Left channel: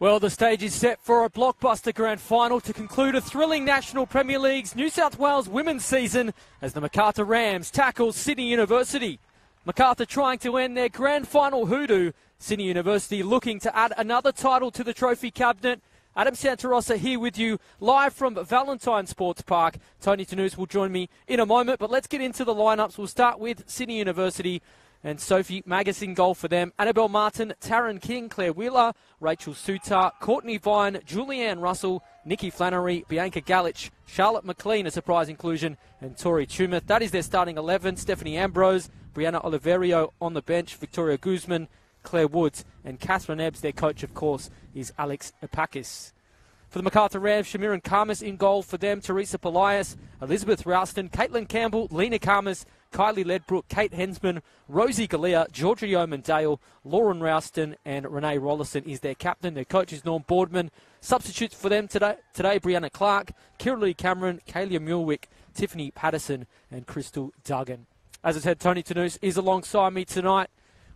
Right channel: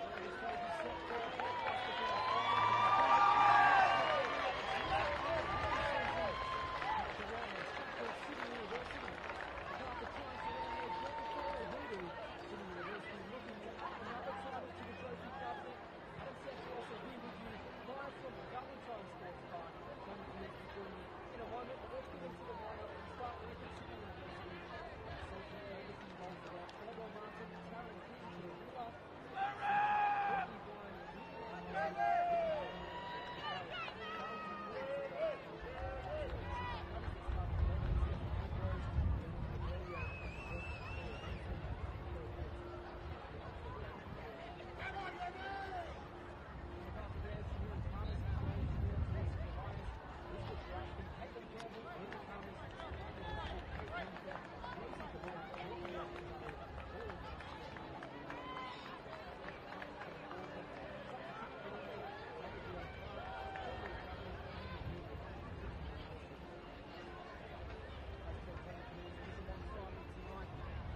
Well, the stage is set for a blockbuster grand final to conclude a thrilling National Premier League's New South Wales women's season as the Macarthur Rams tackle Sydney University. Macarthur trying to end their grand final hoodoo. Sydney University looking to add another title to the trophy cabinet. Adam Santarossa here with you live from Valentine Sports Park. Tony Tanous will join me in a moment, but let's get into the lineups. We'll start with Sydney University and Sophie Magus in goal for them. Annabelle Martin, Taryn King, Claire Wheeler, Rachel Sutar, Courtney Vine, Julianne Russell, Nikki Flannery, Bianca Galich, Charlotte McLean, a surprise inclusion, and Tori Tumeth. That is their starting 11. Stephanie Ambrose, Brianna Oliverio on the bench, Victoria Guzman, Claire Woods, and Catherine Ebbs. Their coach, of course, is Alex Epakis. For the Macarthur Rams, Shamiran Karmas in goal for them, Teresa Polias, Elizabeth Rouston, Caitlin Campbell, Lena Karmas, Kylie Ledbrook, Kate Hensman, Rosie Galea, Georgia Yeoman-Dale, Lauren Rouston, and Renee Rollison is their captain. Their coach is Norm Boardman. Substitutes for them today Brianna Clark, Kiralee Cameron, Kaylia Mulwick, Tiffany Patterson, and Crystal Duggan. As I said, Tony Tanous is alongside me tonight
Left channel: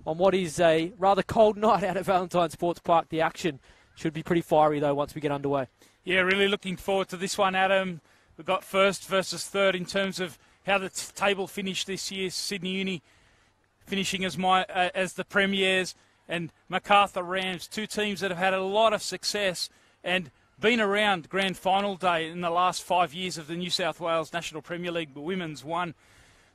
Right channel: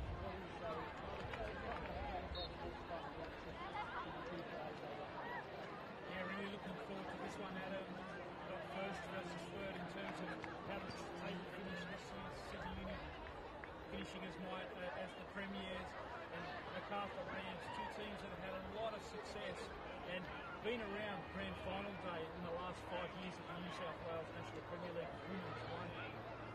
on what is a rather cold night out at Valentine Sports Park. The action should be pretty fiery, though, once we get underway. Yeah, really looking forward to this one, Adam. We've got first versus third in terms of how the table finished this year. Sydney Uni finishing as the premiers, and Macarthur Rams, two teams that have had a lot of success and been around grand final day in the last 5 years of the New South Wales National Premier League Women's one.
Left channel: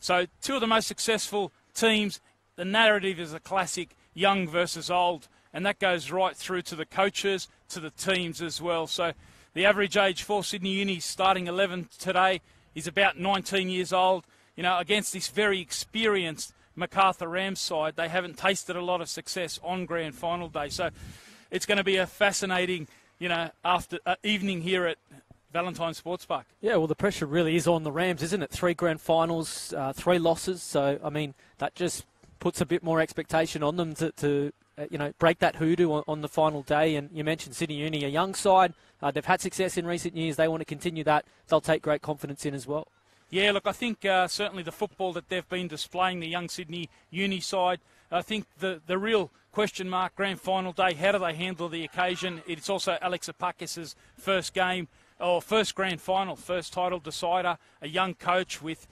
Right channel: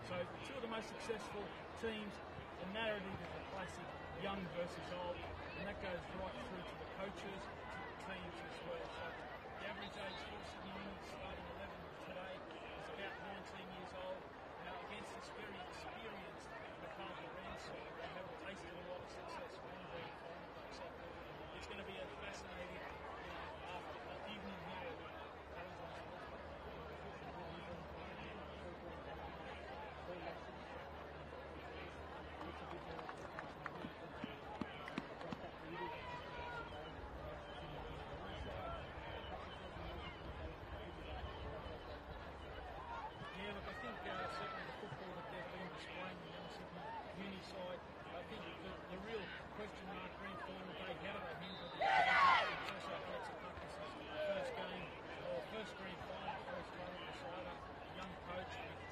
So two of the most successful teams. The narrative is a classic, young versus old, and that goes right through to the coaches, to the teams as well. So the average age for Sydney Uni's starting 11 today is about 19 years old. You know, against this very experienced Macarthur Rams side, they haven't tasted a lot of success on grand final day. So it's going to be a fascinating, after evening here at Valentine Sports Park. Yeah, well, the pressure really is on the Rams, isn't it? 3 grand finals, 3 losses. So, I mean, that just puts a bit more expectation on them to break that hoodoo on the final day. And you mentioned Sydney Uni, a young side. They've had success in recent years. They want to continue that. They'll take great confidence in as well. Yeah, look, I think certainly the football that they've been displaying, the young Sydney Uni side, I think the real question mark, grand final day, how do they handle the occasion? It's also Alex Epakis' first game, or first grand final, first title decider, a young coach with,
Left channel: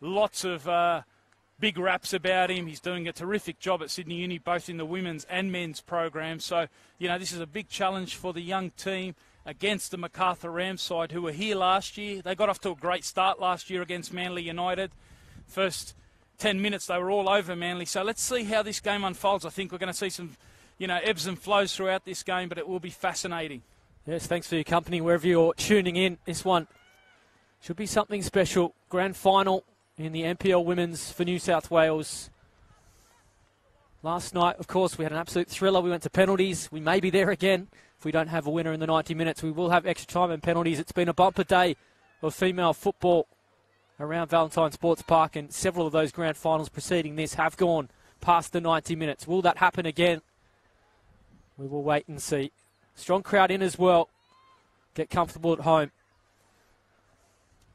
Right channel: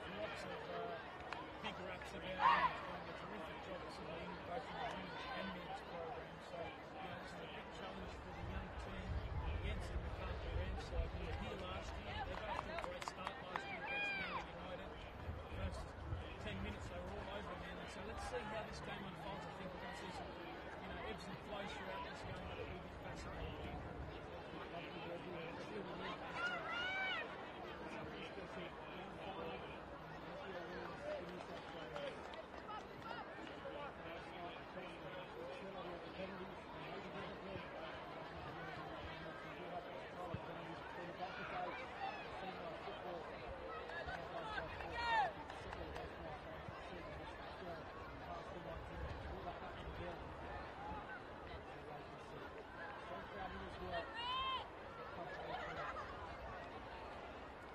lots of big raps about him. He's doing a terrific job at Sydney Uni, both in the women's and men's programs. So, this is a big challenge for the young team against the Macarthur Rams side, who were here last year. They got off to a great start last year against Manly United. First 10 minutes, they were all over Manly. So let's see how this game unfolds. I think we're going to see some, ebbs and flows throughout this game, but it will be fascinating. Yes, thanks for your company wherever you're tuning in. This one should be something special. Grand final in the NPL Women's for New South Wales. Last night, of course, we had an absolute thriller. We went to penalties. We may be there again. If we don't have a winner in the 90 minutes, we will have extra time and penalties. It's been a bumper day of female football around Valentine Sports Park, and several of those grand finals preceding this have gone past the 90 minutes. Will that happen again? We will wait and see. Strong crowd in as well. Get comfortable at home.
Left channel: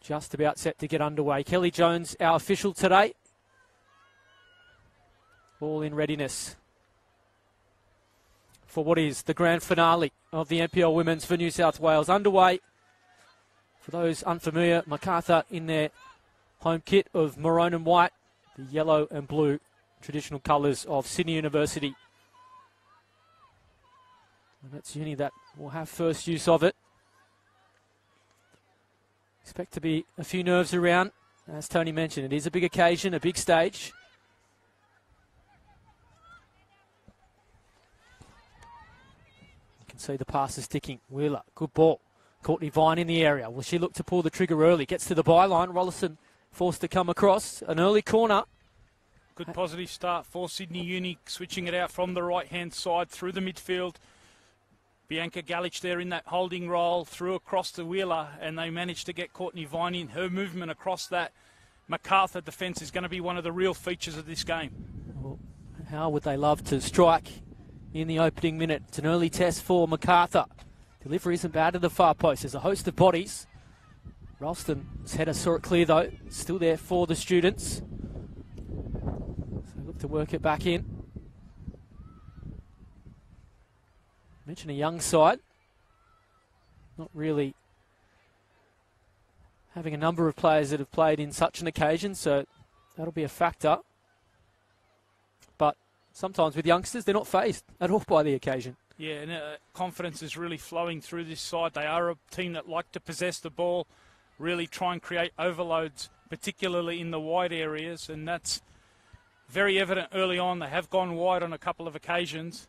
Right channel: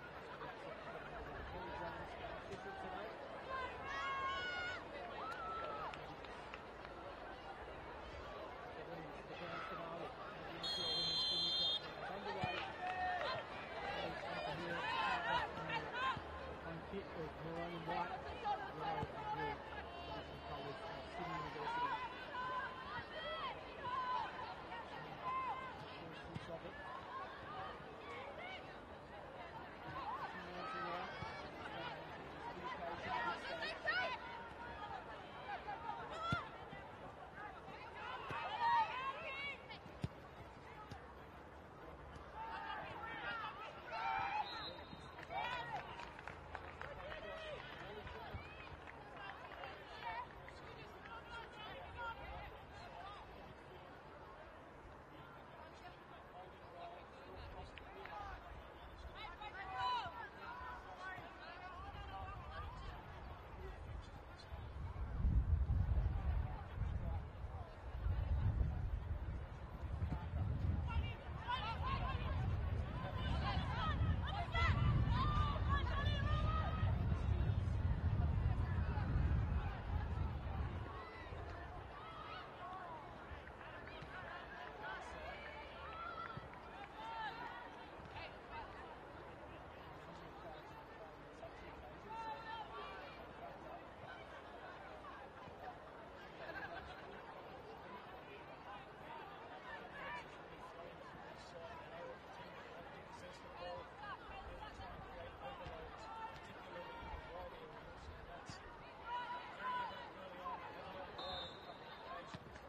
Just about set to get underway. Kelly Jones, our official today. All in readiness for what is the grand finale of the NPL Women's for New South Wales. Underway. For those unfamiliar, Macarthur in their home kit of maroon and white, the yellow and blue traditional colours of Sydney University. And it's Uni that will have first use of it. Expect to be a few nerves around. As Tony mentioned, it is a big occasion, a big stage. See the passes sticking. Wheeler, good ball. Courtney Vine in the area. Will she look to pull the trigger early? Gets to the byline. Rollison forced to come across. An early corner. Good positive start for Sydney Uni, switching it out from the right-hand side through the midfield. Bianca Galich there in that holding role, through across to Wheeler, and they managed to get Courtney Vine in. Her movement across that Macarthur defence is going to be one of the real features of this game. Well, how would they love to strike in the opening minute? It's an early test for Macarthur. Delivery isn't bad to the far post. There's a host of bodies. Ralston's header saw it clear though. Still there for the students. So look to work it back in. Mention a young side. Not really having a number of players that have played in such an occasion, so that'll be a factor. But sometimes with youngsters, they're not fazed at all by the occasion. Yeah, and confidence is really flowing through this side. They are a team that like to possess the ball, really try and create overloads, particularly in the wide areas, and that's very evident early on. They have gone wide on a couple of occasions.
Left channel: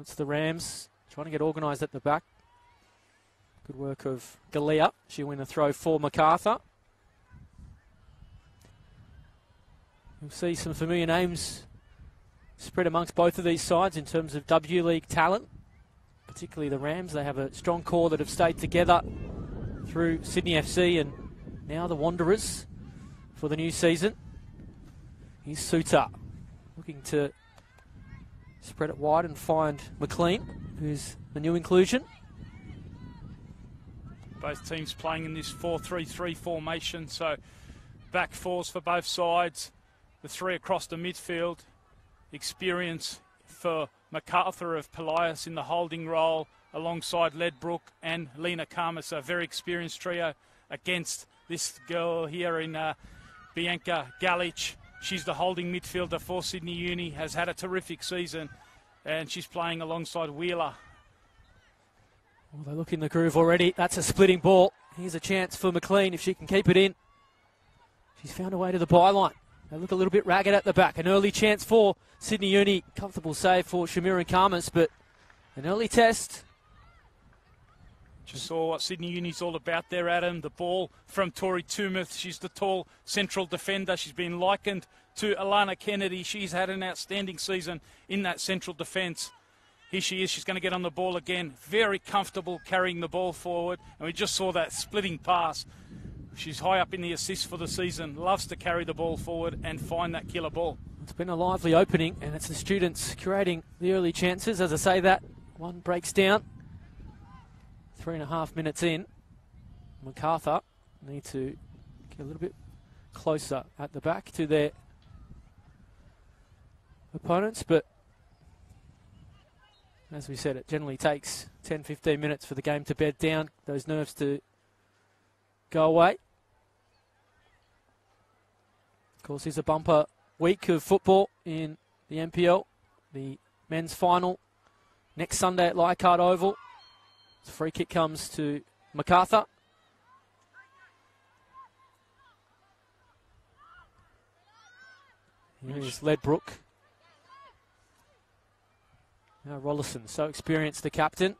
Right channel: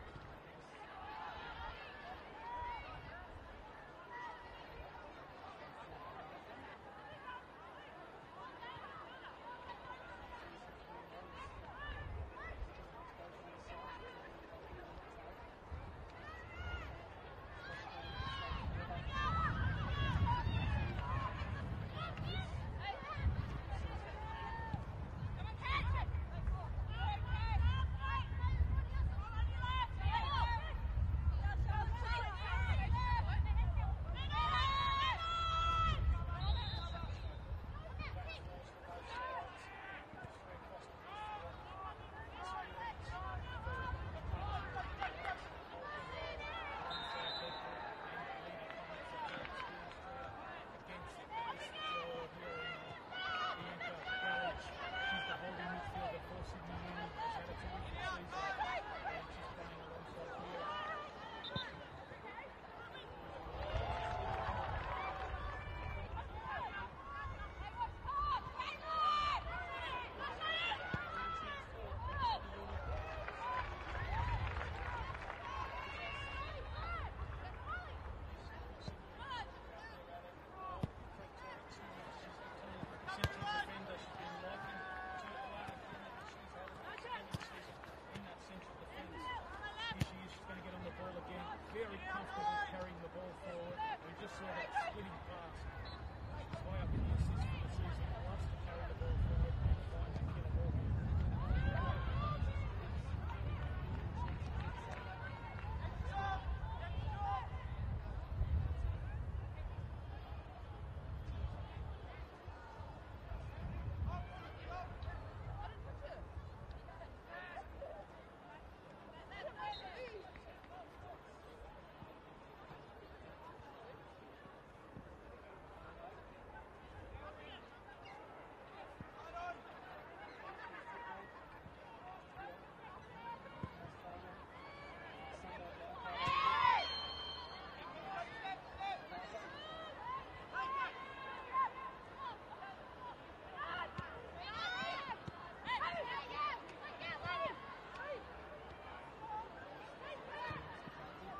It's the Rams trying to get organised at the back. Good work of Galea. She'll win a throw for Macarthur. You'll see some familiar names spread amongst both of these sides in terms of W League talent, particularly the Rams. They have a strong core that have stayed together through Sydney FC and now the Wanderers for the new season. Here's Suter looking to spread it wide and find McLean, who's the new inclusion. Both teams playing in this 4-3-3 formation, so back fours for both sides. The three across the midfield. Experience for Macarthur of Pelias in the holding role alongside Ledbrook and Lena Karmas, a very experienced trio against this girl here in Bianca Galich. She's the holding midfielder for Sydney Uni, has had a terrific season, and she's playing alongside Wheeler. They look in the groove already. That's a splitting ball. Here's a chance for McLean if she can keep it in. She's found her way to the byline. They look a little bit ragged at the back. An early chance for Sydney Uni. Comfortable save for Shamira Karmas, but an early test. Just saw what Sydney Uni's all about there, Adam. The ball from Tori Tumeth. She's the tall central defender. She's been likened to Alana Kennedy. She's had an outstanding season in that central defence. Here she is. She's going to get on the ball again. Very comfortable carrying the ball forward. And we just saw that splitting pass. She's high up in the assists for the season. Loves to carry the ball forward and find that killer ball. It's been a lively opening, and it's the students creating the early chances. As I say that, one breaks down. 3.5 minutes in. Macarthur need to get a little bit closer at the back to their opponents, but as we said, it generally takes 10-15 minutes for the game to bed down, those nerves to go away. Of course, it's a bumper week of football in the NPL. The men's final next Sunday at Leichhardt Oval. The free kick comes to Macarthur. Here's Ledbrook. Now Rollison, so experienced, the captain.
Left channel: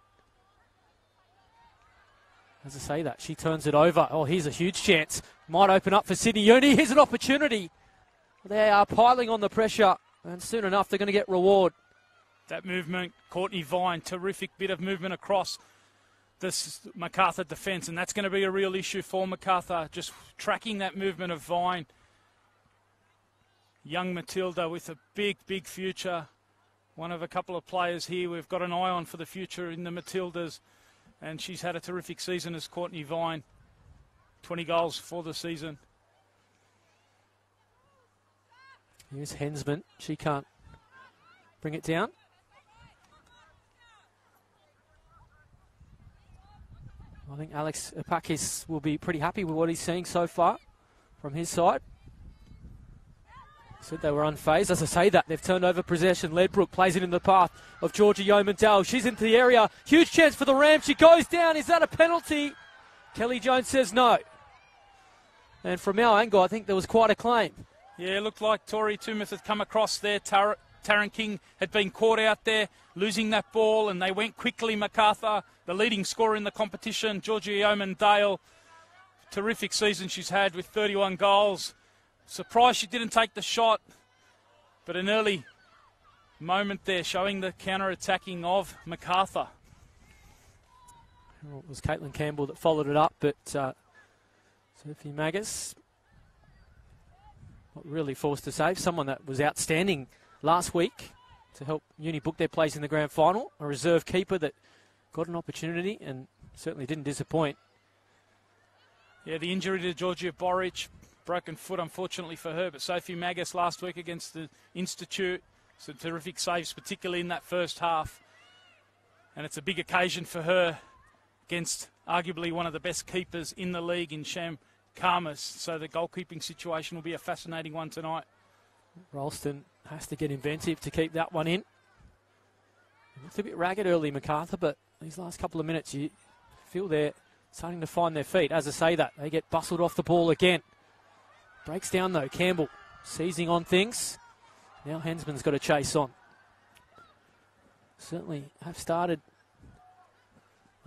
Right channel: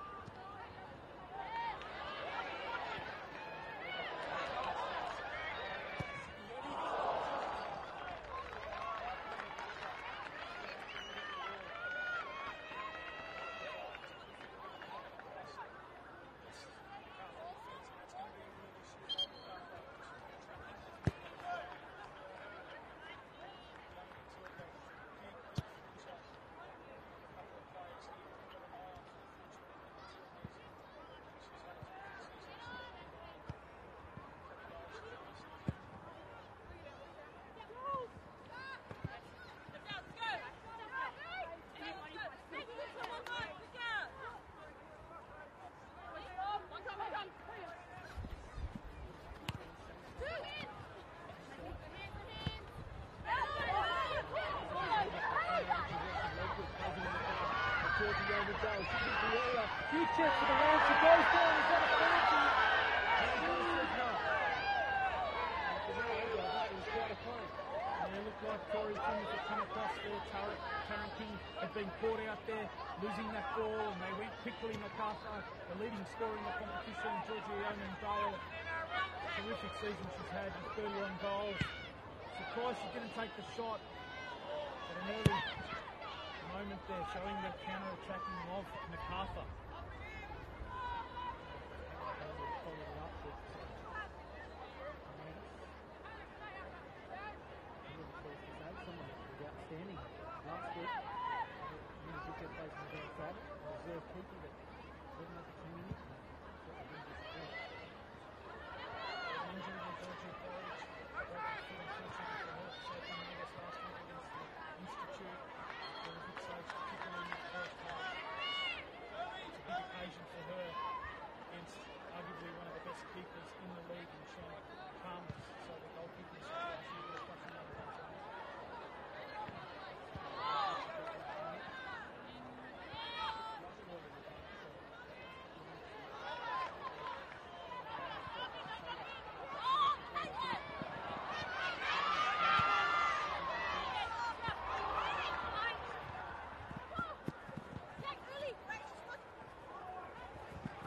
As I say that, she turns it over. Oh, here's a huge chance. Might open up for Sydney Uni. Here's an opportunity. They are piling on the pressure, and soon enough they're going to get reward. That movement, Courtney Vine, terrific bit of movement across this Macarthur defence, and that's going to be a real issue for Macarthur, just tracking that movement of Vine. Young Matilda with a big, big future. One of a couple of players here we've got an eye on for the future in the Matildas, and she's had a terrific season as Courtney Vine. 20 goals for the season. Here's Hensman. She can't bring it down. I think Alex Epakis will be pretty happy with what he's seeing so far from his side. Said they were unfazed. As I say that, they've turned over possession. Ledbrook plays it in the path of Georgia Yeomandale. She's into the area. Huge chance for the Rams. She goes down. Is that a penalty? Kelly Jones says no. And from our angle, I think there was quite a claim. Yeah, it looked like Tori Tumeth had come across there. Taryn King had been caught out there, losing that ball, and they went quickly. Macarthur, the leading scorer in the competition, Georgia Yeomandale. Terrific season she's had with 31 goals. Surprised she didn't take the shot, but an early moment there showing the counter-attacking of Macarthur. Well, it was Caitlin Campbell that followed it up, but Sophie Magus not really forced to save. Someone that was outstanding last week to help Uni book their place in the grand final. A reserve keeper that got an opportunity and certainly didn't disappoint. Yeah, the injury to Georgia Boric, broken foot unfortunately for her, but Sophie Magus last week against the Institute Some terrific saves, particularly in that first half. And it's a big occasion for her against arguably one of the best keepers in the league in Sham Karmas. So the goalkeeping situation will be a fascinating one tonight. Ralston has to get inventive to keep that one in. It's a bit ragged early, Macarthur, but these last couple of minutes you feel they're starting to find their feet. As I say that, they get bustled off the ball again. Breaks down though, Campbell seizing on things. Now Hensman's got to chase on. Certainly have started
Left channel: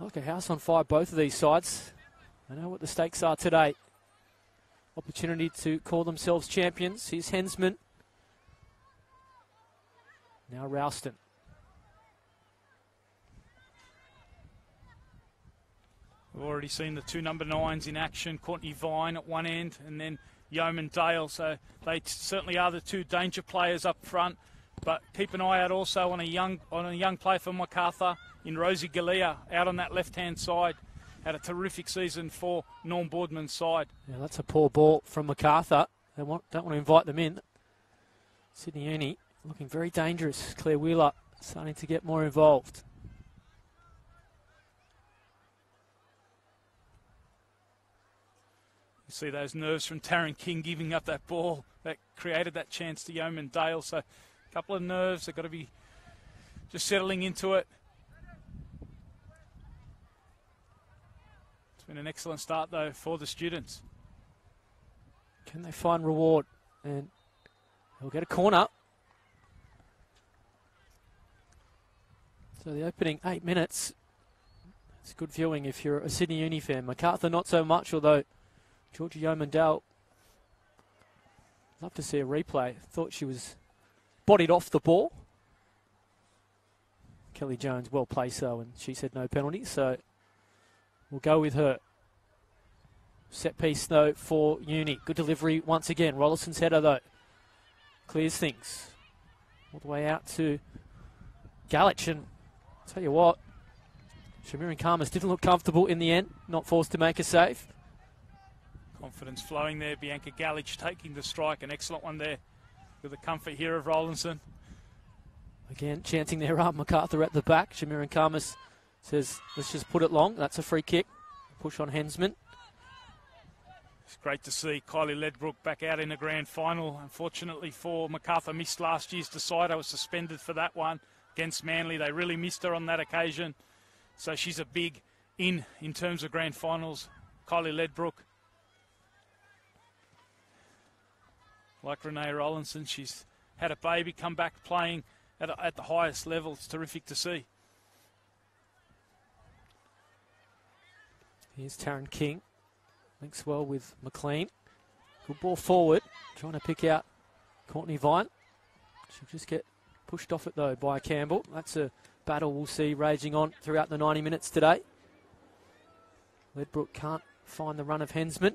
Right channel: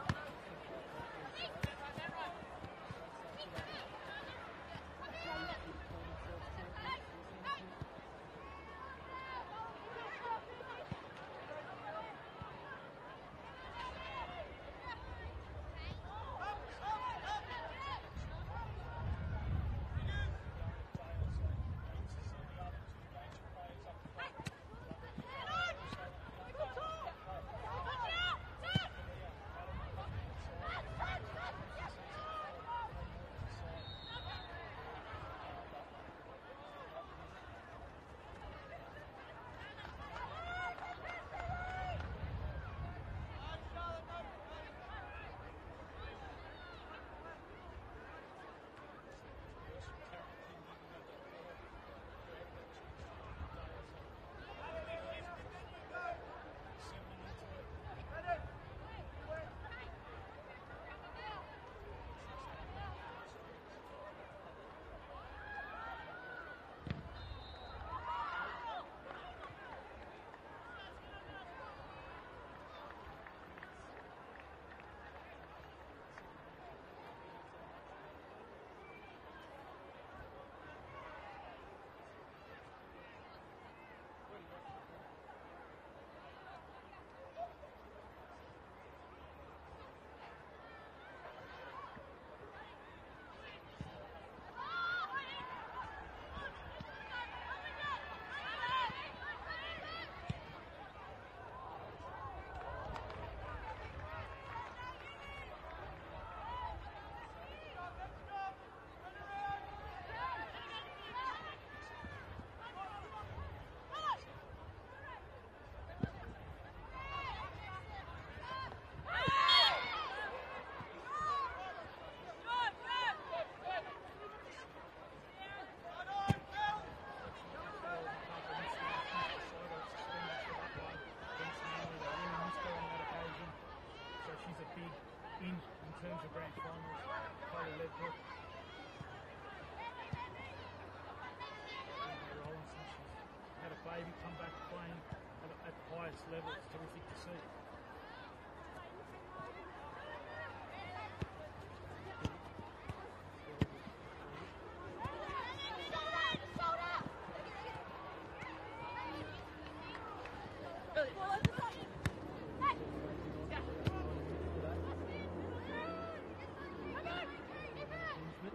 like a house on fire, both of these sides. I know what the stakes are today. Opportunity to call themselves champions. Here's Hensman. Now Ralston. We've already seen the two number 9s in action. Courtney Vine at one end and then Yeoman Dale. So they certainly are the two danger players up front. But keep an eye out also on a young player for Macarthur in Rosie Galea out on that left-hand side. Had a terrific season for Norm Boardman's side. Yeah, that's a poor ball from Macarthur. They don't want to invite them in. Sydney Uni looking very dangerous. Claire Wheeler starting to get more involved. See those nerves from Taryn King giving up that ball that created that chance to Yeoman Dale. So a couple of nerves, they've got to be just settling into it. It's been an excellent start though for the students. Can they find reward? And we'll get a corner. So the opening 8 minutes, it's good viewing if you're a Sydney Uni fan. Macarthur not so much, although Georgia Yeoman-Dale, love to see a replay. Thought she was bodied off the ball. Kelly Jones well placed though, and she said no penalty, so we'll go with her. Set piece though for Uni. Good delivery once again. Rollison's header though clears things. All the way out to Galich, and tell you what, Shamiran Karmas didn't look comfortable in the end, not forced to make a save. Confidence flowing there. Bianca Galich taking the strike. An excellent one there with the comfort here of Rollinson. Again, chancing their arm. Macarthur at the back. Shamiran Karmas says, let's just put it long. That's a free kick. Push on Hensman. It's great to see Kylie Ledbrook back out in the grand final. Unfortunately for Macarthur, missed last year's decider. Was suspended for that one against Manly. They really missed her on that occasion. So she's a big in terms of grand finals. Kylie Ledbrook. Like Renee Rollinson, she's had a baby, come back playing at the highest level. It's terrific to see. Here's Taryn King. Links well with McLean. Good ball forward. Trying to pick out Courtney Vine. She'll just get pushed off it though by Campbell. That's a battle we'll see raging on throughout the 90 minutes today. Ledbrook can't find the run of Hensman.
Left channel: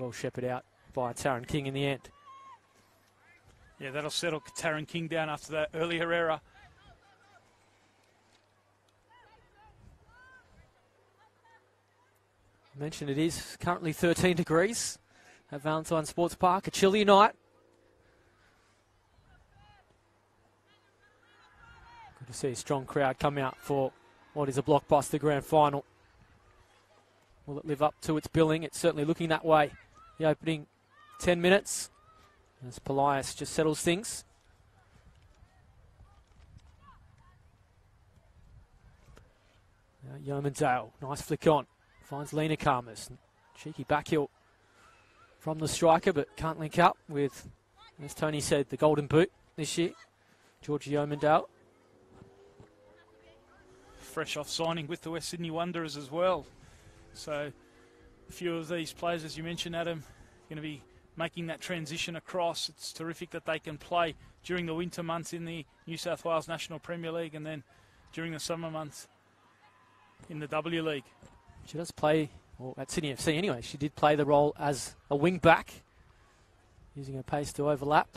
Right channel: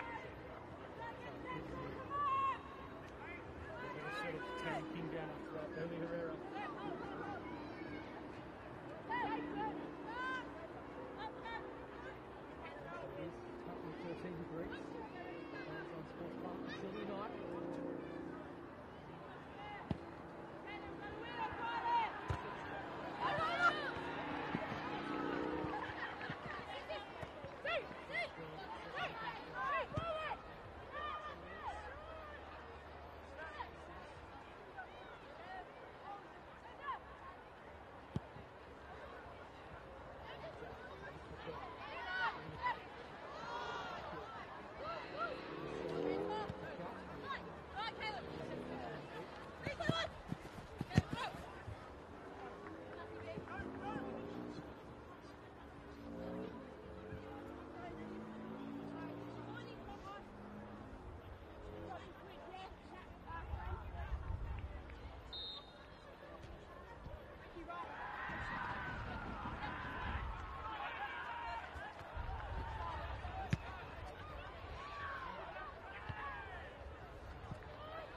Well shepherded out by Taryn King in the end. Yeah, that'll settle Taryn King down after that earlier error. I mentioned it is currently 13 degrees at Valentine Sports Park. A chilly night. You can see a strong crowd come out for what is a blockbuster grand final. Will it live up to its billing? It's certainly looking that way. The opening 10 minutes as Polias just settles things. Yeoman-Dale, nice flick on. Finds Lena Karmas. Cheeky backheel from the striker, but can't link up with, as Tony said, the golden boot this year. Georgia Yeoman-Dale. Fresh off signing with the West Sydney Wanderers as well. So a few of these players, as you mentioned, Adam, going to be making that transition across. It's terrific that they can play during the winter months in the New South Wales National Premier League and then during the summer months in the W League. She does play, well, at Sydney FC anyway, she did play the role as a wing back, using her pace to overlap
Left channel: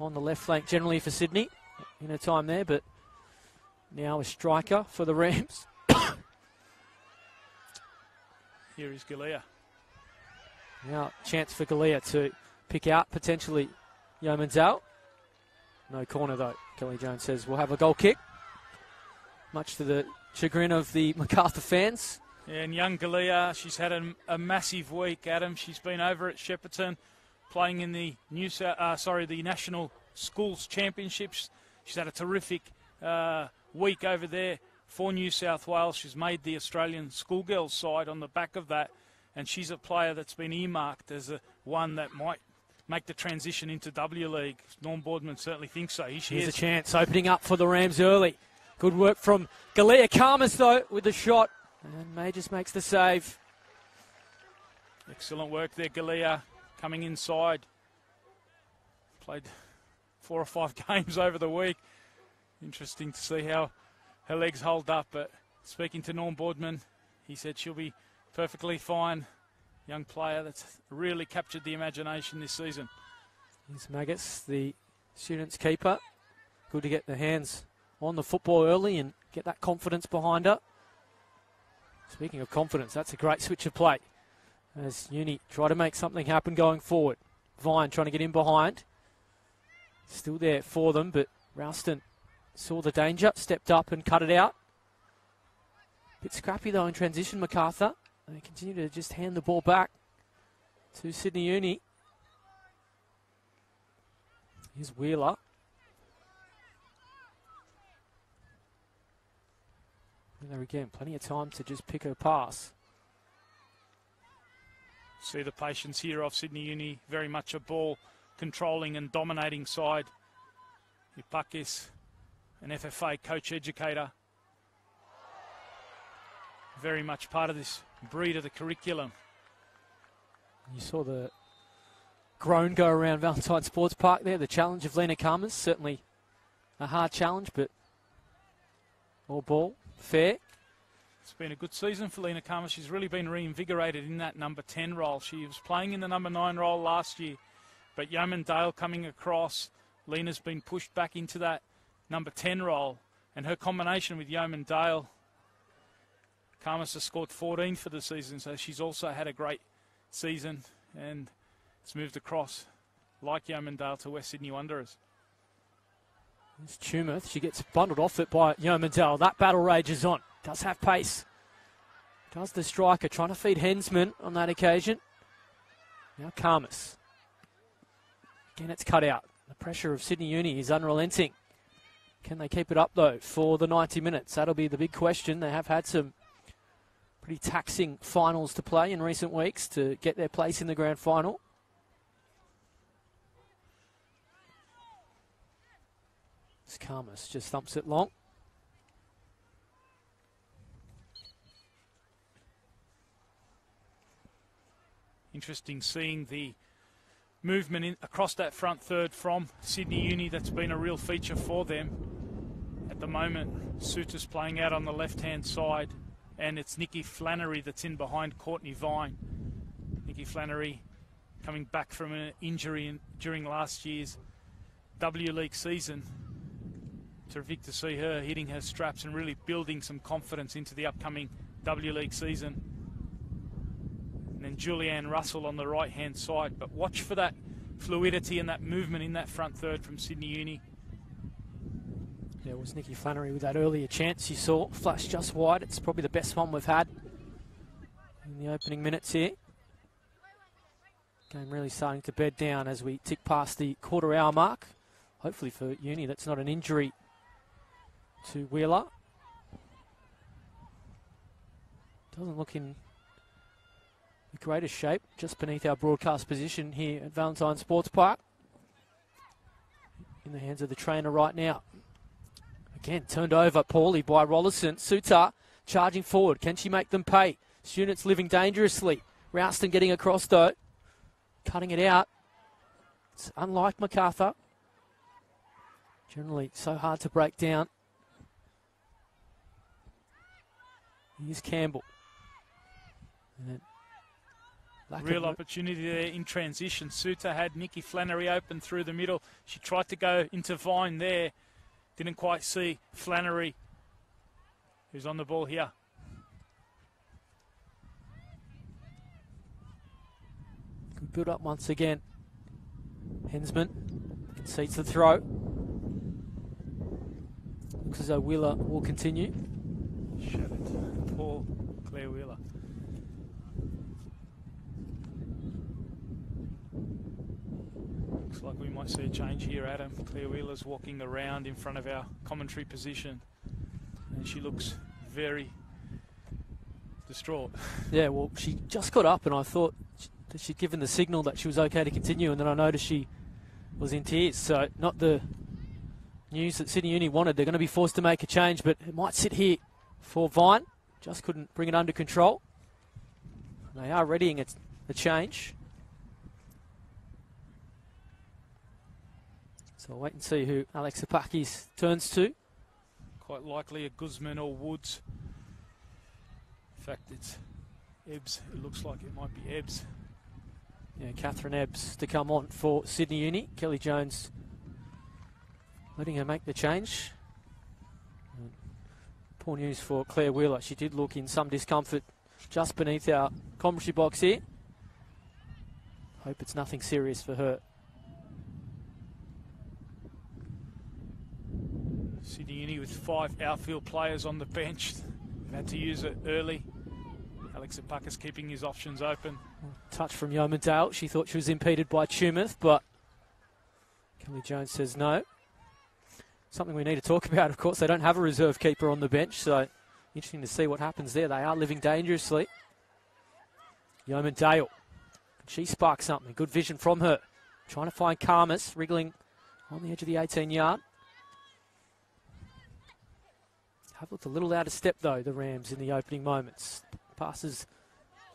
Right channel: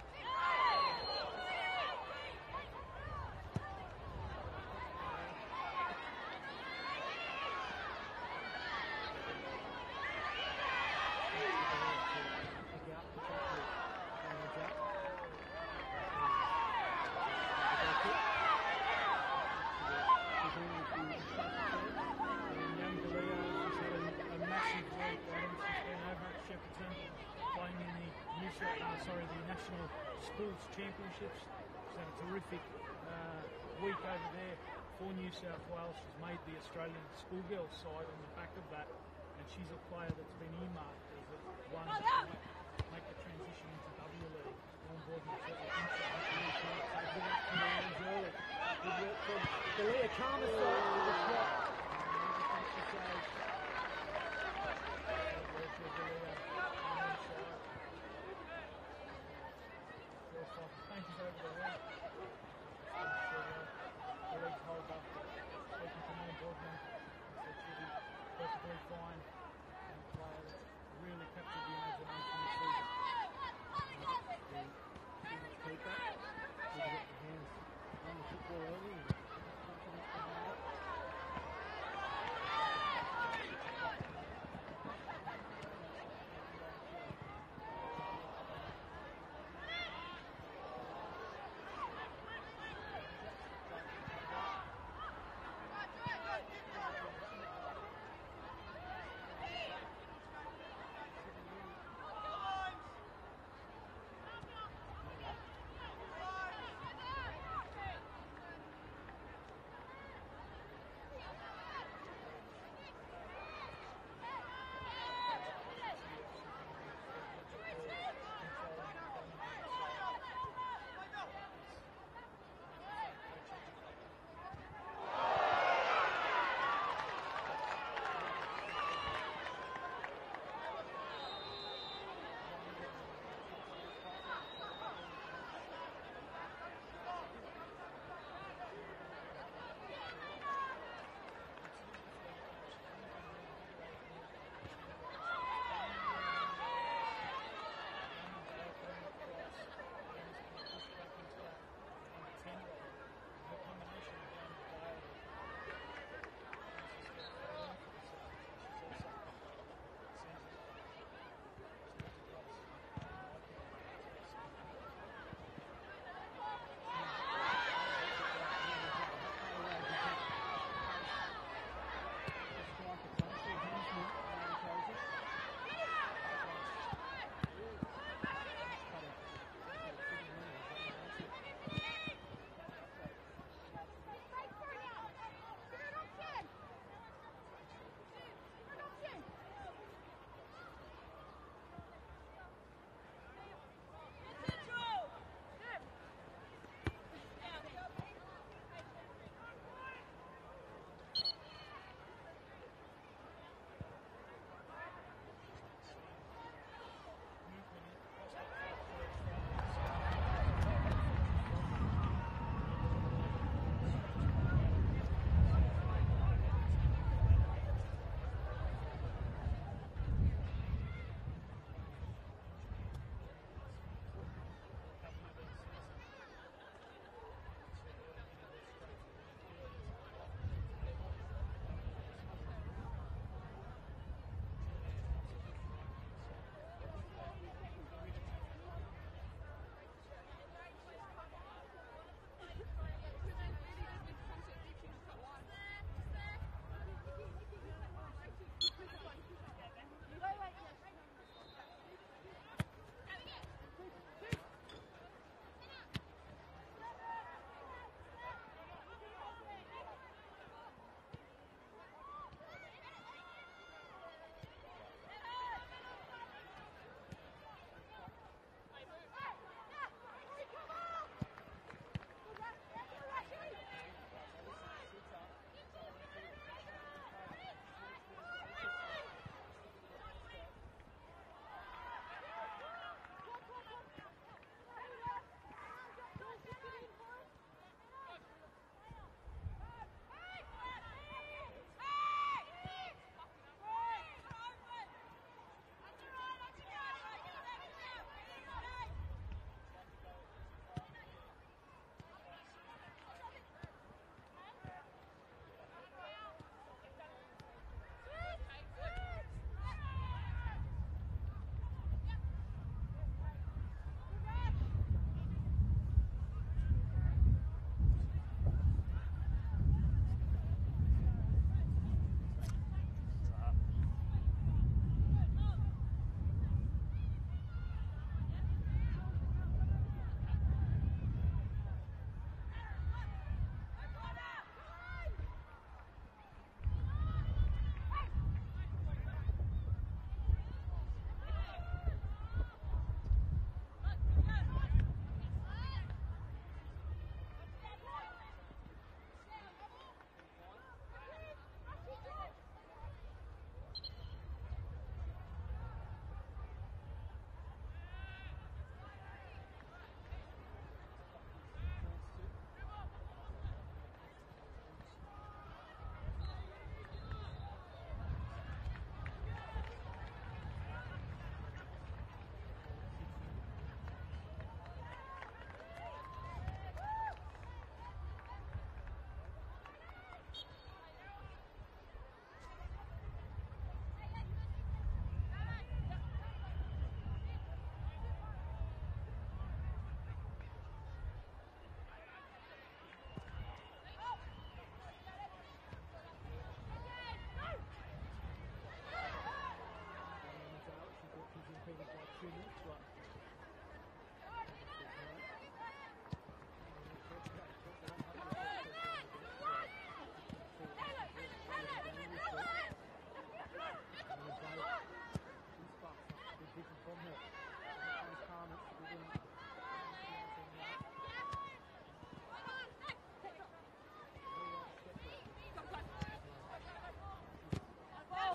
on the left flank generally for Sydney in her time there, but now a striker for the Rams. Here is Galea. Now chance for Galea to pick out potentially Yeoman's out. No corner though. Kelly Jones says we'll have a goal kick. Much to the chagrin of the Macarthur fans. Yeah, and young Galea, she's had a massive week, Adam. She's been over at Shepparton playing in the the National Schools Championships. She's had a terrific week over there for New South Wales. She's made the Australian schoolgirls side on the back of that, and she's a player that's been earmarked as one that might make the transition into W League. Norm Boardman certainly thinks so. Here's a chance opening up for the Rams early. Good work from Galea Karmas though with the shot. And May just makes the save. Excellent work there, Galea, coming inside. Played 4 or 5 games over the week. Interesting to see how her legs hold up, but speaking to Norm Boardman, he said she'll be perfectly fine. Young player that's really captured the imagination this season. There's Maggots, the students' keeper. Good to get the hands on the football early and get that confidence behind her. Speaking of confidence, that's a great switch of play. As Uni try to make something happen going forward. Vine trying to get in behind. Still there for them, but Ralston saw the danger, stepped up and cut it out. Bit scrappy though in transition, Macarthur. And they continue to just hand the ball back to Sydney Uni. Here's Wheeler. And there again, plenty of time to just pick her pass. See the patience here of Sydney Uni, very much a ball controlling and dominating side. Ipakis, an FFA coach educator. Very much part of this breed of the curriculum. You saw the groan go around Valentine Sports Park there. The challenge of Lena Karmas, certainly a hard challenge, but all ball, fair. It's been a good season for Lena Karmas. She's really been reinvigorated in that number 10 role. She was playing in the number 9 role last year, but Yeoman Dale coming across. Lena's been pushed back into that number 10 role, and her combination with Yeoman Dale, Karmas has scored 14 for the season, so she's also had a great season and it's moved across, like Yeoman Dale, to West Sydney Wanderers. It's Tumeth. She gets bundled off it by Yeoman Dale. That battle rages on. Does have pace. Does the striker, trying to feed Hensman on that occasion. Now Karmas. Again, it's cut out. The pressure of Sydney Uni is unrelenting. Can they keep it up, though, for the 90 minutes? That'll be the big question. They have had some pretty taxing finals to play in recent weeks to get their place in the grand final. Karmas just thumps it long. Interesting seeing the movement across that front third from Sydney Uni. That's been a real feature for them. At the moment, Suter's playing out on the left-hand side, and it's Nikki Flannery that's in behind Courtney Vine. Nikki Flannery coming back from an injury during last year's W League season. Terrific to see her hitting her straps and really building some confidence into the upcoming W League season. And then Julianne Russell on the right-hand side. But watch for that fluidity and that movement in that front third from Sydney Uni. There was Nikki Flannery with that earlier chance you saw. Flash just wide. It's probably the best one we've had in the opening minutes here. Game really starting to bed down as we tick past the quarter-hour mark. Hopefully for Uni, that's not an injury to Wheeler. Doesn't look in the greatest shape, just beneath our broadcast position here at Valentine Sports Park. In the hands of the trainer right now. Again, turned over poorly by Rollison. Sutar charging forward. Can she make them pay? Students living dangerously. Ralston getting across though. Cutting it out. It's unlike Macarthur. Generally so hard to break down. Here's Campbell. Real opportunity there in transition. Suter had Nikki Flannery open through the middle. She tried to go into Vine there. Didn't quite see Flannery, who's on the ball here. Good build up once again. Hensman Concedes the throw. Looks as though Wheeler will continue. Poor Claire Wheeler. Looks like we might see a change here, Adam. Claire Wheeler's walking around in front of our commentary position, and she looks very distraught. Yeah, well, she just got up, and I thought that she'd given the signal that she was okay to continue, and then I noticed she was in tears. So not the news that Sydney Uni wanted. They're going to be forced to make a change, but it might sit here for Vine. Just couldn't bring it under control. They are readying a change. So we'll wait and see who Alex Apakis turns to. Quite likely a Guzman or Woods. In fact, it's Ebbs. It looks like it might be Ebbs. Yeah, Catherine Ebbs to come on for Sydney Uni. Kelly Jones letting her make the change. Poor news for Claire Wheeler. She did look in some discomfort just beneath our commentary box here. Hope it's nothing serious for her. Sydney Uni with 5 outfield players on the bench. Had to use it early. Alex Apakis keeping his options open. Touch from Yeomandale. She thought she was impeded by Tumouth, but Kelly Jones says no. Something we need to talk about, of course. They don't have a reserve keeper on the bench, so interesting to see what happens there. They are living dangerously. Yeomandale. She sparks something. Good vision from her. Trying to find Karmas, wriggling on the edge of the 18-yard. Have looked a little out of step, though, the Rams, in the opening moments. Passes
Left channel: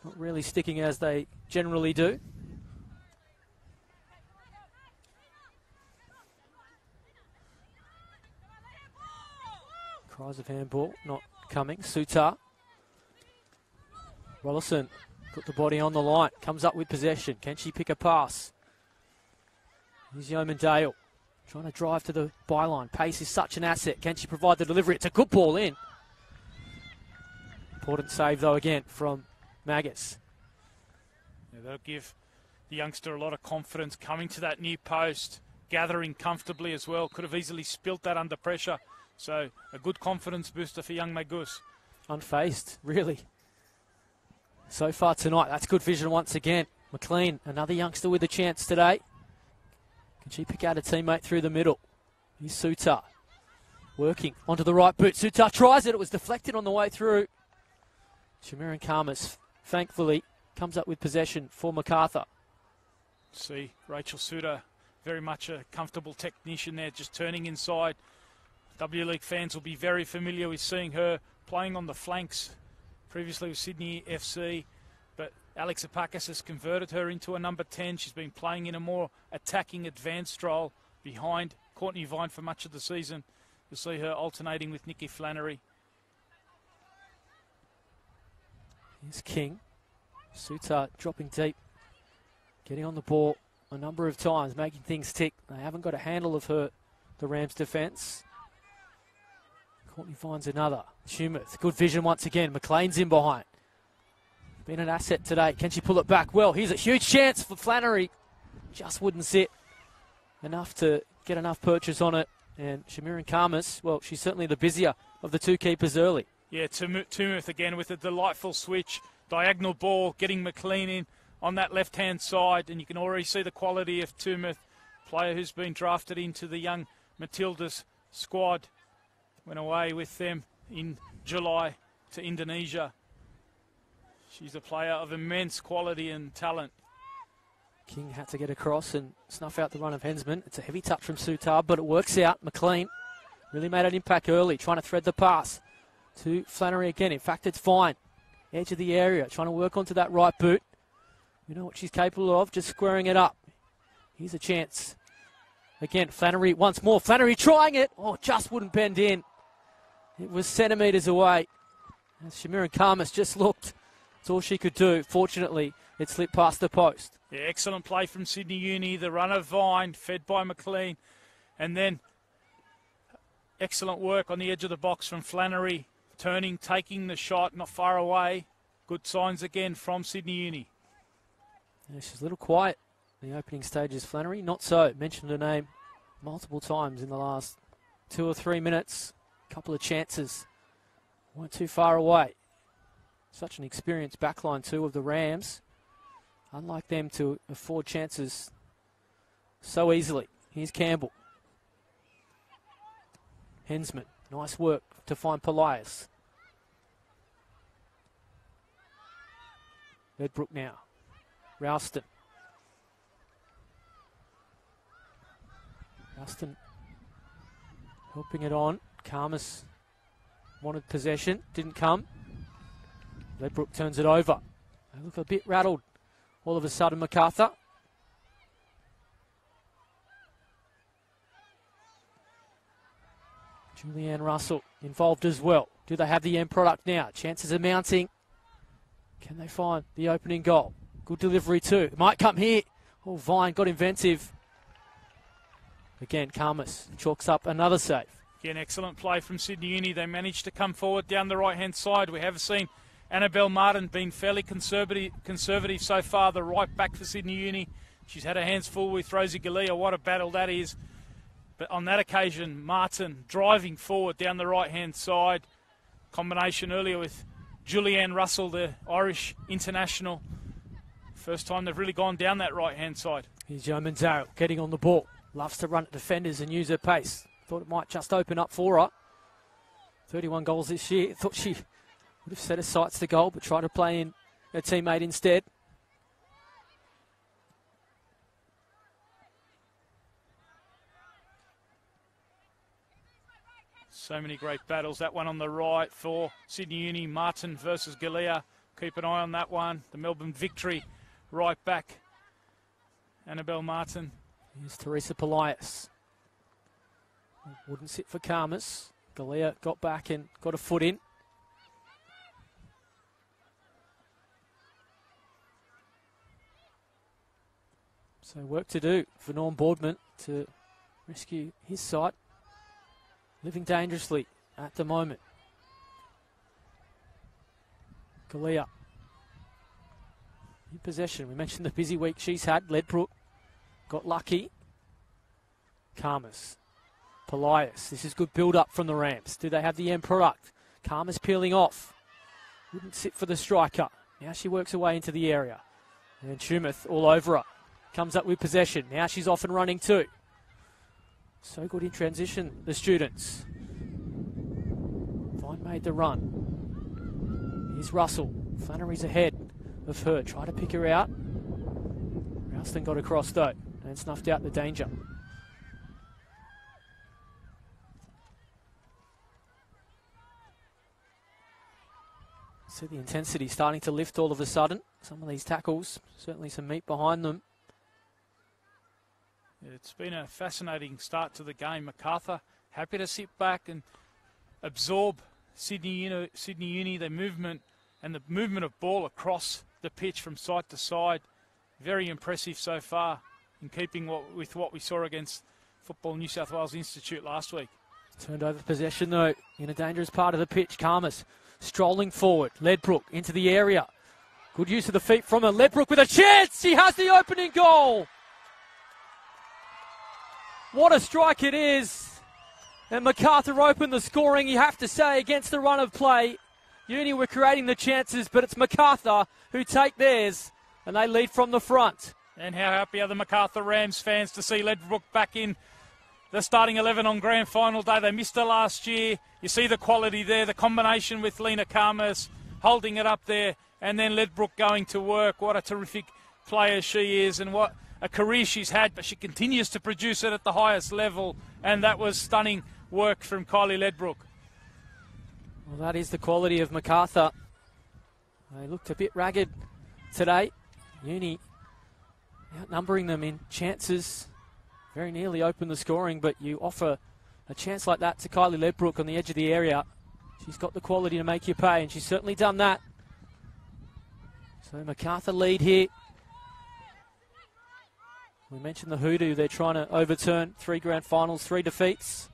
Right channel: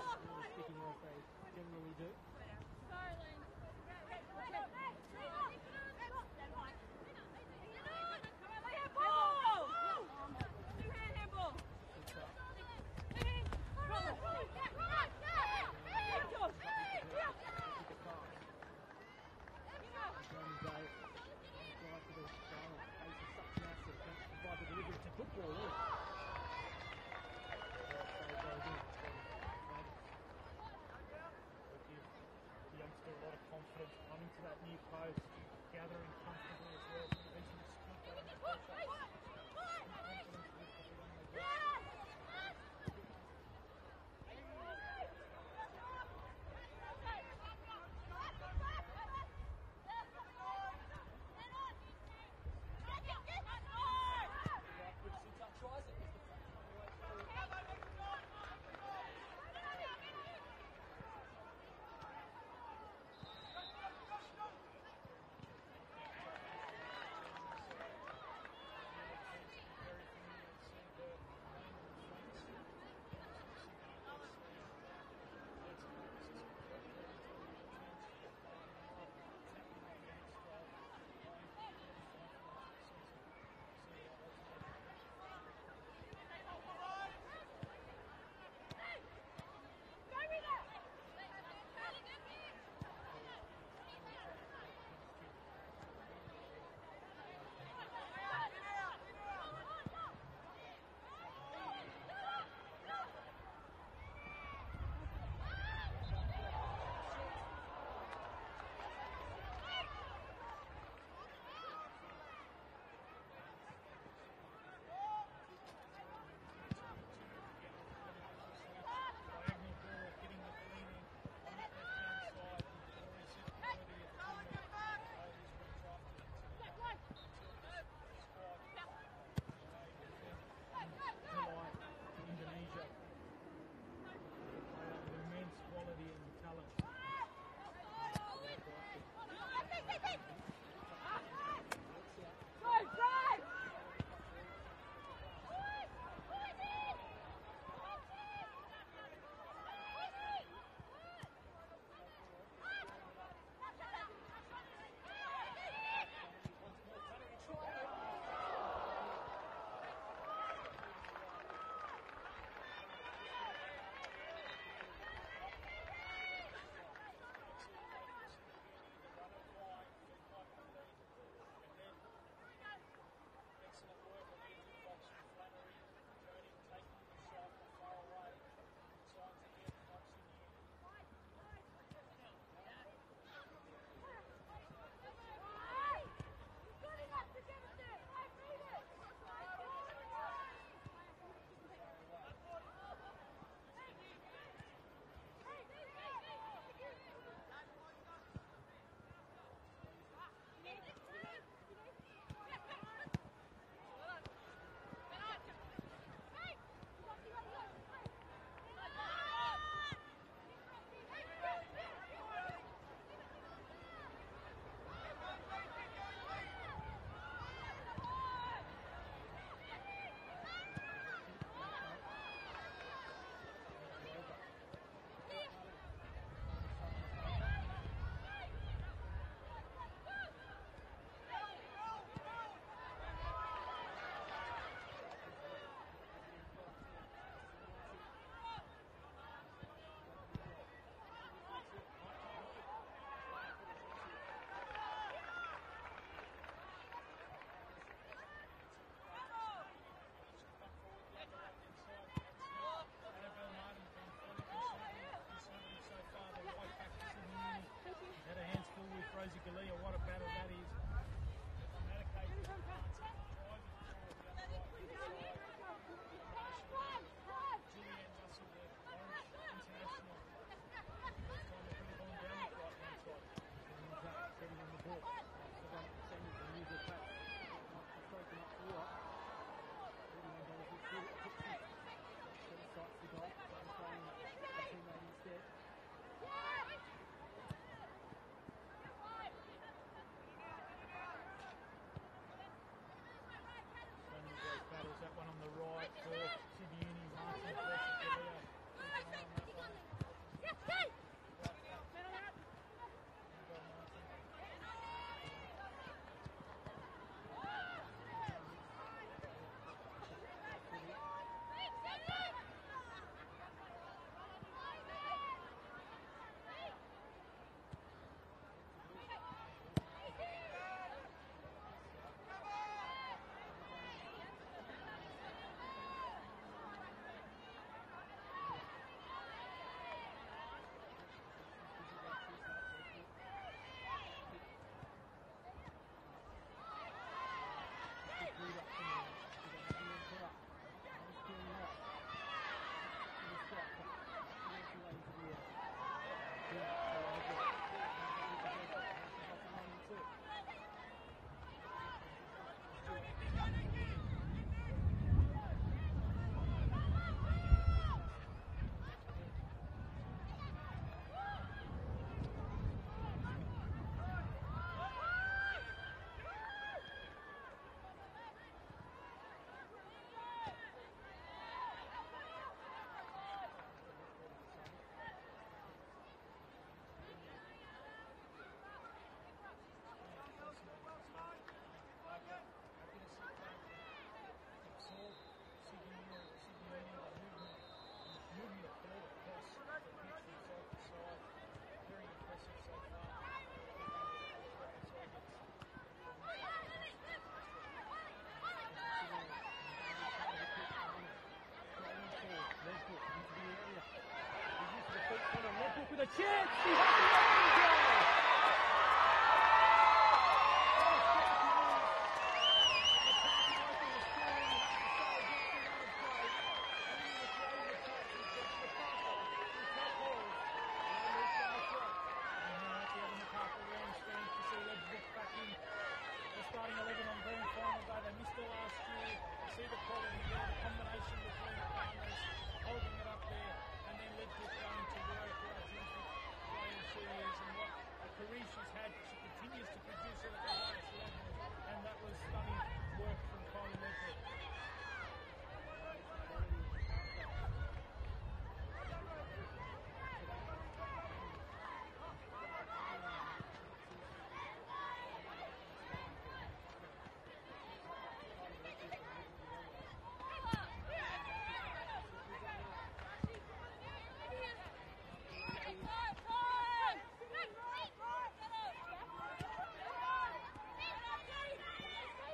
not really sticking as they generally do. Cries of handball not coming. Sutar. Rollison put the body on the line. Comes up with possession. Can she pick a pass? Here's Yeomandale. Trying to drive to the byline. Pace is such an asset. Can she provide the delivery? It's a good ball in. Important save, though, again, from Maggots. Yeah, they'll give the youngster a lot of confidence coming to that near post, gathering comfortably as well. Could have easily spilt that under pressure. So a good confidence booster for young Magus. Unfazed, really. So far tonight, that's good vision once again. McLean, another youngster with a chance today. Can she pick out a teammate through the middle? Here's Sutar. Working onto the right boot. Sutar tries it. It was deflected on the way through. Shamiran Karmas, thankfully, comes up with possession for Macarthur. See, Rachel Suter, very much a comfortable technician there, just turning inside. W League fans will be very familiar with seeing her playing on the flanks, previously with Sydney FC. But Alex Apakis has converted her into a number 10. She's been playing in a more attacking, advanced role behind Courtney Vine for much of the season. You'll see her alternating with Nikki Flannery. Here's King. Sutar dropping deep, getting on the ball a number of times, making things tick. They haven't got a handle of her, the Rams' defence. Courtney finds another. Tumouth, good vision once again. McLean's in behind. Been an asset today. Can she pull it back? Well, here's a huge chance for Flannery. Just wouldn't sit enough to get enough purchase on it. And Shamiran Karmas, well, she's certainly the busier of the two keepers early. Yeah, Tumouth again with a delightful switch. Diagonal ball, getting McLean in on that left-hand side. And you can already see the quality of Tumouth, player who's been drafted into the young Matildas squad. Went away with them in July to Indonesia. She's a player of immense quality and talent. King had to get across and snuff out the run of Hensman. It's a heavy touch from Sutar, but it works out. McLean really made an impact early, trying to thread the pass to Flannery again. In fact, it's fine. Edge of the area, trying to work onto that right boot. You know what she's capable of, just squaring it up. Here's a chance. Again, Flannery once more. Flannery trying it. Oh, just wouldn't bend in. It was centimetres away. And Shamiran Karmas just looked. That's all she could do. Fortunately, it slipped past the post. Yeah, excellent play from Sydney Uni. The run of Vine, fed by McLean. And then excellent work on the edge of the box from Flannery. Turning, taking the shot, not far away. Good signs again from Sydney Uni. Yeah, she's a little quiet in the opening stages, Flannery. Not so. Mentioned her name multiple times in the last 2 or 3 minutes. A couple of chances. Weren't too far away. Such an experienced backline too of the Rams. Unlike them to afford chances so easily. Here's Campbell. Hensman. Nice work to find Polias. Ledbrook now. Ralston. Ralston helping it on. Karmas wanted possession. Didn't come. Ledbrook turns it over. They look a bit rattled all of a sudden, Macarthur. Julianne Russell involved as well. Do they have the end product now? Chances are mounting. Can they find the opening goal? Good delivery too. It might come here. Oh, Vine got inventive. Again, Karmas chalks up another save. Again, excellent play from Sydney Uni. They managed to come forward down the right-hand side. We have seen Annabelle Martin being fairly conservative so far, the right back for Sydney Uni. She's had her hands full with Rosie Galea. What a battle that is. But on that occasion, Martin driving forward down the right-hand side. Combination earlier with Julianne Russell, the Irish international. First time they've really gone down that right-hand side. Here's Jo Manzaro getting on the ball. Loves to run at defenders and use her pace. Thought it might just open up for her. 31 goals this year. Thought she would have set her sights to goal, but tried to play in her teammate instead. So many great battles. That one on the right for Sydney Uni, Martin versus Galea. Keep an eye on that one. The Melbourne Victory right back. Annabelle Martin. Here's Teresa Polias. Wouldn't sit for Karmas. Galea got back and got a foot in. So work to do for Norm Boardman to rescue his side. Living dangerously at the moment. Galea in possession. We mentioned the busy week she's had. Ledbrook got lucky. Karmas. Polias. This is good build-up from the Rams. Do they have the end product? Karmas peeling off. Wouldn't sit for the striker. Now she works her way into the area. And then Shumath all over her. Comes up with possession. Now she's off and running too. So good in transition, the students. Vine made the run. Here's Russell. Flannery's ahead of her. Try to pick her out. Ralston got across though and snuffed out the danger. So the intensity starting to lift all of a sudden. Some of these tackles, certainly some meat behind them. It's been a fascinating start to the game. Macarthur happy to sit back and absorb Sydney Uni, their movement and the movement of ball across the pitch from side to side. Very impressive so far in keeping with what we saw against Football New South Wales Institute last week. Turned over possession though in a dangerous part of the pitch. Karmas strolling forward. Ledbrook into the area. Good use of the feet from her. Ledbrook with a chance. She has the opening goal. What a strike it is. And Macarthur opened the scoring, you have to say, against the run of play. Uni were creating the chances, but it's Macarthur who take theirs, and they lead from the front. And how happy are the Macarthur Rams fans to see Ledbrook back in the starting 11 on grand final day. They missed her last year. You see the quality there, the combination with Lena Karmas holding it up there, and then Ledbrook going to work. What a terrific player she is, and what a career she's had, but she continues to produce it at the highest level, and that was stunning work from Kylie Ledbrook. Well, that is the quality of Macarthur. They looked a bit ragged today. Uni outnumbering them in chances. Very nearly opened the scoring, but you offer a chance like that to Kylie Ledbrook on the edge of the area. She's got the quality to make you pay, and she's certainly done that. So Macarthur lead here. We mentioned the hoodoo. They're trying to overturn 3 grand finals, 3 defeats.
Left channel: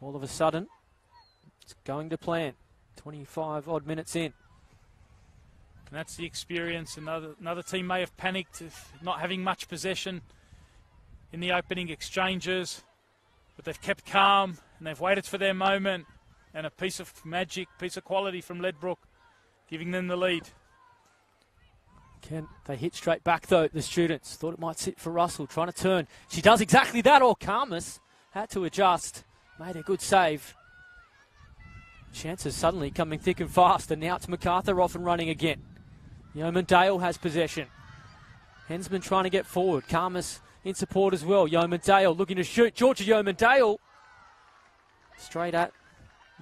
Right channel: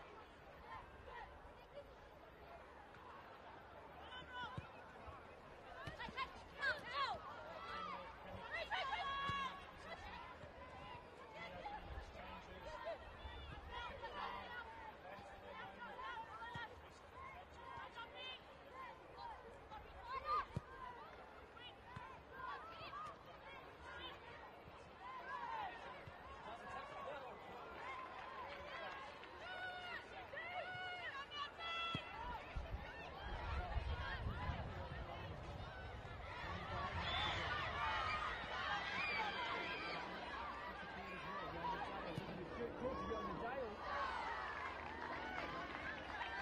All of a sudden, it's going to plan. 25 odd minutes in. And that's the experience. Another team may have panicked, not having much possession. in the opening exchanges, but they've kept calm and they've waited for their moment, and a piece of magic, piece of quality from Ledbrook, giving them the lead. Again, they hit straight back though, the students. Thought it might sit for Russell, trying to turn. She does exactly that, or Karmas had to adjust, made a good save. Chances suddenly coming thick and fast, and now it's Macarthur off and running again. Yeoman Dale has possession. Hensman trying to get forward. Karmas in support as well. Yeoman Dale looking to shoot. Georgia Yeoman Dale straight at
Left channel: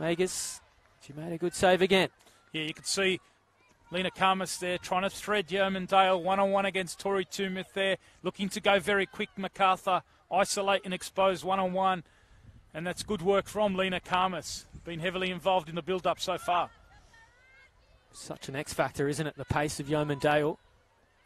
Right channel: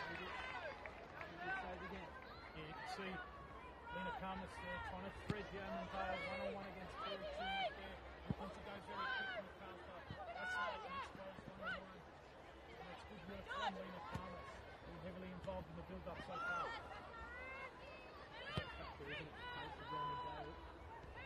Megas. She made a good save again. Yeah, you can see Lena Karmas there trying to thread Yeoman Dale one-on-one against Tori Tumith there. Looking to go very quick, Macarthur. Isolate and expose one-on-one. And that's good work from Lena Karmas. Been heavily involved in the build-up so far. Such an X-factor, isn't it? The pace of Yeoman Dale.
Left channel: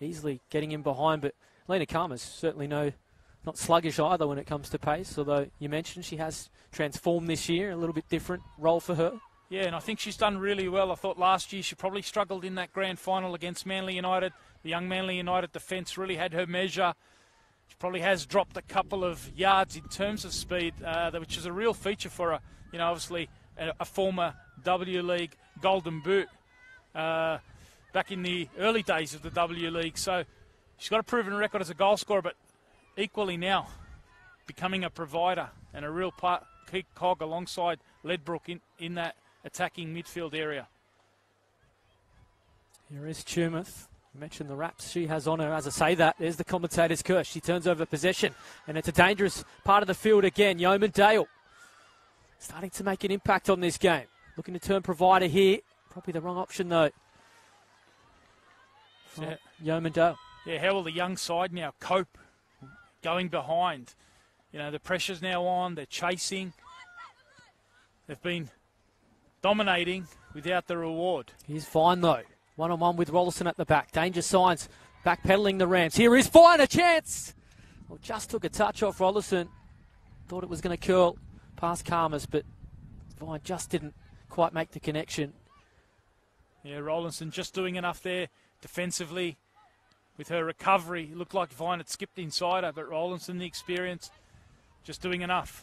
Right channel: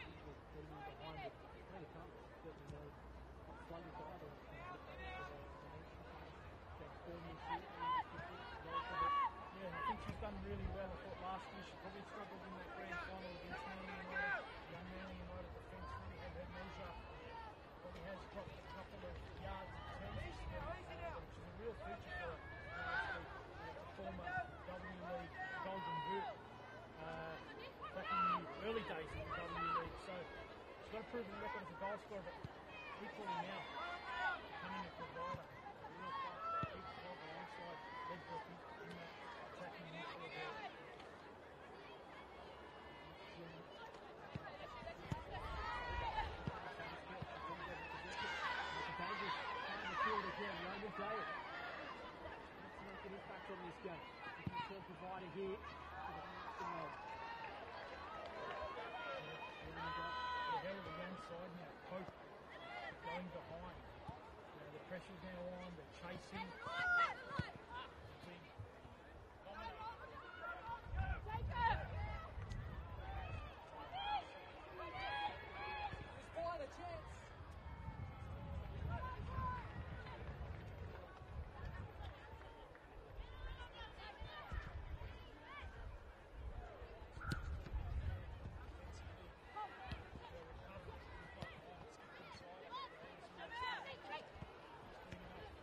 Easily getting in behind, but Lena Karmas certainly not sluggish either when it comes to pace, although you mentioned she has transformed this year, a little bit different role for her. Yeah, and I think she's done really well. I thought last year she probably struggled in that grand final against Manly United. The young Manly United defence really had her measure. She probably has dropped a couple of yards in terms of speed, which is a real feature for her. You know, obviously a former W League Golden Boot back in the early days of the W League. So she's got a proven record as a goal scorer, but equally now becoming a provider and a real key cog alongside Ledbrook in that attacking midfield area. Here is Tumith. I mentioned the wraps she has on her. As I say that, there's the commentator's curse. She turns over possession, and it's a dangerous part of the field again. Yeoman Dale starting to make an impact on this game. Looking to turn provider here. Probably the wrong option, though. Yeah. Yeoman Dale. Yeah, how will the young side now cope going behind? You know, the pressure's now on. They're chasing. They've been dominating without the reward. He's fine, though. One-on-one with Rollison at the back. Danger signs. Backpedaling the Rams. Here is Fine, a chance. Well, just took a touch off Rollison. Thought it was going to curl past Karmas, but Vine just didn't quite make the connection. Yeah, Rollinson just doing enough there defensively with her recovery. Looked like Vine had skipped inside her, but Rollinson, the experience, just doing enough.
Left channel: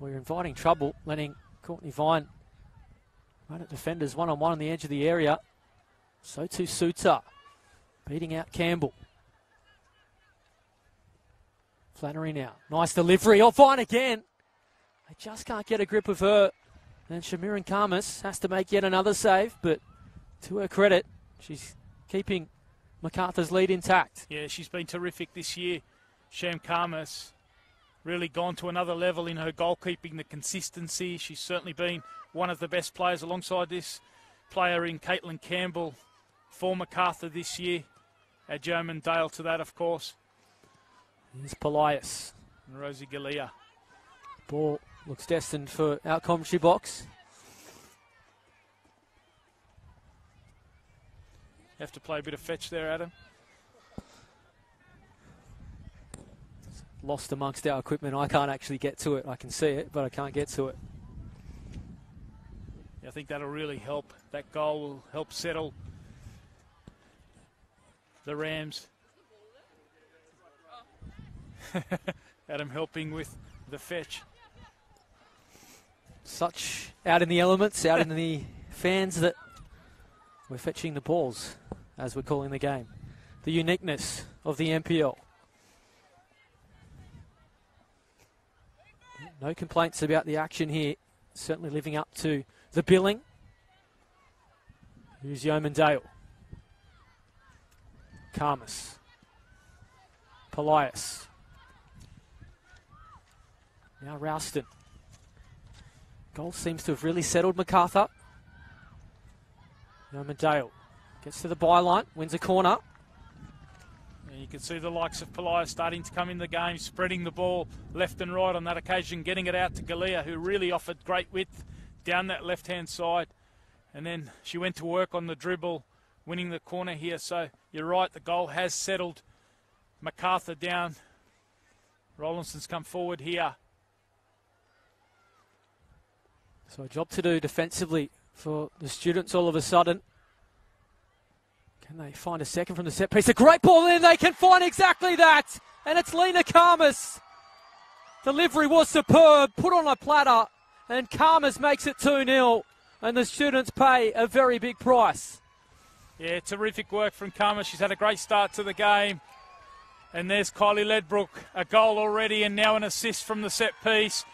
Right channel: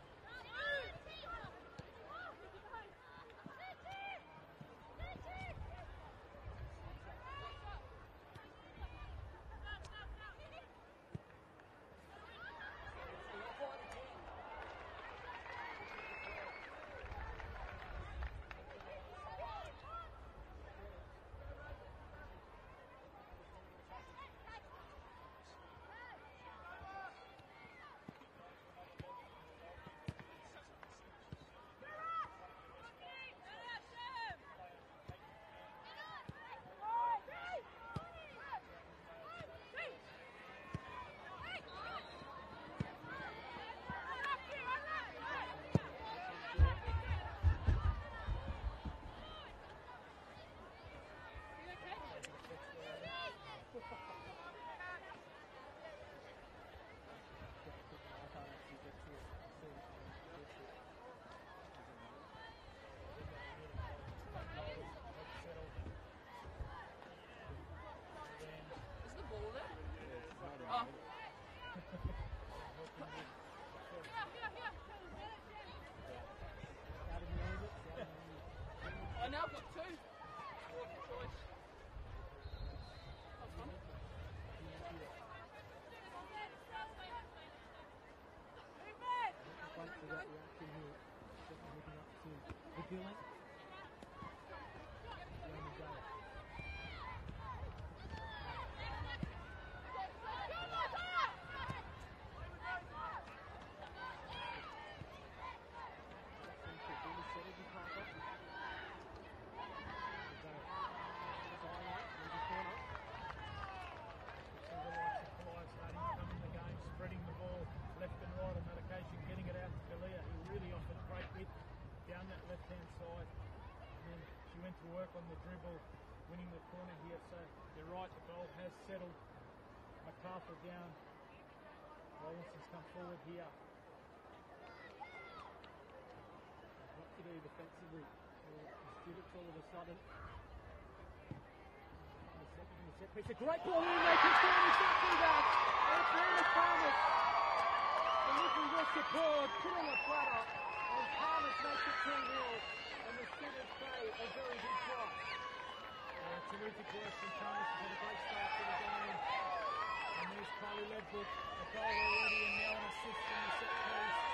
We're inviting trouble, letting Courtney Vine run at defenders one-on-one on the edge of the area. So too Suter, beating out Campbell. Flannery now. Nice delivery. Oh, Vine again. Just can't get a grip of her. And Shamiran Karmas has to make yet another save, but to her credit, she's keeping Macarthur's lead intact. Yeah, she's been terrific this year. Sham Karmas really gone to another level in her goalkeeping, the consistency. She's certainly been one of the best players alongside this player in Caitlin Campbell for Macarthur this year. Add Yeoman Dale to that, of course. Here's Polias. And Rosie Galea. Ball looks destined for our commentary box. You have to play a bit of fetch there, Adam. Lost amongst our equipment. I can't actually get to it. I can see it, but I can't get to it. I think that'll really help. That goal will help settle the Rams. Adam helping with the fetch. Such out in the elements, out in the fans that we're fetching the balls, as we're calling the game. The uniqueness of the NPL. No complaints about the action here. Certainly living up to the billing. Here's Yeoman Dale. Karmas. Polias. Now Ralston. Goal seems to have really settled Macarthur. Yeoman Dale gets to the byline, wins a corner. And you can see the likes of Palaia starting to come in the game, spreading the ball left and right on that occasion, getting it out to Galea, who really offered great width down that left-hand side. And then she went to work on the dribble, winning the corner here. So you're right, the goal has settled Macarthur down. Rollinson's come forward here. So a job to do defensively for the students all of a sudden. Can they find a second from the set piece? A great ball in, they can find exactly that. And it's Lena Karmas. Delivery was superb, put on a platter, and Karmas makes it 2-0. And the students pay a very big price. Yeah, terrific work from Karmas. She's had a great start to the game. And there's Kylie Ledbrook, a goal already and now an assist from the set piece.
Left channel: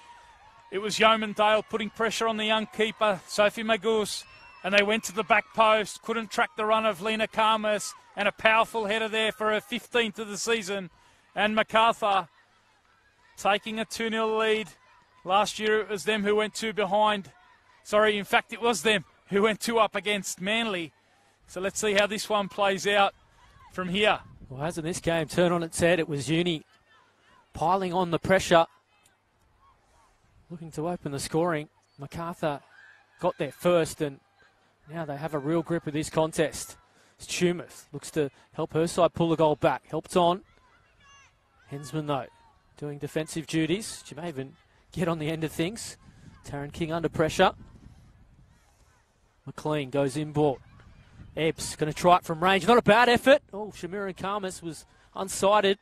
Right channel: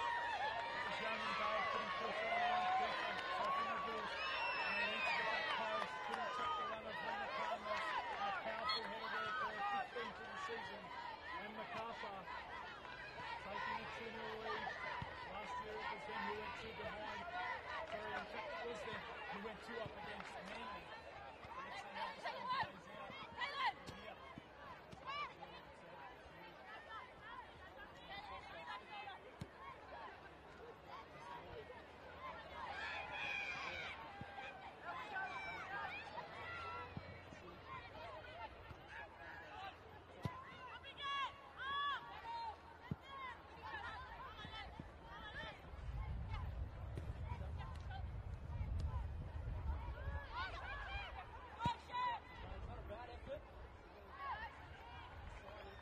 It was Yeomandale putting pressure on the young keeper, Sophie Magus, and they went to the back post, couldn't track the run of Lena Karmas, and a powerful header there for her 15th of the season. And Macarthur taking a 2-0 lead. Last year it was them who went 2 behind. Sorry, in fact it was them who went 2 up against Manly. So let's see how this one plays out from here. Well, hasn't this game turned on its head? It was Uni piling on the pressure, looking to open the scoring. Macarthur got there first, and now they have a real grip of this contest. It's Tumeth, looks to help her side pull the goal back. Helped on. Hensman, though, doing defensive duties. She may even get on the end of things. Taryn King under pressure. McLean goes in ball. Ebbs going to try it from range. Not a bad effort. Oh, Shamira Karmas was unsighted.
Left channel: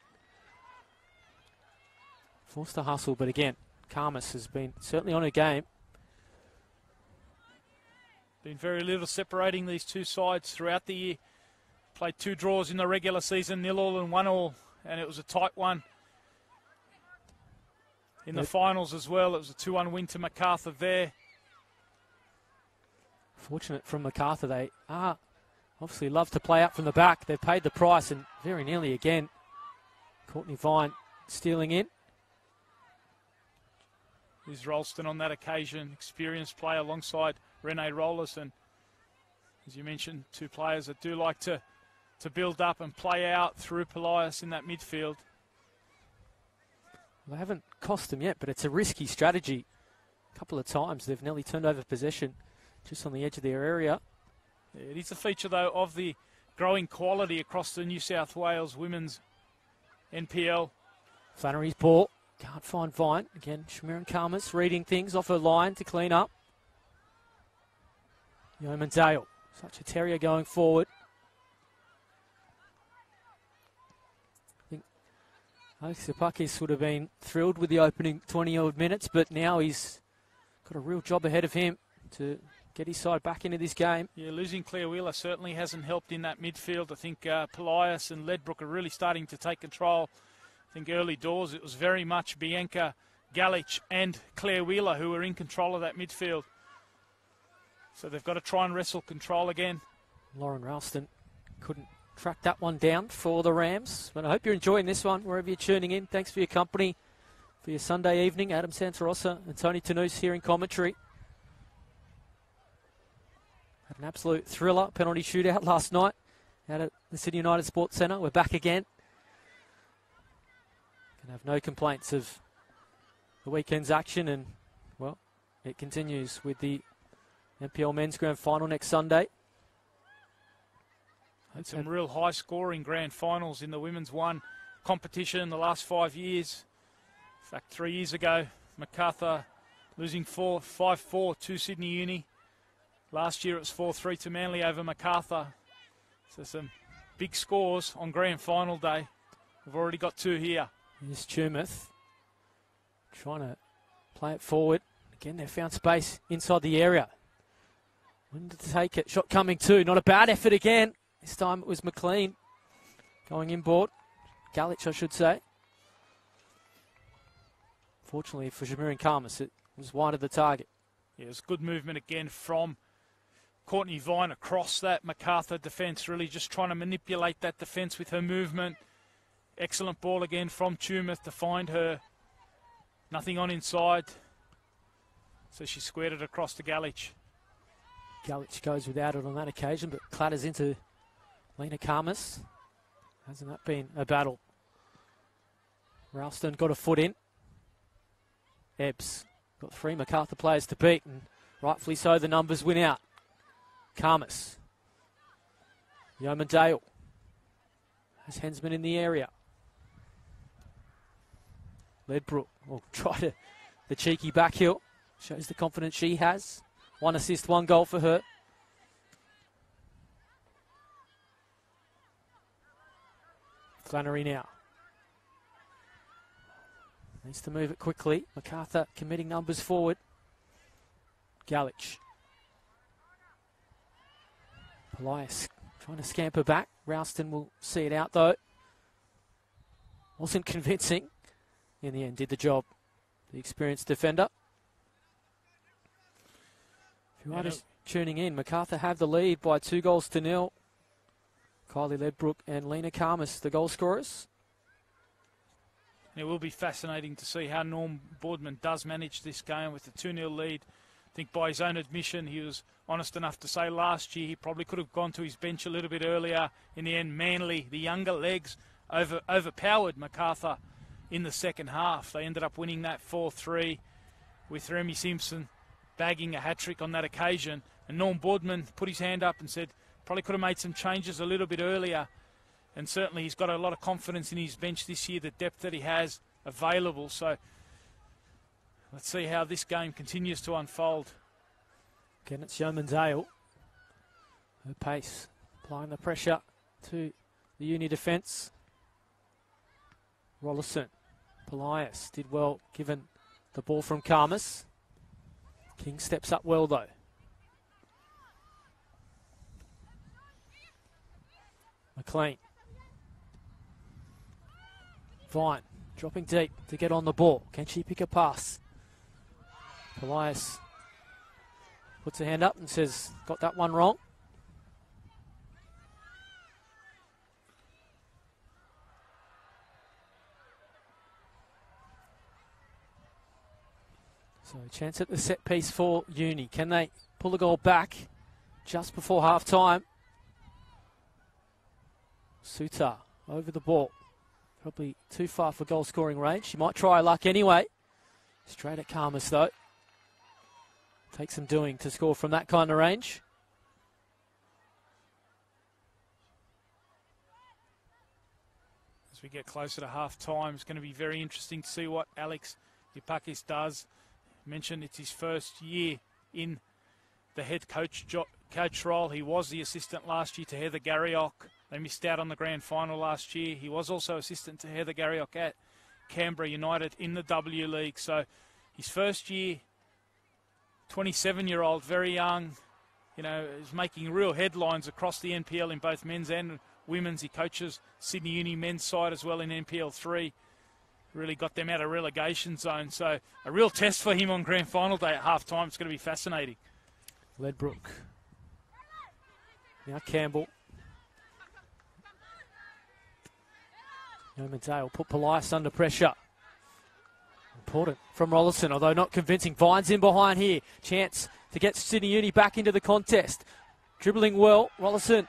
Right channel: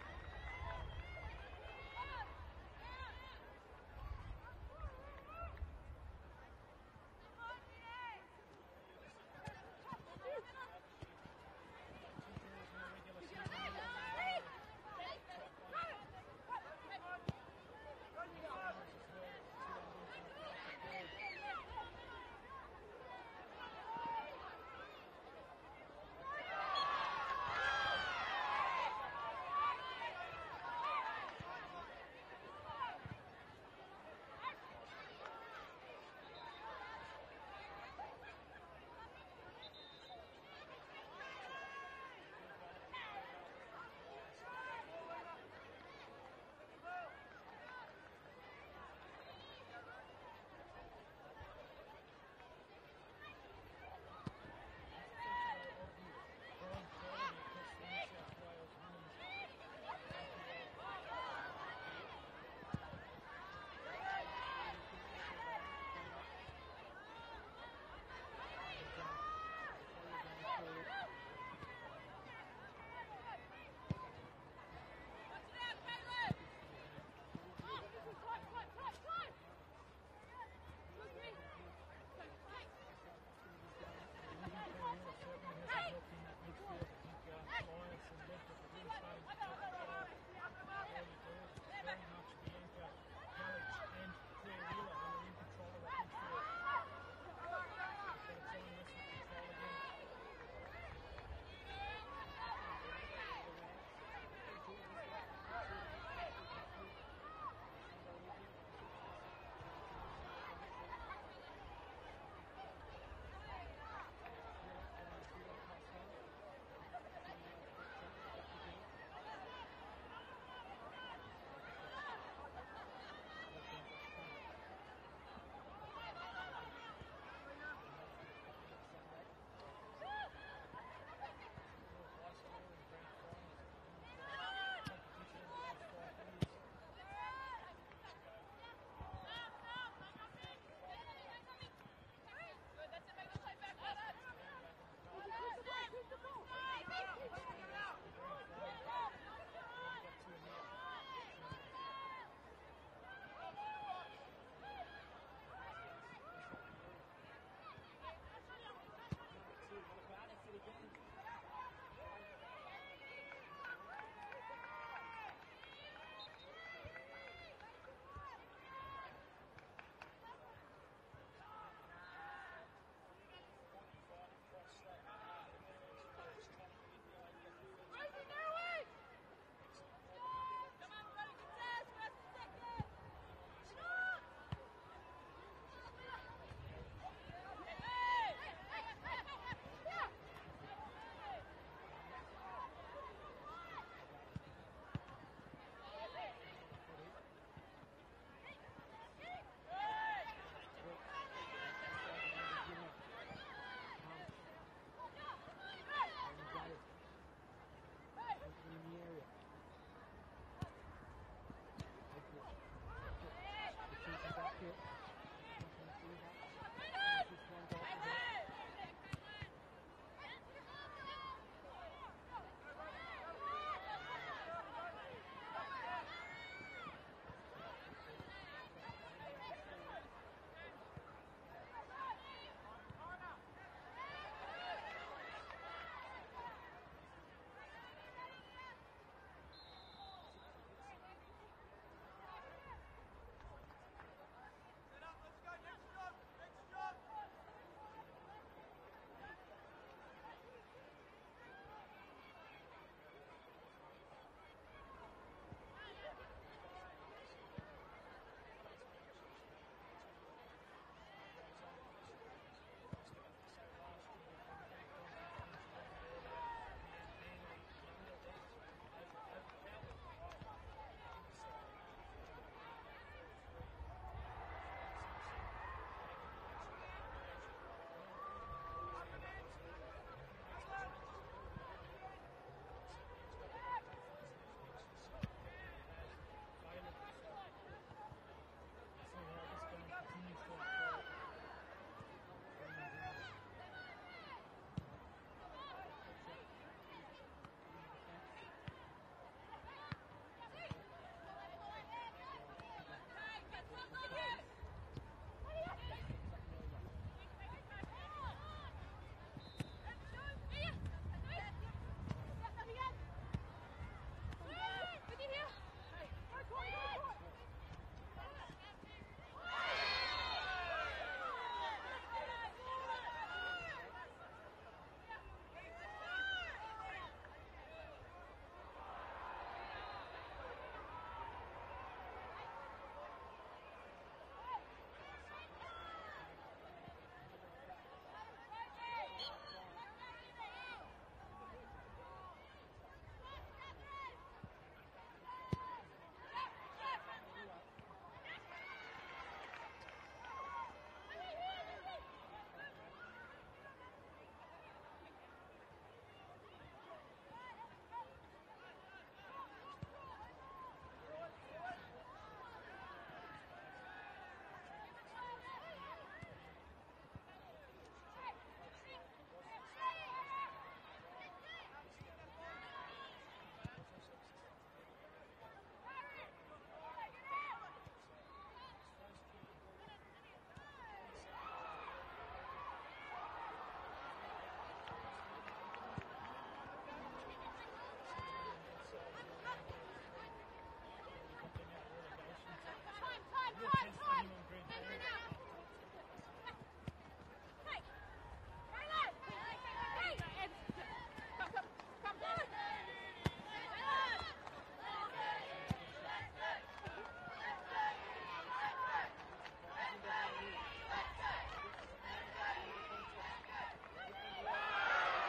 Forced to hustle, but again, Karmas has been certainly on her game. Been very little separating these two sides throughout the year. Played 2 draws in the regular season, 0-0 and 1-1, and it was a tight one. In the finals as well, it was a 2-1 win to Macarthur there. Fortunate from Macarthur, they obviously love to play up from the back. They've paid the price, and very nearly again, Courtney Vine stealing in. Is Ralston on that occasion, experienced player alongside Renee Rollerson. As you mentioned, 2 players that do like to build up and play out through Polias in that midfield. They haven't cost them yet, but it's a risky strategy. A couple of times they've nearly turned over possession just on the edge of their area. Yeah, it is a feature, though, of the growing quality across the New South Wales women's NPL. Flannery's ball. Can't find Vine. Again, Shamiran Karmas reading things off her line to clean up. Yeomandale. Such a terrier going forward. I think Sapakis would have been thrilled with the opening 20-odd minutes, but now he's got a real job ahead of him to get his side back into this game. Yeah, losing Claire Wheeler certainly hasn't helped in that midfield. I think Polias and Ledbrook are really starting to take control. I think early doors it was very much Bianca Galich and Claire Wheeler who were in control of that midfield. So they've got to try and wrestle control again. Lauren Ralston couldn't track that one down for the Rams. But I hope you're enjoying this one wherever you're tuning in. Thanks for your company for your Sunday evening. Adam Santarossa and Tony Tanous here in commentary. Had an absolute thriller penalty shootout last night out at the Sydney United Sports Centre. We're back again. I have no complaints of the weekend's action, and well, it continues with the NPL Men's Grand Final next Sunday. Had some real high-scoring grand finals in the Women's 1 competition in the last 5 years. In fact, 3 years ago, Macarthur losing 5-4 to Sydney Uni. Last year it was 4-3 to Manly over Macarthur. So some big scores on grand final day. We've already got 2 here. Here's Tumeth trying to play it forward. Again, they found space inside the area. And to take it. Shot coming too. Not a bad effort again. This time it was McLean going inboard. Galich, I should say. Fortunately for Shamiran Karmas, it was wide of the target. Yeah, it was good movement again from Courtney Vine across that Macarthur defence, really just trying to manipulate that defence with her movement. Excellent ball again from Tumeth to find her. Nothing on inside. So she squared it across to Galich. Galich goes without it on that occasion, but clatters into Lena Karmas. Hasn't that been a battle? Ralston got a foot in. Ebbs got 3 Macarthur players to beat, and rightfully so, the numbers win out. Karmas. Yeomandale. There's Hensman in the area. Ledbrook will try the cheeky back heel. Shows the confidence she has. 1 assist, 1 goal for her. Flannery now. Needs to move it quickly. Macarthur committing numbers forward. Galich. Elias trying to scamper back. Ralston will see it out though. Wasn't convincing. In the end, did the job. The experienced defender. If you're just tuning in, Macarthur have the lead by 2-0. Kylie Ledbrook and Lena Karmas, the goal scorers. It will be fascinating to see how Norm Boardman does manage this game with the 2-0 lead. I think by his own admission, he was honest enough to say last year he probably could have gone to his bench a little bit earlier. In the end, Manly, the younger legs, overpowered Macarthur in the second half. They ended up winning that 4-3 with Remy Simpson bagging a hat-trick on that occasion. And Norm Boardman put his hand up and said probably could have made some changes a little bit earlier. And certainly he's got a lot of confidence in his bench this year, the depth that he has available. So let's see how this game continues to unfold. Again, it's Yeomandale. No pace, applying the pressure to the Uni defence. Rollison, Polias did well given the ball from Karmas. King steps up well though. McLean. Vine dropping deep to get on the ball. Can she pick a pass? Polias puts her hand up and says, got that one wrong. So a chance at the set piece for Uni. Can they pull the goal back just before half time? Sutar over the ball. Probably too far for goal scoring range. She might try her luck anyway. Straight at Karmas though. Takes some doing to score from that kind of range. As we get closer to half time, it's going to be very interesting to see what Alex Ipakis does. Mentioned it's his first year in the head coach role. He was the assistant last year to Heather Garriock. They missed out on the grand final last year. He was also assistant to Heather Garriock at Canberra United in the W League. So his first year, 27-year-old, very young, you know, is making real headlines across the NPL in both men's and women's. He coaches Sydney Uni men's side as well in NPL 3. Really got them out of relegation zone. So a real test for him on grand final day at half-time. It's going to be fascinating. Ledbrook. Now Campbell. Yeomandale put Polias under pressure. Important from Rollison, although not convincing. Vines in behind here. Chance to get Sydney Uni back into the contest. Dribbling well, Rollison.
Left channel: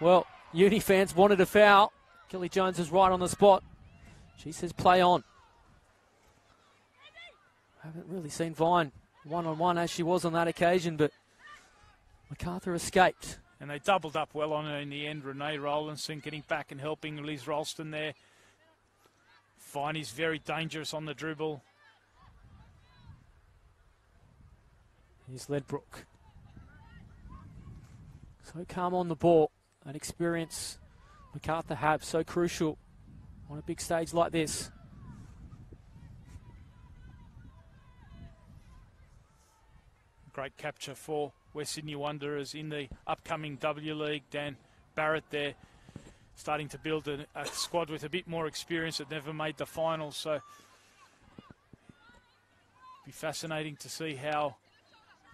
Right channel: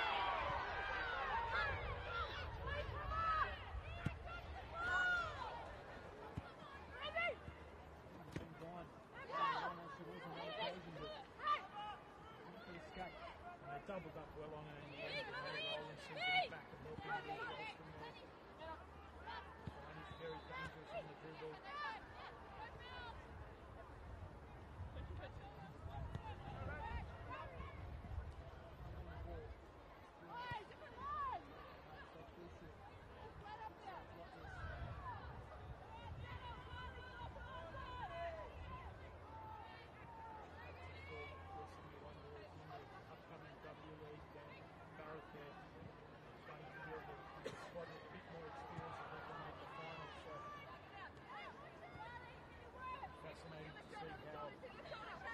Well, Uni fans wanted a foul. Kelly Jones is right on the spot. She says play on. Haven't really seen Vine one-on-one as she was on that occasion, but Macarthur escaped. And they doubled up well on her in the end. Renee Rowlandson getting back and helping Liz Ralston there. Vine is very dangerous on the dribble. Here's Ledbrook. So calm on the ball. That experience Macarthur have, so crucial on a big stage like this. Great capture for West Sydney Wanderers in the upcoming W League. Dan Barrett there starting to build a squad with a bit more experience that never made the finals. So it'll be fascinating to see how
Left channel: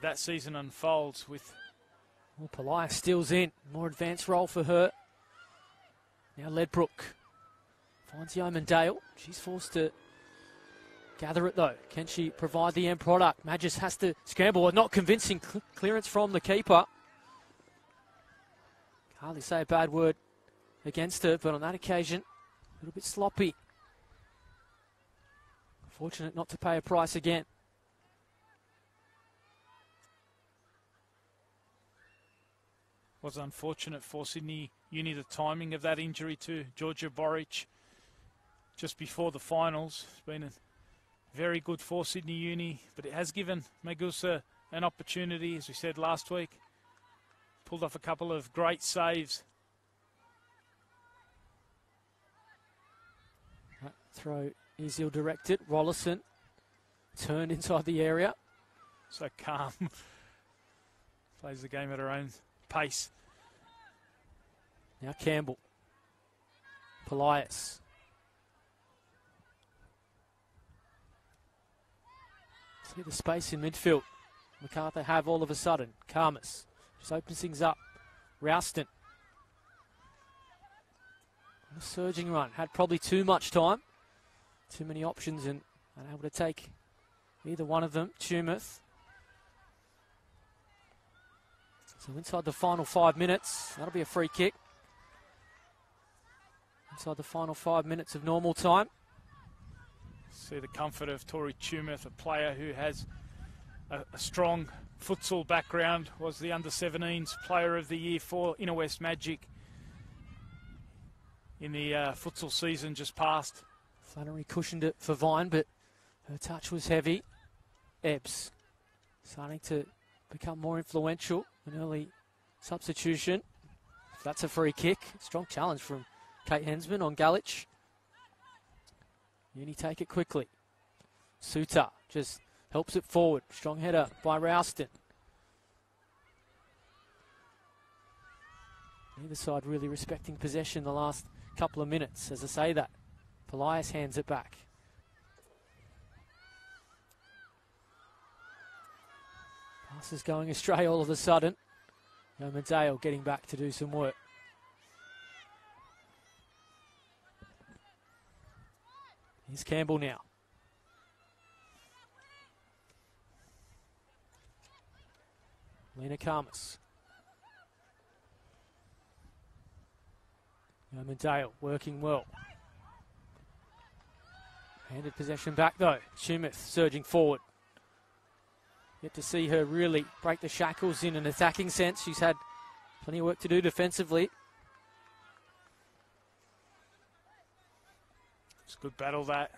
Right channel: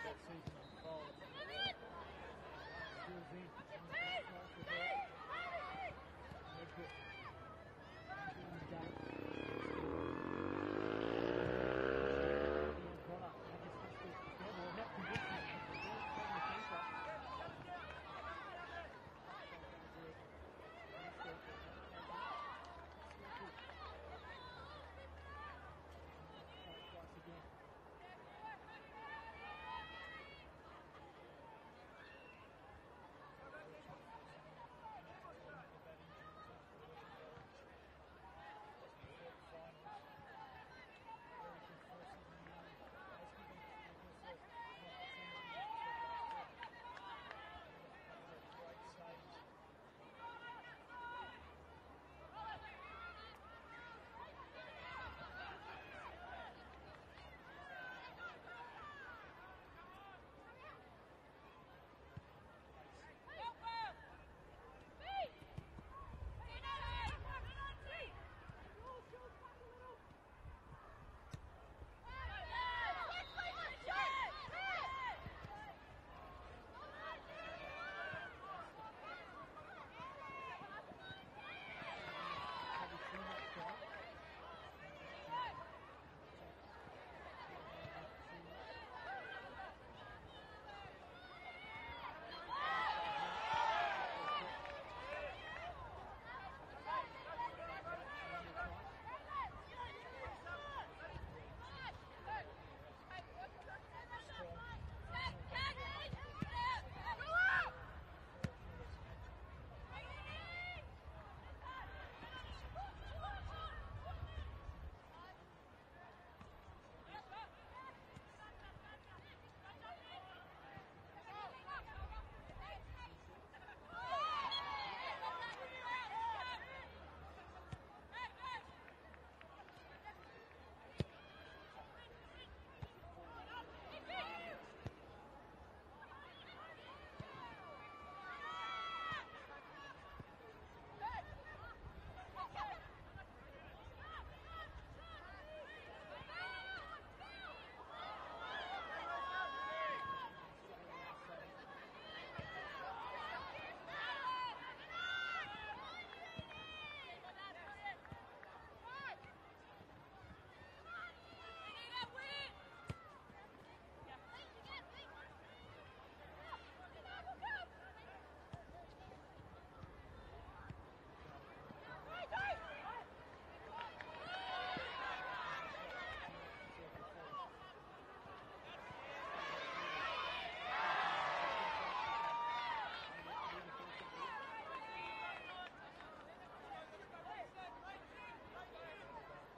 that season unfolds with Polias steals in. More advanced role for her. Now Ledbrook finds Yeomandale. She's forced to gather it though. Can she provide the end product? Magis has to scramble. Not convincing clearance from the keeper. Hardly say a bad word against her, but on that occasion, a little bit sloppy. Fortunate not to pay a price again. Was unfortunate for Sydney Uni, the timing of that injury to Georgia Boric just before the finals. It's been very good for Sydney Uni, but it has given Magusa an opportunity, as we said last week. Pulled off a couple of great saves. Throw is ill-directed. Rollison turned inside the area. So calm. Plays the game at her own pace. Now Campbell. Polias. See the space in midfield. Macarthur have all of a sudden. Karmas just opens things up. Rouston. Surging run. Had probably too much time. Too many options and unable to take either one of them. Tumeth. So inside the final 5 minutes, that'll be a free kick. Inside the final 5 minutes of normal time. See the comfort of Tori Tumeth, a player who has a strong futsal background, was the under-17s player of the year for Inner West Magic in the futsal season just past. Flannery cushioned it for Vine, but her touch was heavy. Ebbs starting to become more influential. An early substitution. That's a free kick. Strong challenge from Kate Hensman on Galich. Uni take it quickly. Suter just helps it forward. Strong header by Rouston. Either side really respecting possession the last couple of minutes. As I say that, Polias hands it back. This is going astray all of a sudden. Medale getting back to do some work. Here's Campbell now. Lena Karmas. Medale working well. Handed possession back though. Shumith surging forward. Get to see her really break the shackles in an attacking sense. She's had plenty of work to do defensively. It's a good battle that.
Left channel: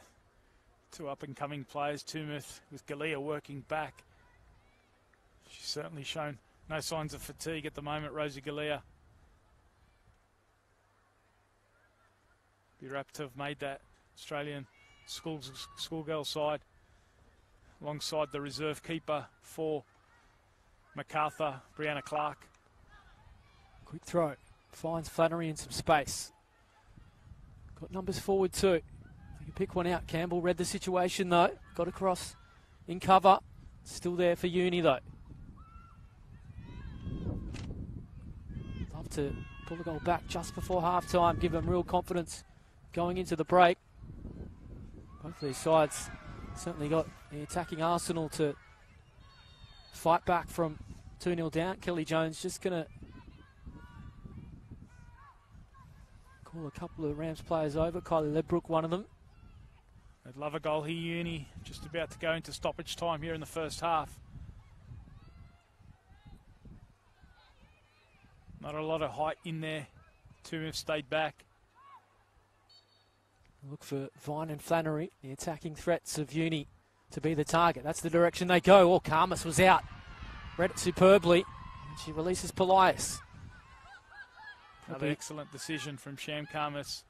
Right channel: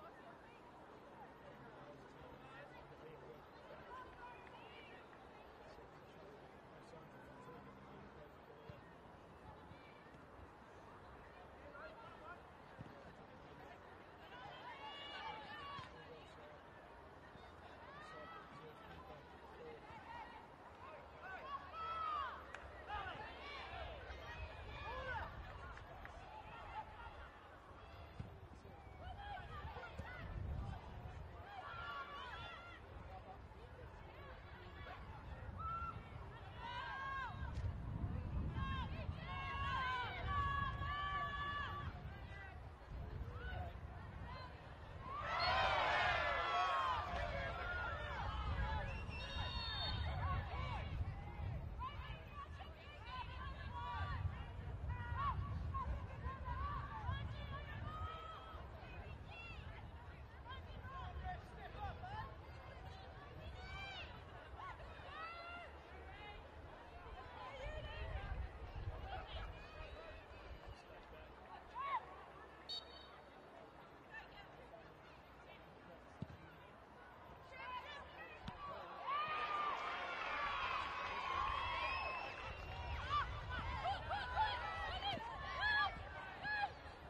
Two up-and-coming players, Tumeth with Galea working back. She's certainly shown no signs of fatigue at the moment, Rosie Galea. Be rapt to have made that Australian schoolgirl side alongside the reserve keeper for Macarthur, Brianna Clark. Good throw. Finds Flannery in some space. Got numbers forward too. You pick one out. Campbell read the situation though. Got across in cover. Still there for Uni though. Have to pull the goal back just before half time. Give them real confidence going into the break. Hopefully sides certainly got the attacking arsenal to fight back from 2-0 down. Kelly Jones just going to call a couple of Rams players over. Kylie Ledbrook, one of them. They'd love a goal here, Uni. Just about to go into stoppage time here in the first half. Not a lot of height in there. Two have stayed back. Look for Vine and Flannery, the attacking threats of Uni, to be the target. That's the direction they go. Oh, Karmas was out. Read it superbly. And she releases Polias. An excellent decision from Sham Karmas.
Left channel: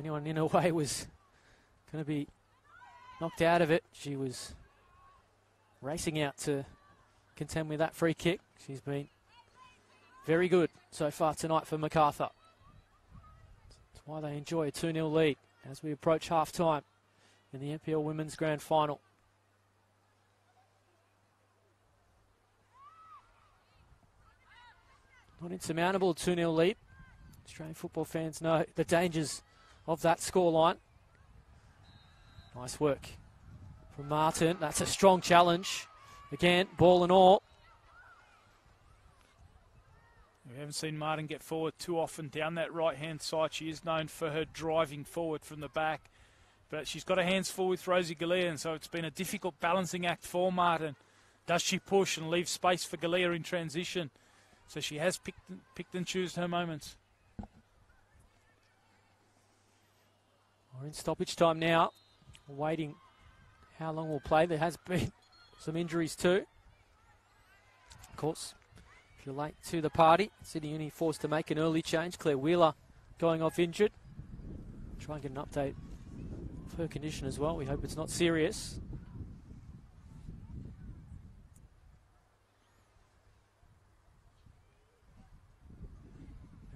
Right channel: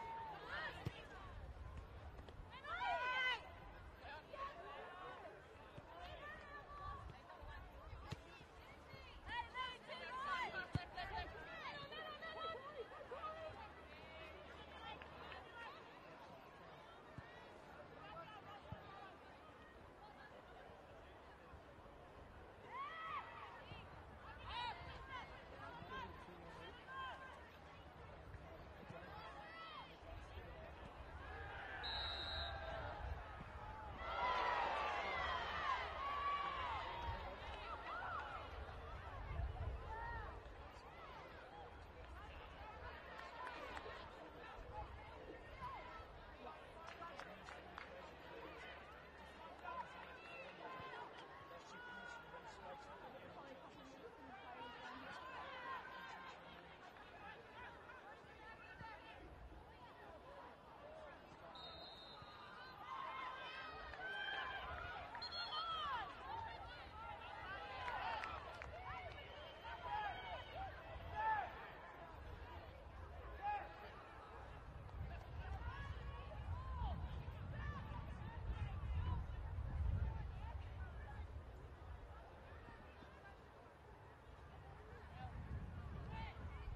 Anyone in her way was going to be knocked out of it. She was racing out to contend with that free kick. She's been very good so far tonight for Macarthur. That's why they enjoy a 2-0 lead as we approach half-time in the NPL Women's Grand Final. Not insurmountable, 2-0 lead. Australian football fans know the dangers of that scoreline. Nice work from Martin. That's a strong challenge. Again, ball and all. We haven't seen Martin get forward too often down that right-hand side. She is known for her driving forward from the back. But she's got her hands full with Rosie Galea, and so it's been a difficult balancing act for Martin. Does she push and leave space for Galea in transition? So she has picked and chosen her moments. We're in stoppage time now. Waiting how long we'll play. There has been some injuries too. Of course, if you're late to the party, Sydney Uni forced to make an early change. Claire Wheeler going off injured. Try and get an update of her condition as well. We hope it's not serious.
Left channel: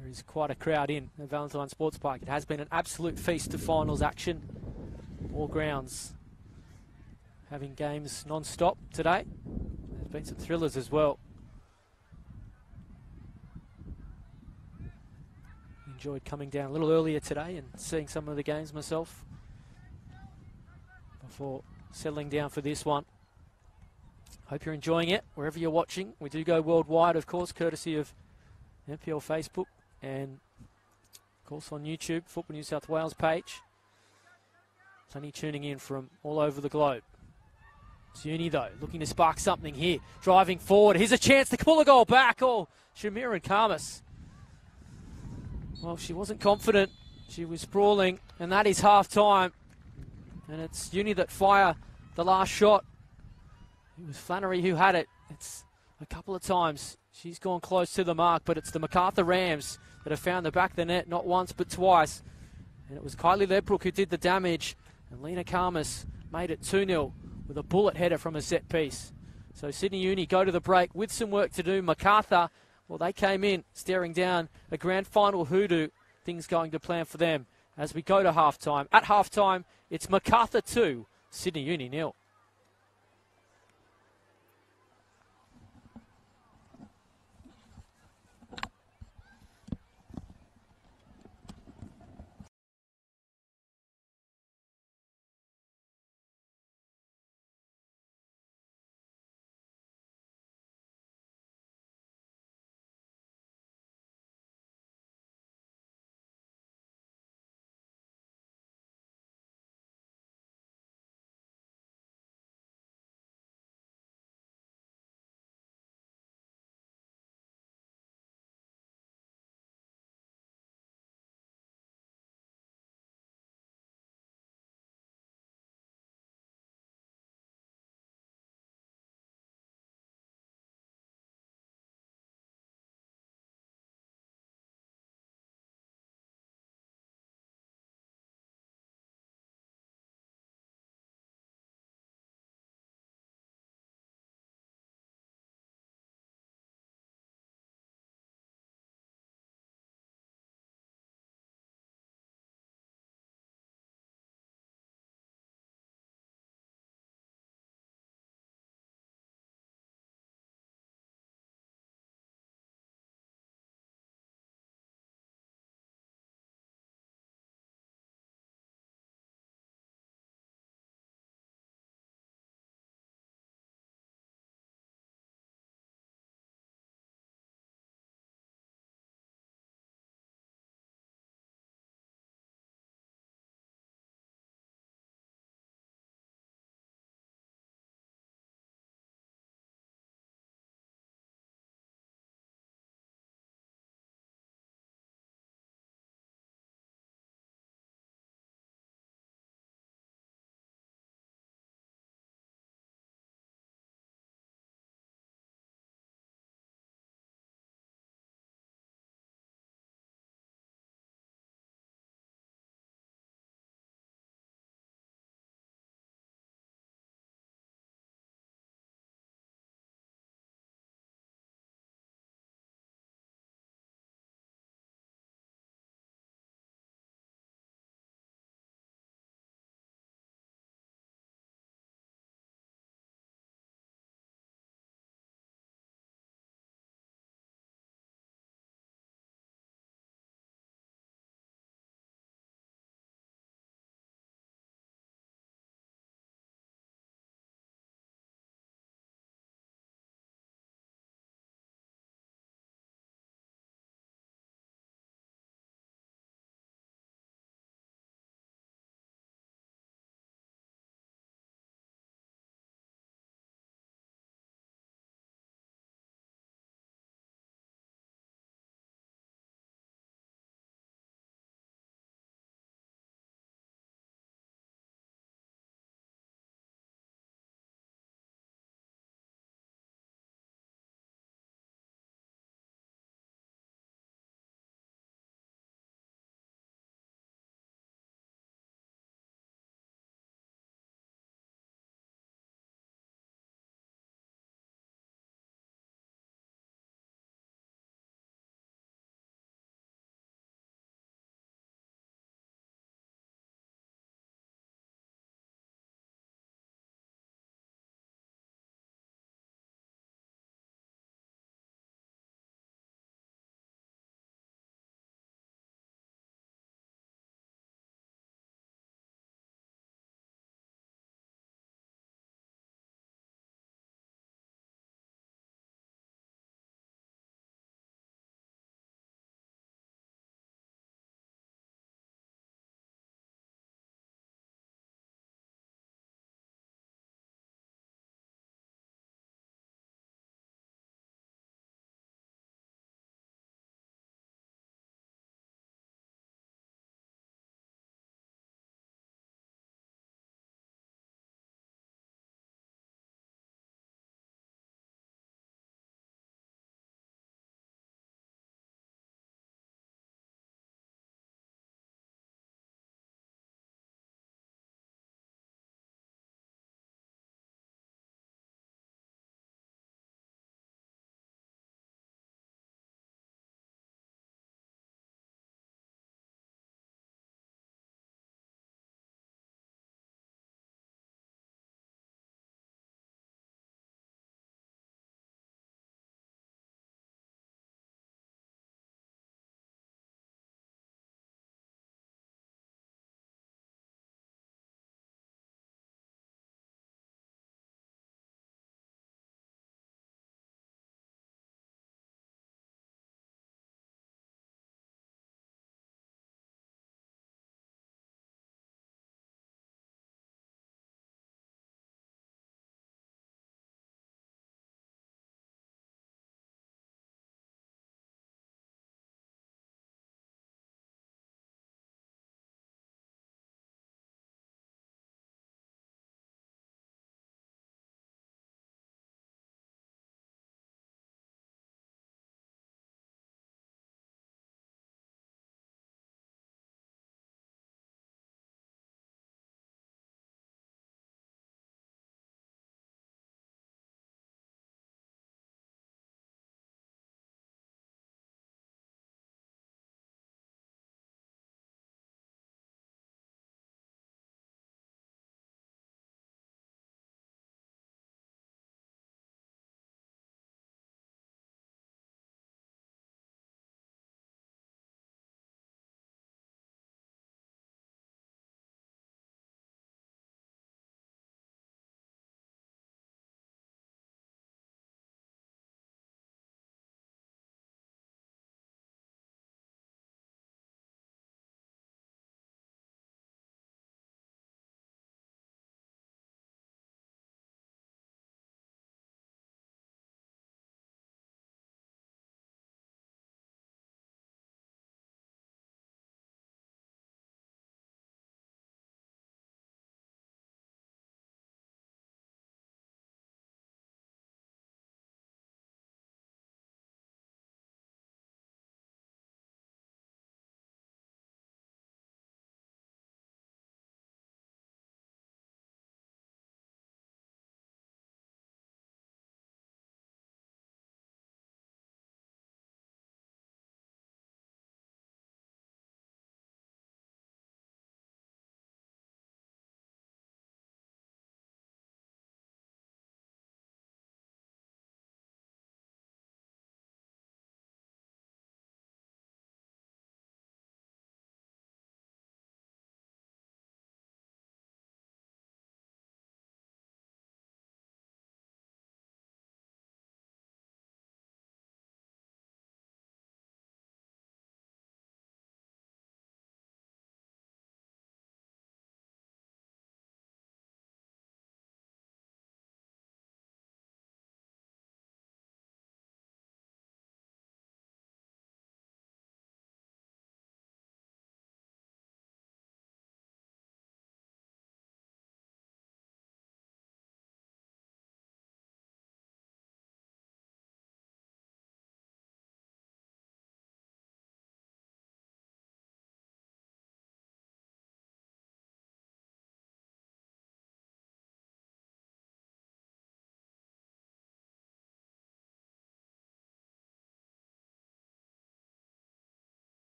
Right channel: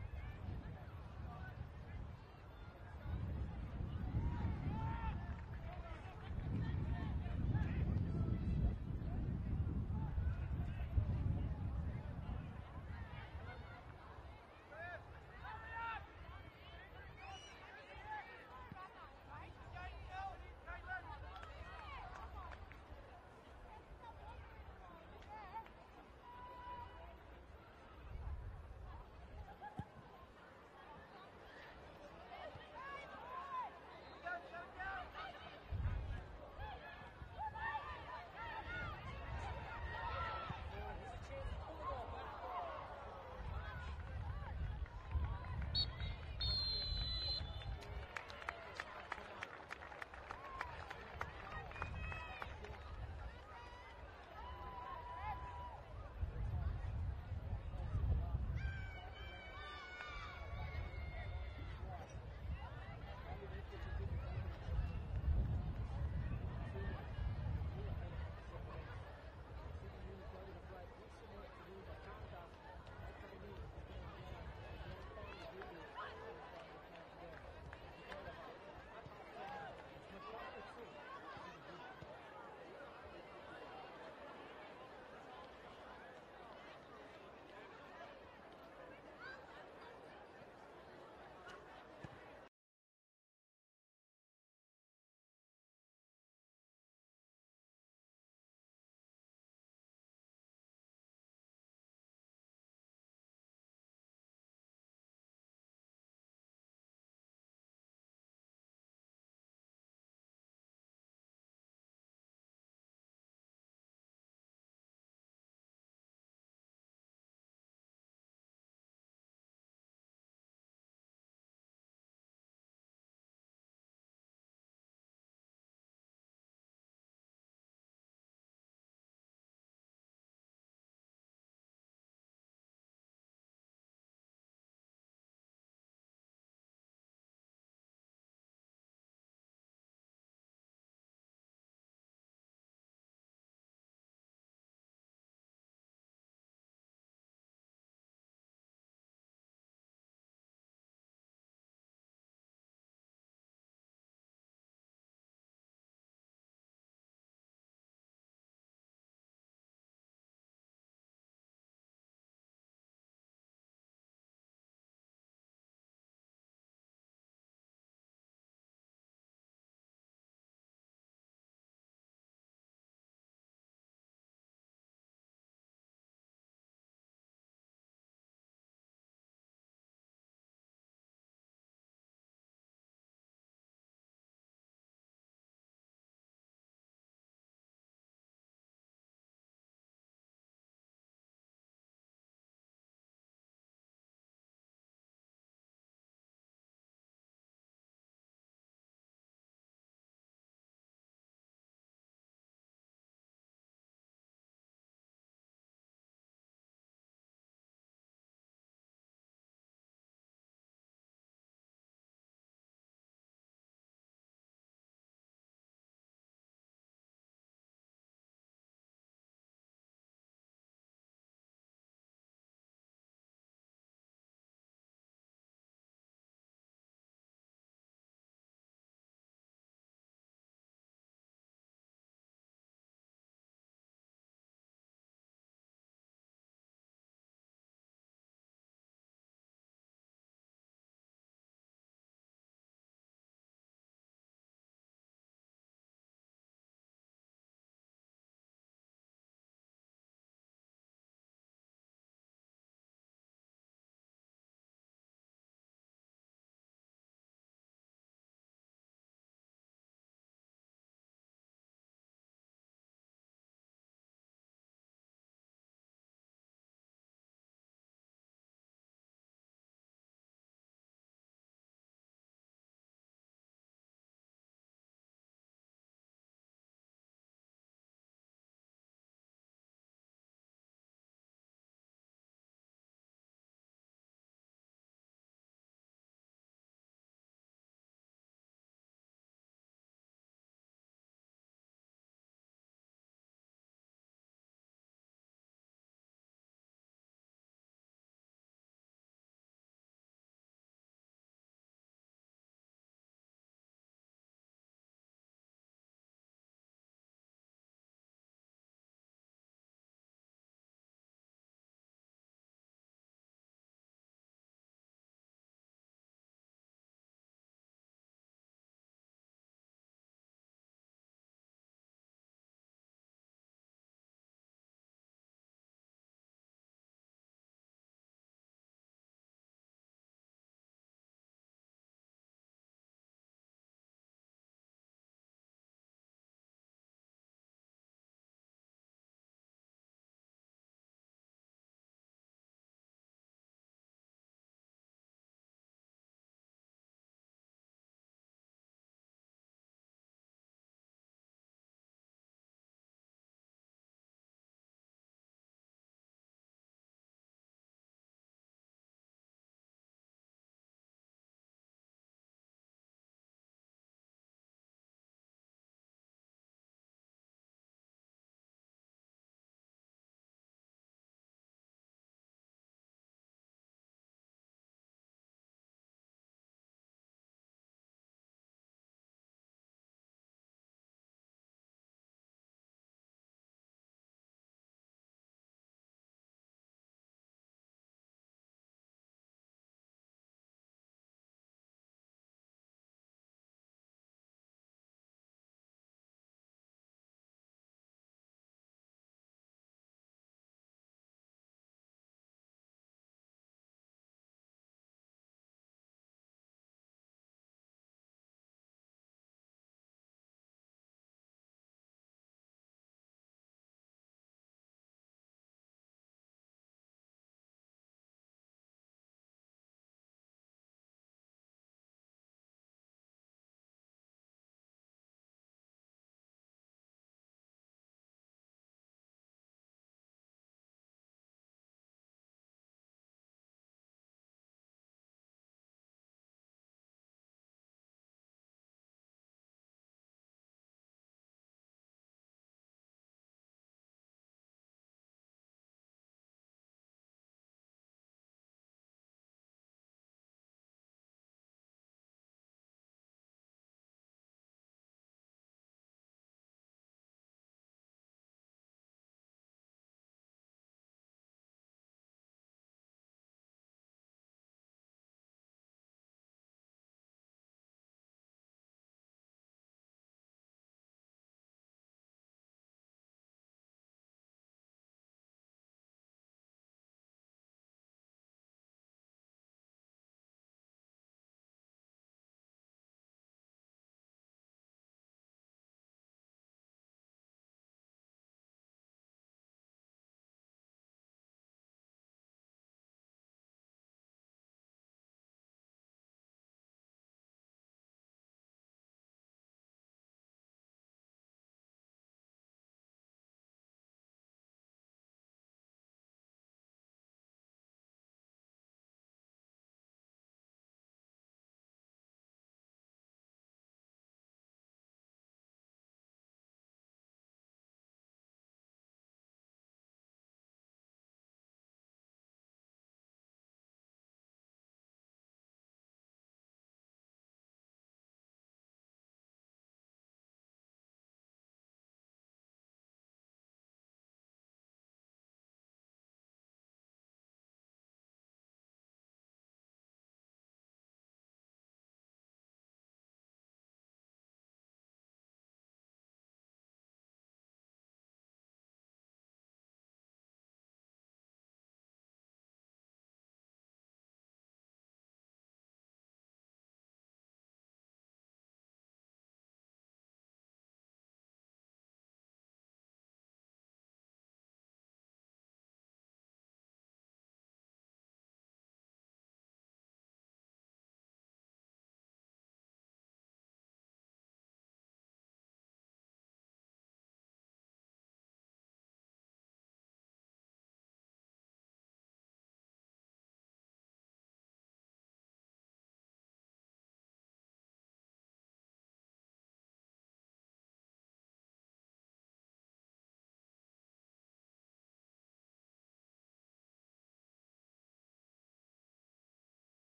There is quite a crowd in the Valentine Sports Park. It has been an absolute feast of finals action. All grounds having games non-stop today. There's been some thrillers as well. Enjoyed coming down a little earlier today and seeing some of the games myself before settling down for this one. Hope you're enjoying it wherever you're watching. We do go worldwide, of course, courtesy of NPL Facebook and, of course, on YouTube, Football New South Wales page. Plenty tuning in from all over the globe. It's Uni, though, looking to spark something here. Driving forward. Here's a chance to pull a goal back. Oh, Shamira and Karmas. Well, she wasn't confident. She was sprawling, and that is half-time. And it's Uni that fire the last shot. It was Flannery who had it. It's a couple of times. She's gone close to the mark, but it's the Macarthur Rams that have found the back of the net, not once but twice. And it was Kylie Ledbrook who did the damage. And Lena Karmas made it 2-0 with a bullet header from a set piece. So Sydney Uni go to the break with some work to do. Macarthur, well, they came in staring down a grand final hoodoo. Things going to plan for them as we go to halftime. At halftime, it's Macarthur 2, Sydney Uni 0.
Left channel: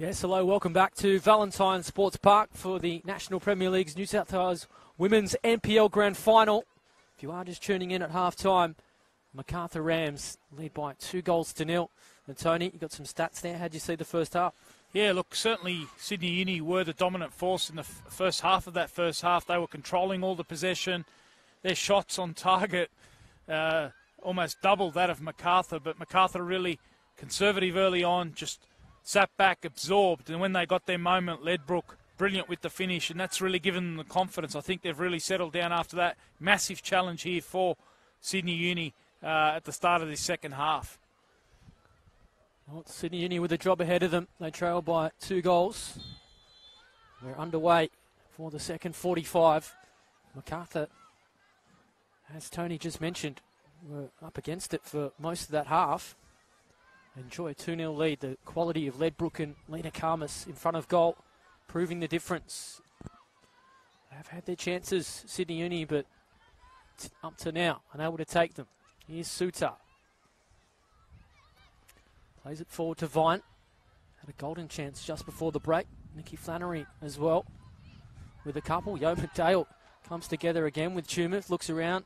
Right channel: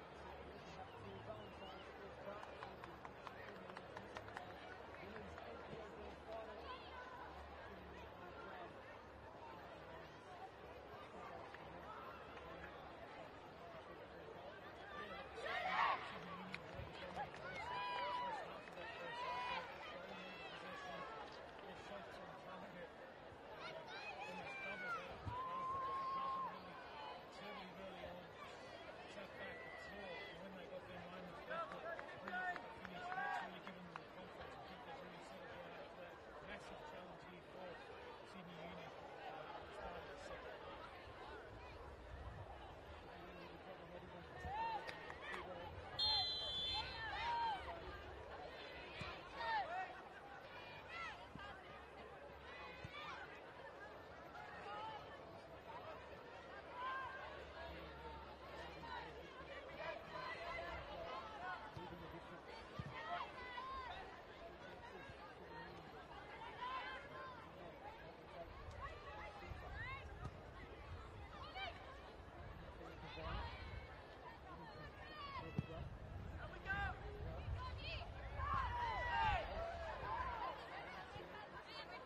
Yes, hello, welcome back to Valentine Sports Park for the National Premier League's New South Wales Women's NPL Grand Final. If you are just tuning in at half-time, Macarthur Rams lead by 2-0. And Tony, you got some stats there. How'd you see the first half? Yeah, look, certainly Sydney Uni were the dominant force in the first half of that first half. They were controlling all the possession. Their shots on target almost doubled that of Macarthur, but Macarthur really conservative early on, just sat back, absorbed, and when they got their moment, Ledbrook brilliant with the finish, and that's really given them the confidence. I think they've really settled down after that massive challenge here for Sydney Uni at the start of this second half. Well, Sydney Uni with a job ahead of them. They trail by 2 goals. They're underway for the second 45. Macarthur, as Tony just mentioned, were up against it for most of that half. Enjoy a 2-0 lead. The quality of Ledbrook and Lena Karmas in front of goal, proving the difference. They've had their chances, Sydney Uni, but up to now, unable to take them. Here's Suter. Plays it forward to Vine. Had a golden chance just before the break. Nikki Flannery as well with a couple. Yo McDale comes together again with Tumith, looks around,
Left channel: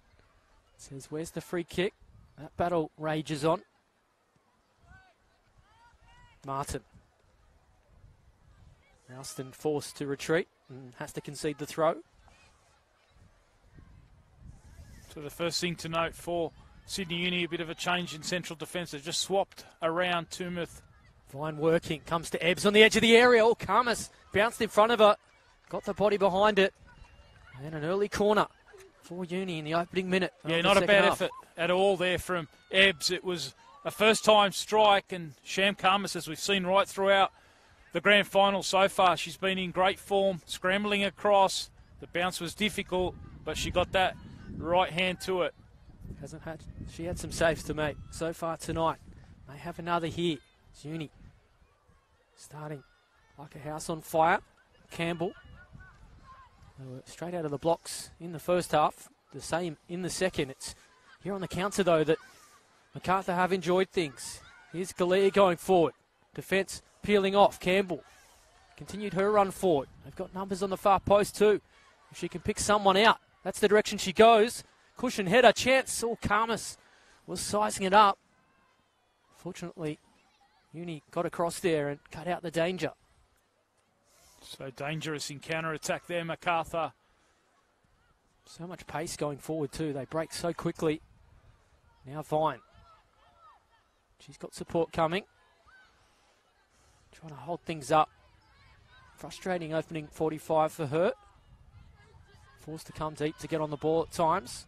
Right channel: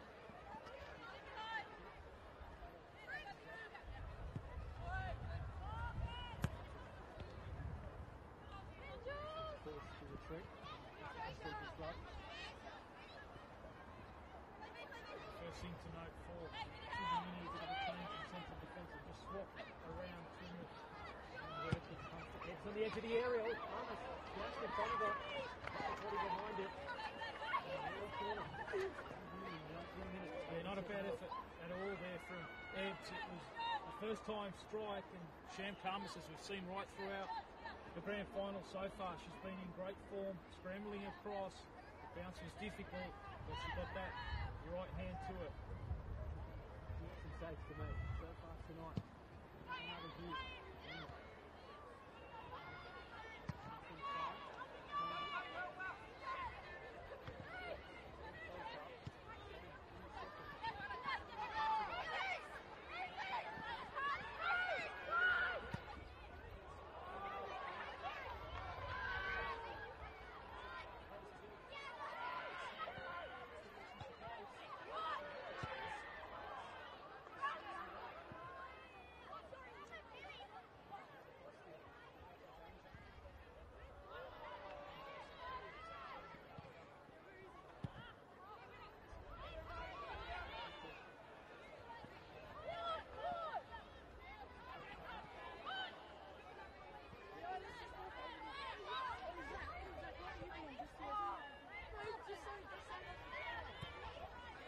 says, where's the free kick? That battle rages on. Martin. Alston forced to retreat and has to concede the throw. So the first thing to note for Sydney Uni, a bit of a change in central defence. They've just swapped around Tumith. Fine working, comes to Ebbs on the edge of the area. Oh, Karmas bounced in front of her, got the body behind it. And an early corner for Uni in the opening minute. Yeah, not a bad effort at all there from Ebbs. It was a first-time strike, and Sham Karmas, as we've seen right throughout the grand final so far, she's been in great form, scrambling across. The bounce was difficult, but she got that right hand to it. She had some saves to make so far tonight. May have another here. It's Uni starting like a house on fire. Campbell straight out of the blocks in the first half. The same in the second. It's here on the counter though that Macarthur have enjoyed things. Here's Galea going forward. Defence peeling off. Campbell continued her run forward. They've got numbers on the far post too. If she can pick someone out, that's the direction she goes. Cushion header chance. Oh, Karmas was sizing it up. Fortunately, Uni got across there and cut out the danger. So dangerous in counter-attack there, Macarthur. So much pace going forward too. They break so quickly. Now Vine. She's got support coming. Trying to hold things up. Frustrating opening 45 for her. Forced to come deep to get on the ball at times.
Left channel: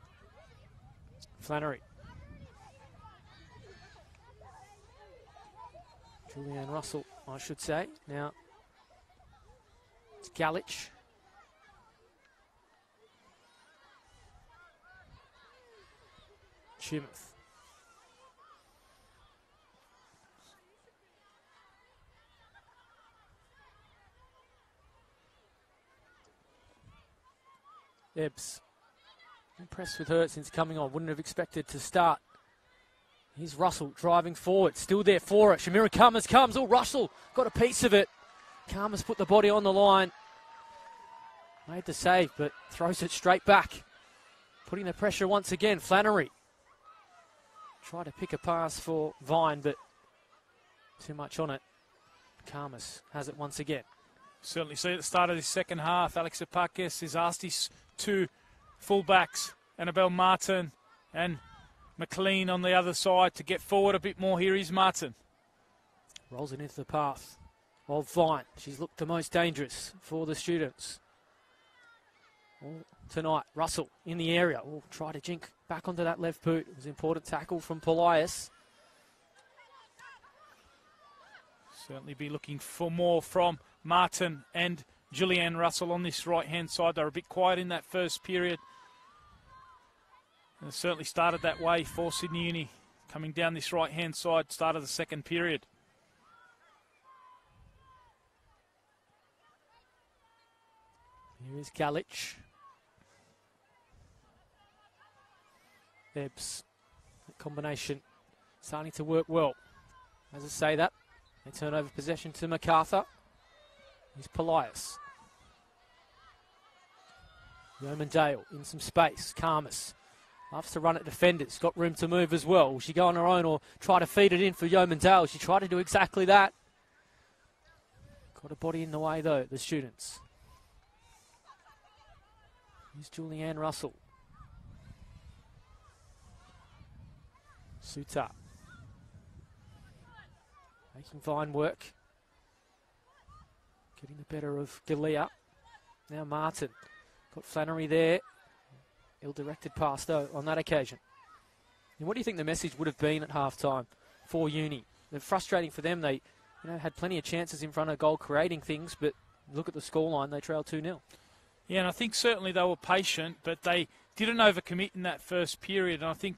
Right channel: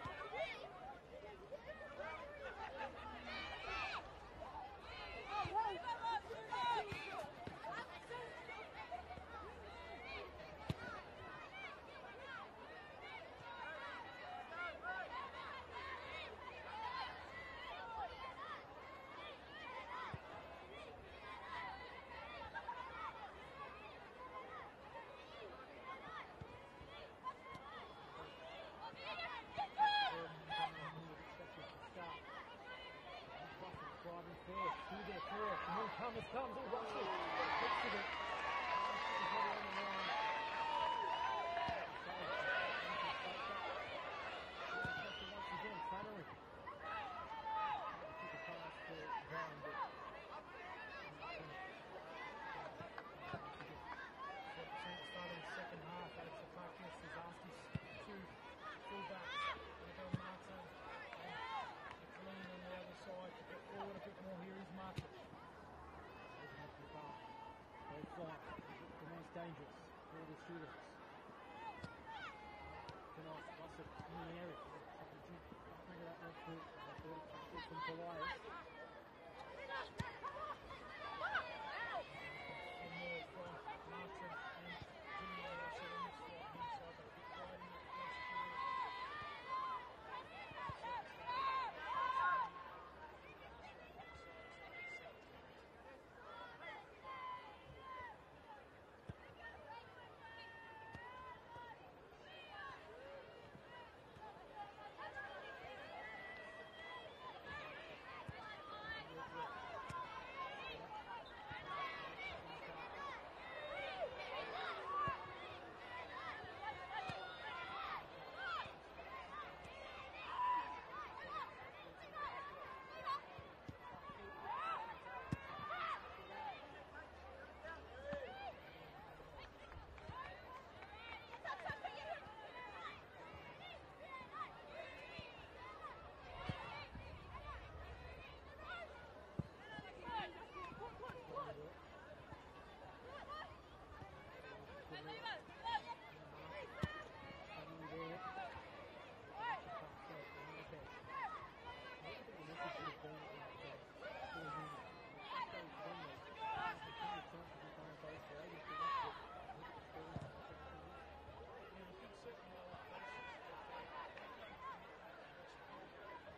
Flannery. Julianne Russell, I should say. Now it's Galich. Chimth. Ebbs. Impressed with her since coming on. Wouldn't have expected to start. Here's Russell driving forward. Still there for it. Shamira Karmas comes. Oh, Russell got a piece of it. Karmas put the body on the line. Made the save, but throws it straight back. Putting the pressure once again. Flannery. Tried to pick a pass for Vine, but too much on it. Karmas has it once again. Certainly see at the start of this second half, Alex Epakis has asked his two fullbacks, Annabelle Martin and McLean on the other side, to get forward a bit more. Here is Martin. Rolls it into the path of Vine. She's looked the most dangerous for the students. Tonight, Russell in the area. Will try to jink back onto that left boot. It was an important tackle from Polias. Certainly be looking for more from Martin and Julianne Russell on this right-hand side. They were a bit quiet in that first period. And it certainly started that way for Sydney Uni, coming down this right-hand side, start of the second period. Here's Galich. Ebbs. Combination starting to work well. As I say that, And turn over possession to Macarthur. Here's Polias. Yeomandale in some space. Karmas loves to run at defenders. Got room to move as well. Will she go on her own or try to feed it in for Yeomandale? She tried to do exactly that. Got a body in the way though, the students. Here's Julianne Russell. Suta. Making fine work. Getting the better of Galea. Now Martin. Got Flannery there. Ill-directed pass though on that occasion. And what do you think the message would have been at half-time for Uni? They're frustrating for them. They had plenty of chances in front of goal creating things, but look at the scoreline, they trailed 2-0. Yeah, and I think certainly they were patient, but they didn't overcommit in that first period. And I think,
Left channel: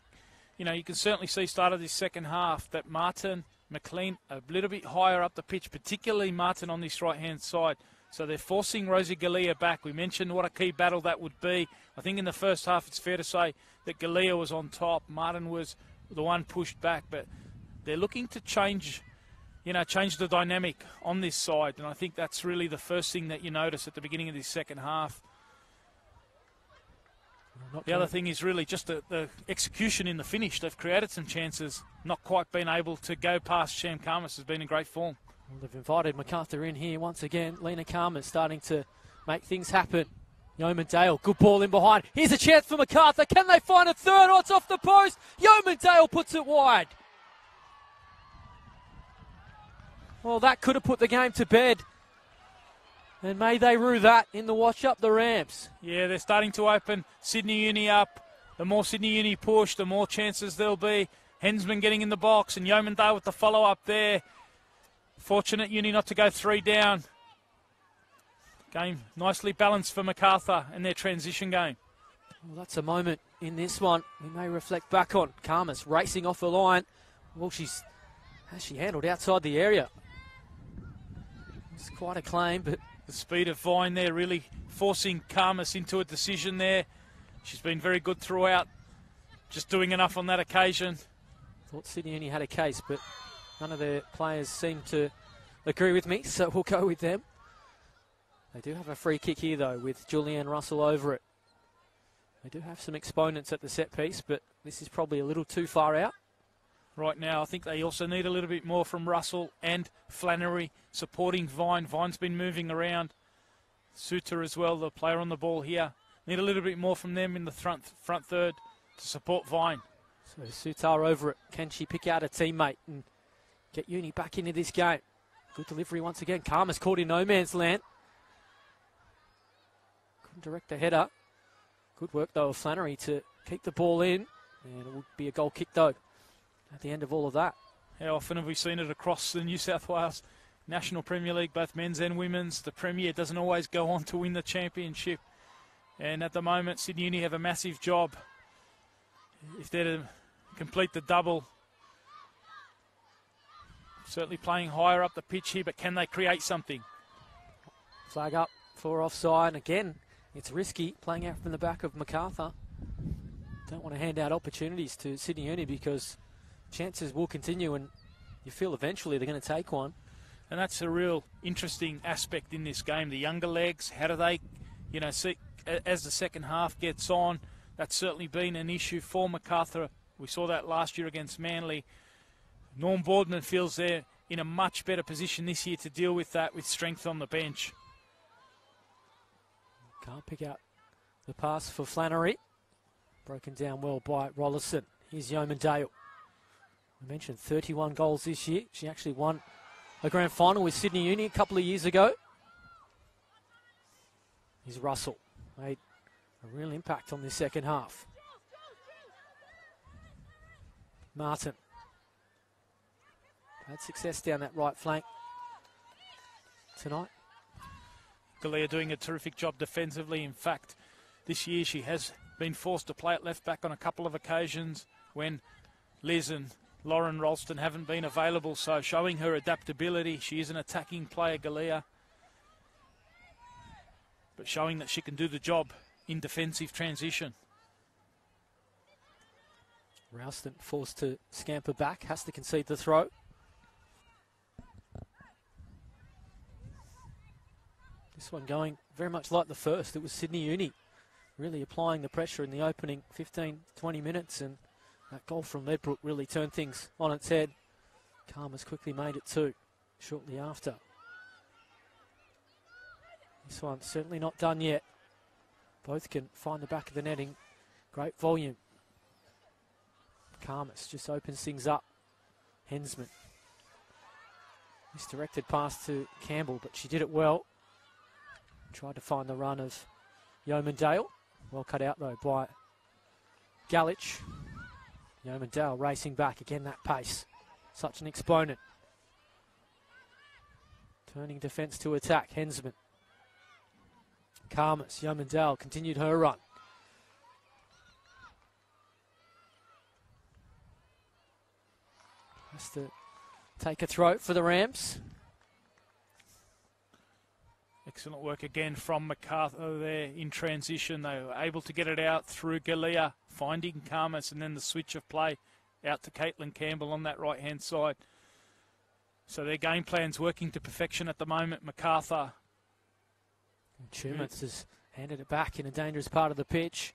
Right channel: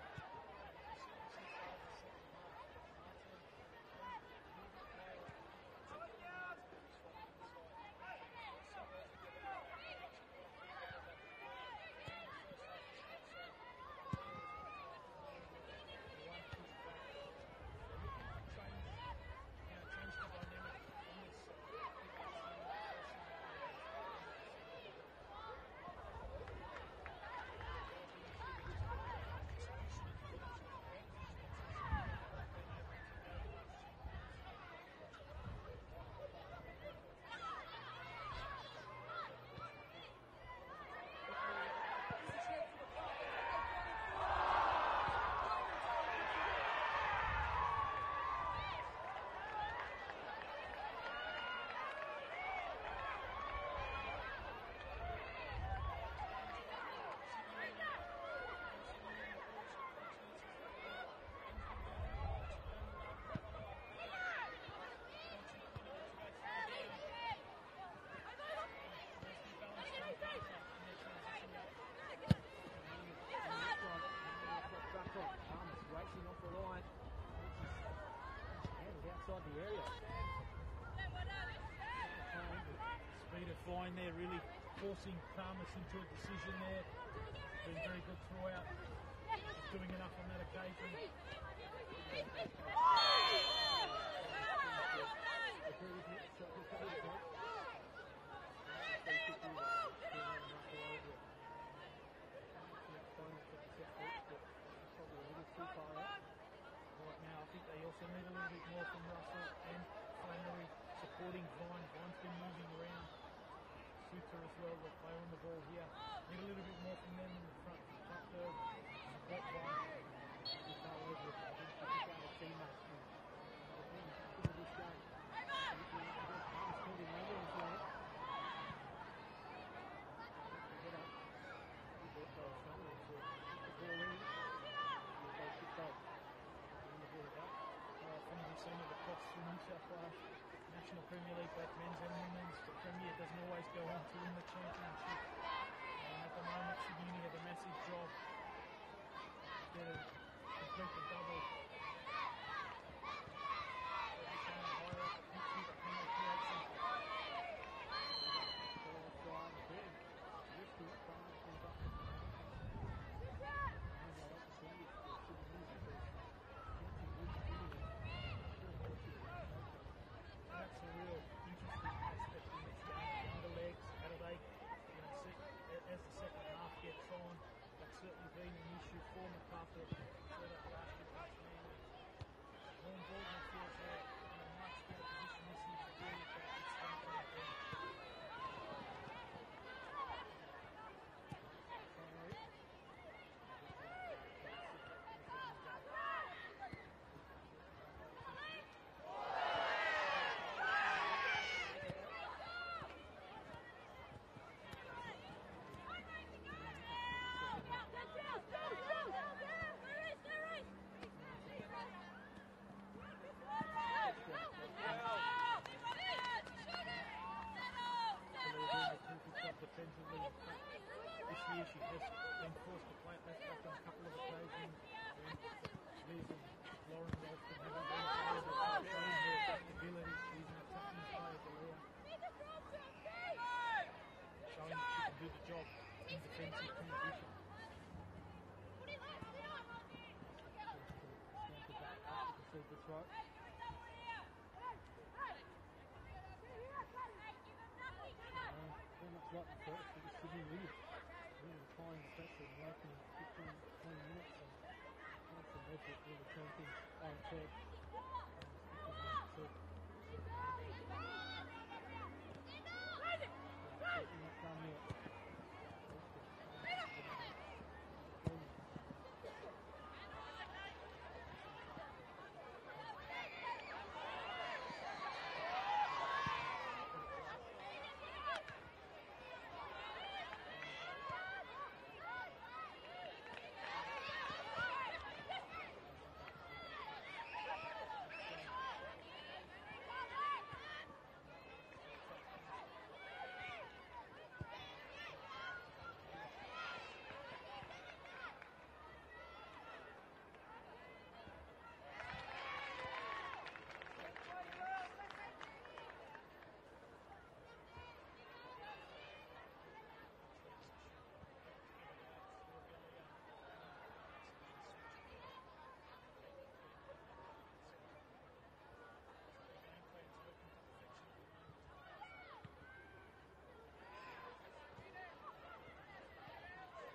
you can certainly see start of this second half that Martin, McLean, a little bit higher up the pitch, particularly Martin on this right-hand side. So they're forcing Rosie Galea back. We mentioned what a key battle that would be. I think in the first half it's fair to say that Galea was on top. Martin was the one pushed back, but they're looking to change the dynamic on this side. And I think that's really the first thing that you notice at the beginning of this second half. The other thing is really just the execution in the finish. They've created some chances, not quite been able to go past. Sham Karmas has been in great form. They've invited Macarthur in here once again. Lena Karmas starting to make things happen. Yeomandale, good ball in behind. Here's a chance for Macarthur. Can they find a third? Oh, it's off the post. Yeomandale puts it wide. Well, that could have put the game to bed. And may they rue that in the wash up the Rams. Yeah, they're starting to open Sydney Uni up. The more Sydney Uni push, the more chances there'll be. Hensman getting in the box and Yeomandale with the follow-up there. Fortunate Uni not to go 3 down. Game nicely balanced for Macarthur and their transition game. Well, that's a moment in this one we may reflect back on. Karmas racing off the line. Well, she handled outside the area. It's quite a claim, but the speed of Vine there really forcing Karmas into a decision there. She's been very good throughout, just doing enough on that occasion. Thought Sydney Uni had a case, but none of their players seem to agree with me, so we'll go with them. They do have a free kick here, though, with Julianne Russell over it. They do have some exponents at the set piece, but this is probably a little too far out. Right now, I think they also need a little bit more from Russell and Flannery supporting Vine. Vine's been moving around. Suter as well, the player on the ball here. Need a little bit more from them in the front third to support Vine. So Sutar over it. Can she pick out a teammate and get Uni back into this game? Good delivery once again. Karmas caught in no man's land. Couldn't direct the header. Good work though of Flannery to keep the ball in. And it would be a goal kick though at the end of all of that. How often have we seen it across the New South Wales National Premier League, both men's and women's? The Premier doesn't always go on to win the championship. And at the moment, Sydney Uni have a massive job. If they're to complete the double, certainly playing higher up the pitch here, but can they create something? Flag up for offside. Again, it's risky playing out from the back of Macarthur. Don't want to hand out opportunities to Sydney Uni because chances will continue and you feel eventually they're going to take one. And that's a real interesting aspect in this game. The younger legs, how do they, see as the second half gets on? That's certainly been an issue for Macarthur. We saw that last year against Manly. Norm Boardman feels they're in a much better position this year to deal with that with strength on the bench. Can't pick out the pass for Flannery. Broken down well by Rollerson. Here's Yeomandale. I mentioned 31 goals this year. She actually won the grand final with Sydney Uni a couple of years ago. Here's Russell. Made a real impact on the second half. Martin. Had success down that right flank tonight. Galea doing a terrific job defensively. In fact, this year she has been forced to play at left back on a couple of occasions when Liz and Lauren Ralston haven't been available, so showing her adaptability. She is an attacking player, Galea, but showing that she can do the job in defensive transition. Ralston forced to scamper back, has to concede the throw. This one going very much like the first. It was Sydney Uni really applying the pressure in the opening 15, 20 minutes, and that goal from Ledbrook really turned things on its head. Karma's quickly made it two shortly after. This one's certainly not done yet. Both can find the back of the netting. Great volume. Karmas just opens things up. Hensman. Misdirected pass to Campbell, but she did it well. Tried to find the run of Yeomandale. Well cut out though by Galich. Yeomandale racing back again, that pace. Such an exponent. Turning defence to attack, Hensman. Karmas, Yeomandale continued her run. Just to take a throw for the Rams. Excellent work again from Macarthur there in transition. They were able to get it out through Galea, finding Karmas, and then the switch of play out to Caitlin Campbell on that right-hand side. So their game plan's working to perfection at the moment, Macarthur. Tumans has handed it back in a dangerous part of the pitch.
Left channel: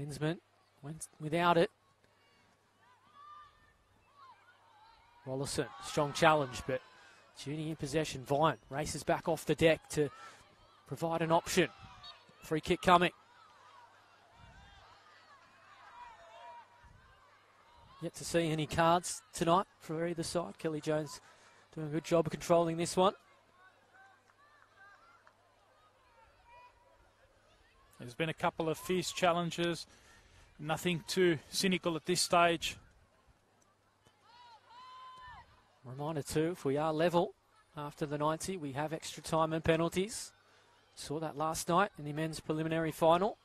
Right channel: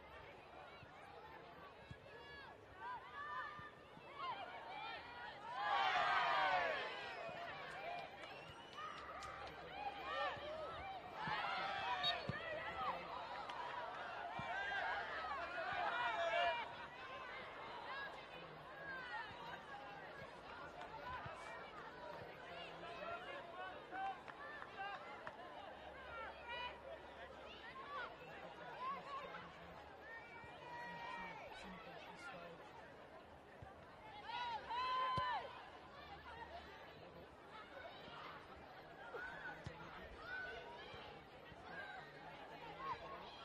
Hensman went without it. Wallison, strong challenge, but Uni in possession. Vine races back off the deck to provide an option. Free kick coming. Yet to see any cards tonight for either side. Kelly Jones doing a good job of controlling this one. There's been a couple of fierce challenges. Nothing too cynical at this stage. Reminder too, if we are level after the 90, we have extra time and penalties. Saw that last night in the men's preliminary final.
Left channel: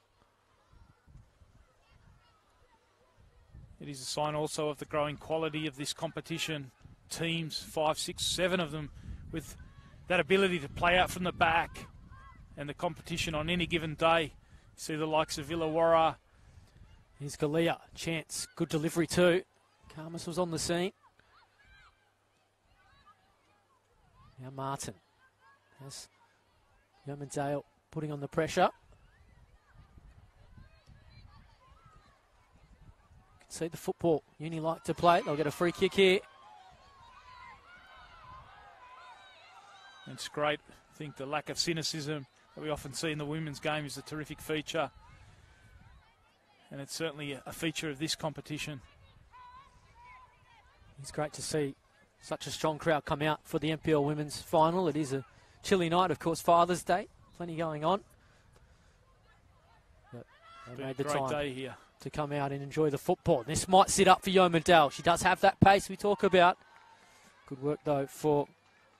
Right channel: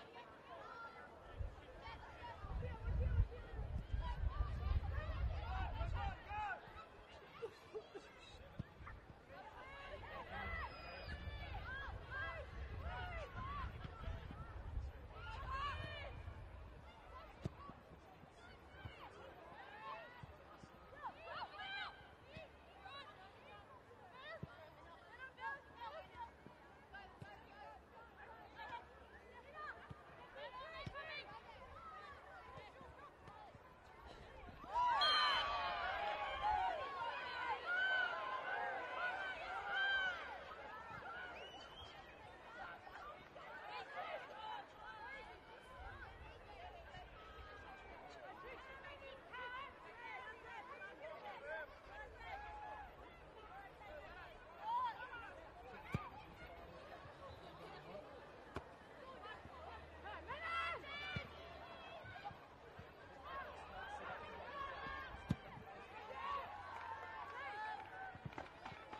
It is a sign also of the growing quality of this competition. Teams, 5, 6, 7 of them, with that ability to play out from the back, and the competition on any given day. See the likes of Illawarra. Here's Galea, chance, good delivery too. Karmas was on the scene. Now Martin. Yes. Yeomandale putting on the pressure. Can see the football Uni like to play. They'll get a free kick here. It's great. I think the lack of cynicism that we often see in the women's game is a terrific feature. And it's certainly a feature of this competition. It's great to see such a strong crowd come out for the NPL Women's Final. It is a chilly night, of course, Father's Day. Plenty going on. Yep, they made the time day here to come out and enjoy the football. This might sit up for Yeomandale. She does have that pace we talk about. Good work, though, for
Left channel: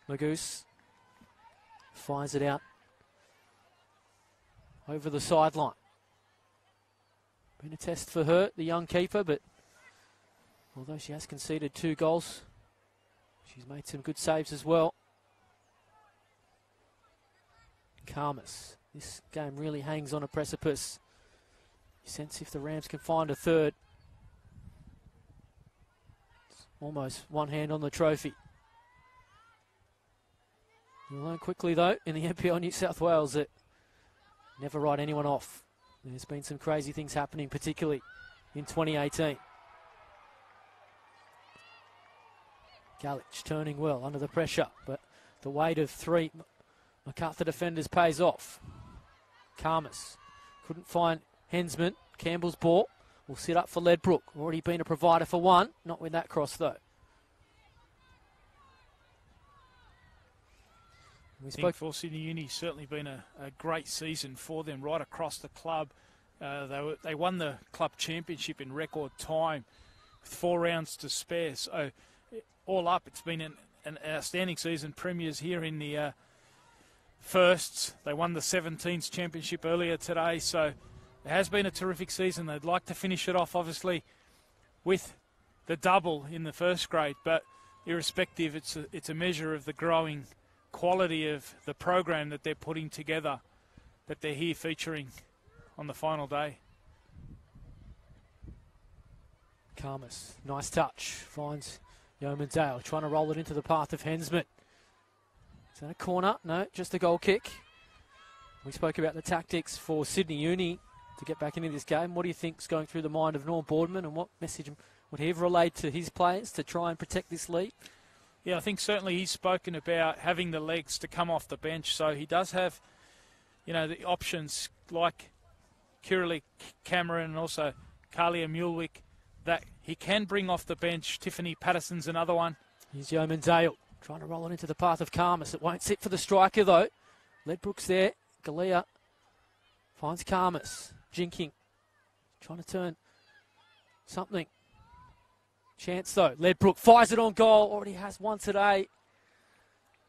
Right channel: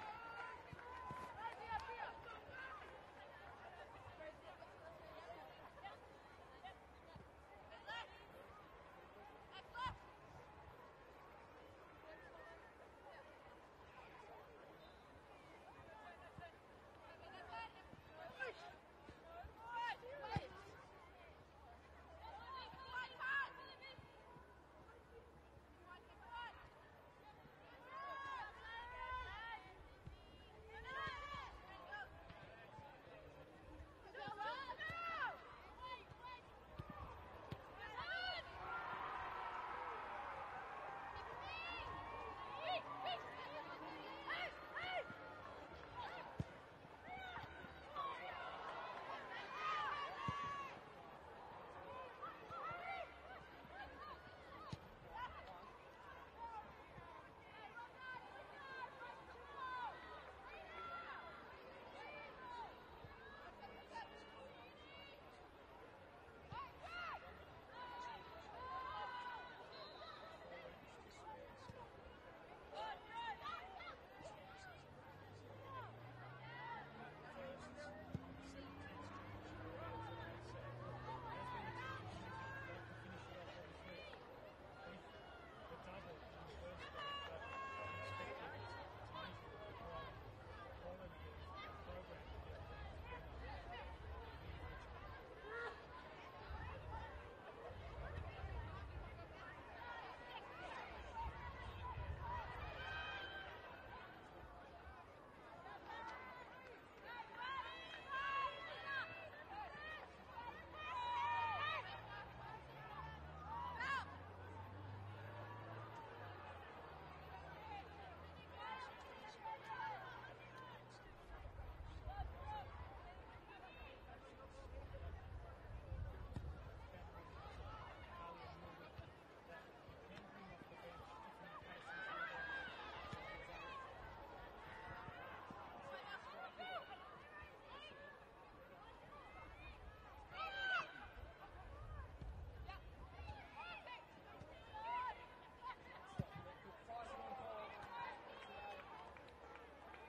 Magoose. Fires it out over the sideline. Been a test for her, the young keeper, but although she has conceded 2 goals, she's made some good saves as well. Karmas. This game really hangs on a precipice. You sense if the Rams can find a third. It's almost one hand on the trophy. You learn quickly, though, in the NPL New South Wales that never write anyone off. And there's been some crazy things happening, particularly in 2018. Galich turning well under the pressure, but the weight of 3 Macarthur defenders pays off. Karmas couldn't find Hensman. Campbell's ball will sit up for Ledbrook. Already been a provider for one, not with that cross though. I think for Sydney Uni, certainly been a great season for them right across the club. They won the club championship in record time with 4 rounds to spare. So all up, it's been an outstanding season. Premiers here in the firsts. They won the 17s championship earlier today. So it has been a terrific season. They'd like to finish it off, obviously, with the double in the first grade. But irrespective, it's a measure of the growing quality of the program that they're putting together, that they're here featuring on the final day. Karmas, nice touch, finds Yeomandale, trying to roll it into the path of Hensman. Is that a corner? No, just a goal kick. We spoke about the tactics for Sydney Uni to get back into this game. What do you think is going through the mind of Norm Boardman, and what message would he have relayed to his players to try and protect this lead? Yeah, I think certainly he's spoken about having the legs to come off the bench, so he does have, you know, the options like Kiralee Cameron and also Kalia Mulwick that he can bring off the bench. Tiffany Patterson's another one. Here's Yeoman Dale trying to roll it into the path of Karmas. It won't sit for the striker though. Ledbrook's there. Galea finds Karmas. Jinking. Trying to turn something. Chance though. Ledbrook fires it on goal. Already has one today.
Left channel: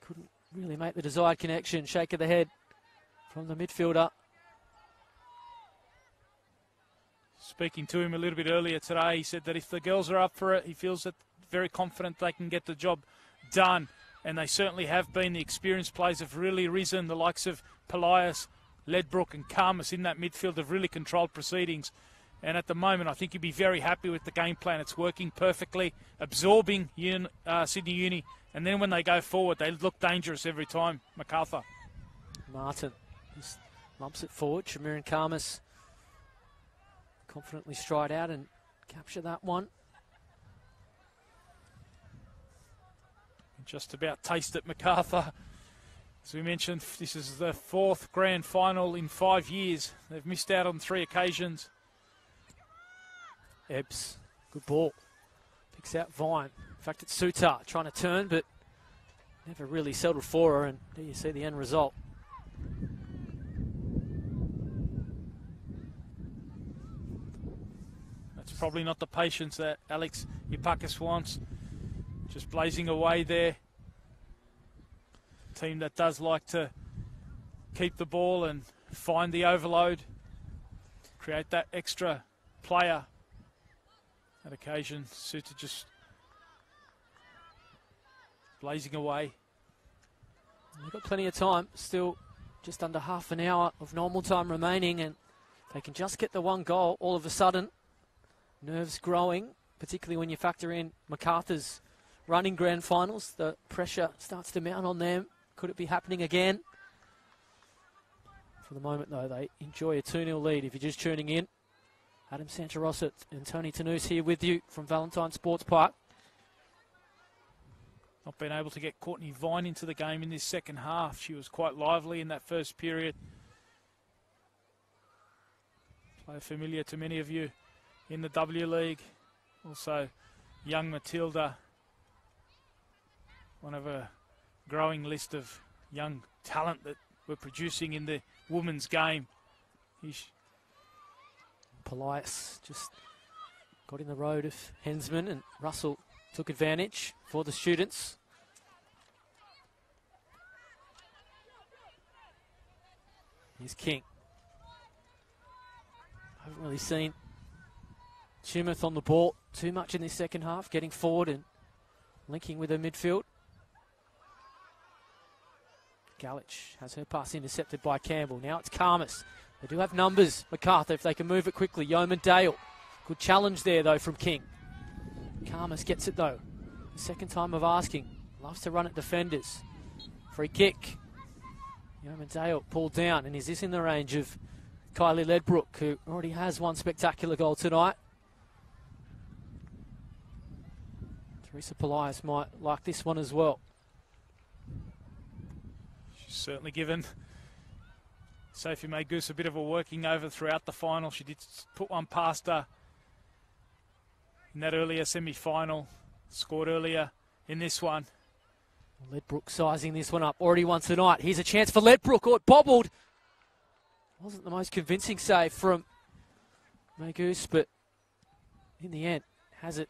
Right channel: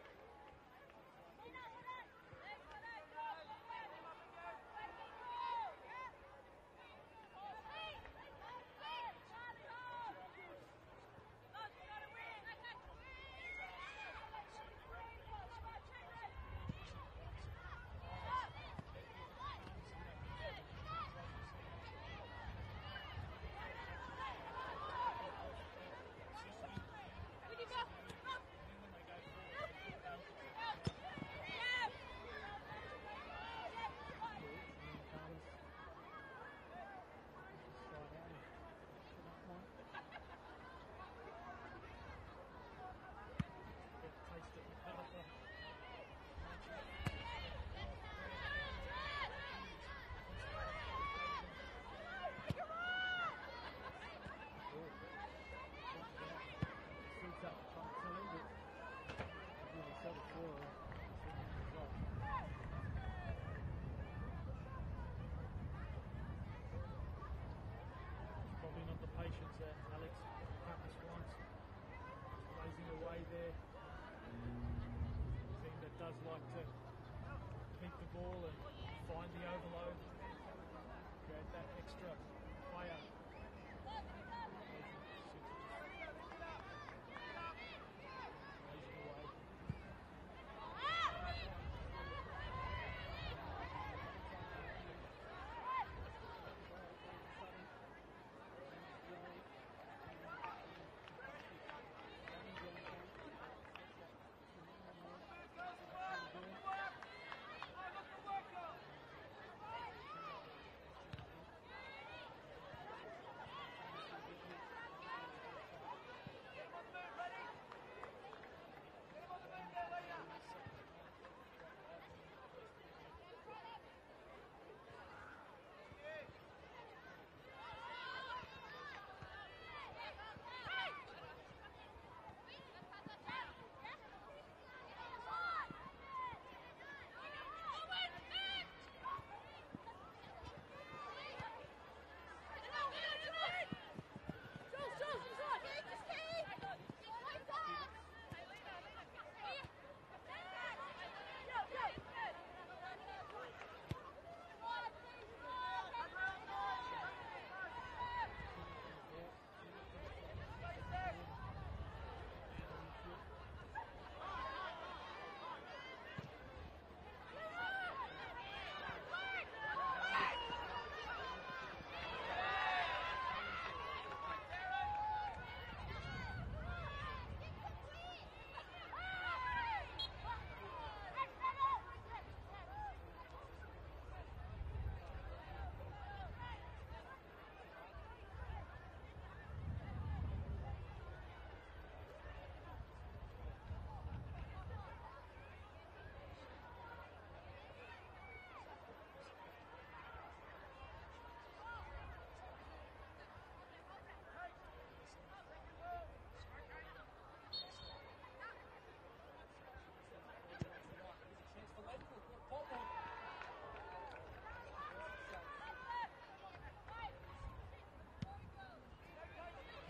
Couldn't really make the desired connection. Shake of the head from the midfielder. Speaking to him a little bit earlier today, he said that if the girls are up for it, he feels that very confident they can get the job done. And they certainly have been. The experienced players have really risen. The likes of Polias, Ledbrook and Karmas in that midfield have really controlled proceedings. And at the moment, I think you'd be very happy with the game plan. It's working perfectly, absorbing Sydney Uni. And then when they go forward, they look dangerous every time. Macarthur. Martin just lumps it forward. Shamiran Karmas confidently stride out and capture that one. Just about taste it, Macarthur. As we mentioned, this is the 4th grand final in 5 years. They've missed out on 3 occasions. Ebbs, good ball. Picks out Vine. In fact, it's Sutar trying to turn, but never really settled for her, and there you see the end result. That's probably not the patience that Alex Ipakis wants. Just blazing away there. Team that does like to keep the ball and find the overload. Create that extra player. That occasion, Suta just blazing away. We've got plenty of time. Still just under half an hour of normal time remaining, and they can just get the one goal. All of a sudden, nerves growing, particularly when you factor in Macarthur's running grand finals. The pressure starts to mount on them. Could it be happening again? For the moment, though, they enjoy a 2-0 lead. If you're just tuning in, Adam Santarosset and Tony Tanous here with you from Valentine Sports Park. Not been able to get Courtney Vine into the game in this second half. She was quite lively in that first period. Player familiar to many of you in the W League. Also, young Matilda. One of a growing list of young talent that we're producing in the women's game. Polias just got in the road of Hensman, and Russell took advantage for the students. Here's King. Haven't really seen Tumeth on the ball too much in this second half, getting forward and linking with her midfield. Galich has her pass intercepted by Campbell. Now it's Karmas. They do have numbers, Macarthur, if they can move it quickly. Yeoman Dale. Good challenge there, though, from King. Karmas gets it, though. Second time of asking. Loves to run at defenders. Free kick. Yeoman Dale pulled down. And is this in the range of Kylie Ledbrook, who already has one spectacular goal tonight? Teresa Polias might like this one as well. She's certainly given Sophie May Goose a bit of a working over throughout the final. She did put one past her in that earlier semi-final. Scored earlier in this one. Ledbrook sizing this one up already once tonight. Here's a chance for Ledbrook. Oh, it bobbled. Wasn't the most convincing save from May Goose, but in the end has it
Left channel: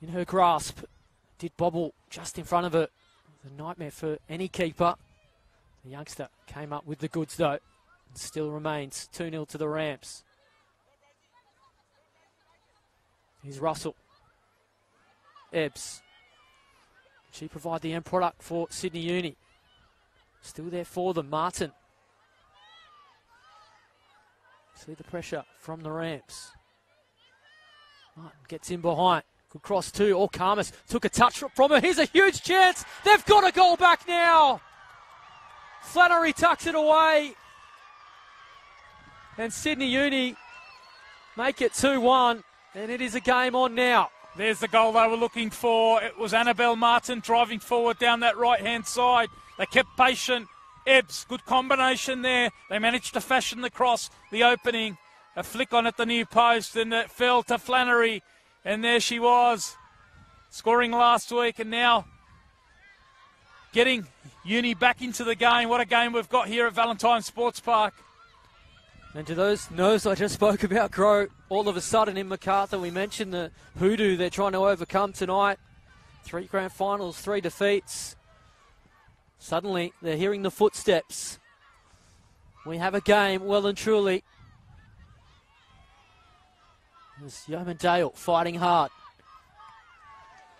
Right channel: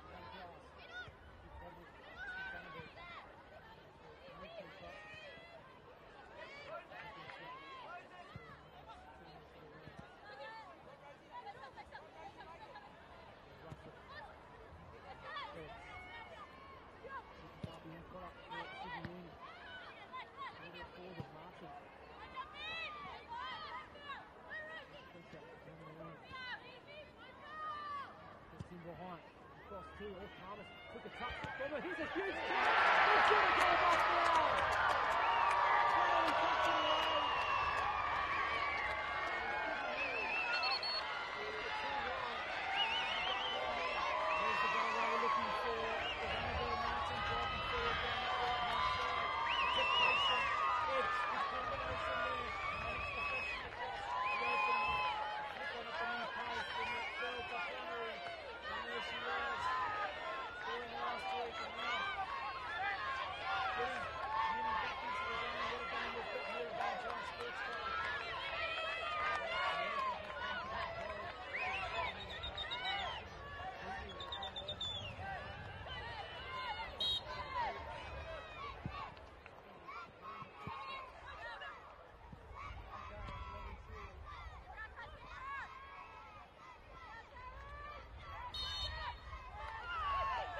in her grasp. Did bobble just in front of her. A nightmare for any keeper. The youngster came up with the goods, though. It still remains 2-0 to the Rams. Here's Russell. Ebbs. She provided the end product for Sydney Uni. Still there for them. Martin. See the pressure from the Rams. Martin gets in behind. Good cross too. Oh, Karmas took a touch from her. Here's a huge chance. They've got a goal back now. Flannery tucks it away. And Sydney Uni make it 2-1. And it is a game on now. There's the goal they were looking for. It was Annabelle Martin driving forward down that right-hand side. They kept patient. Ebbs, good combination there. They managed to fashion the cross, the opening. A flick on at the near post, and it fell to Flannery. And there she was, scoring last week, and now getting Uni back into the game. What a game we've got here at Valentine Sports Park. And to those nerves I just spoke about grow all of a sudden in Macarthur. We mentioned the hoodoo they're trying to overcome tonight. 3 grand finals, 3 defeats. Suddenly they're hearing the footsteps. We have a game, well and truly. It was Yeoman Dale fighting hard.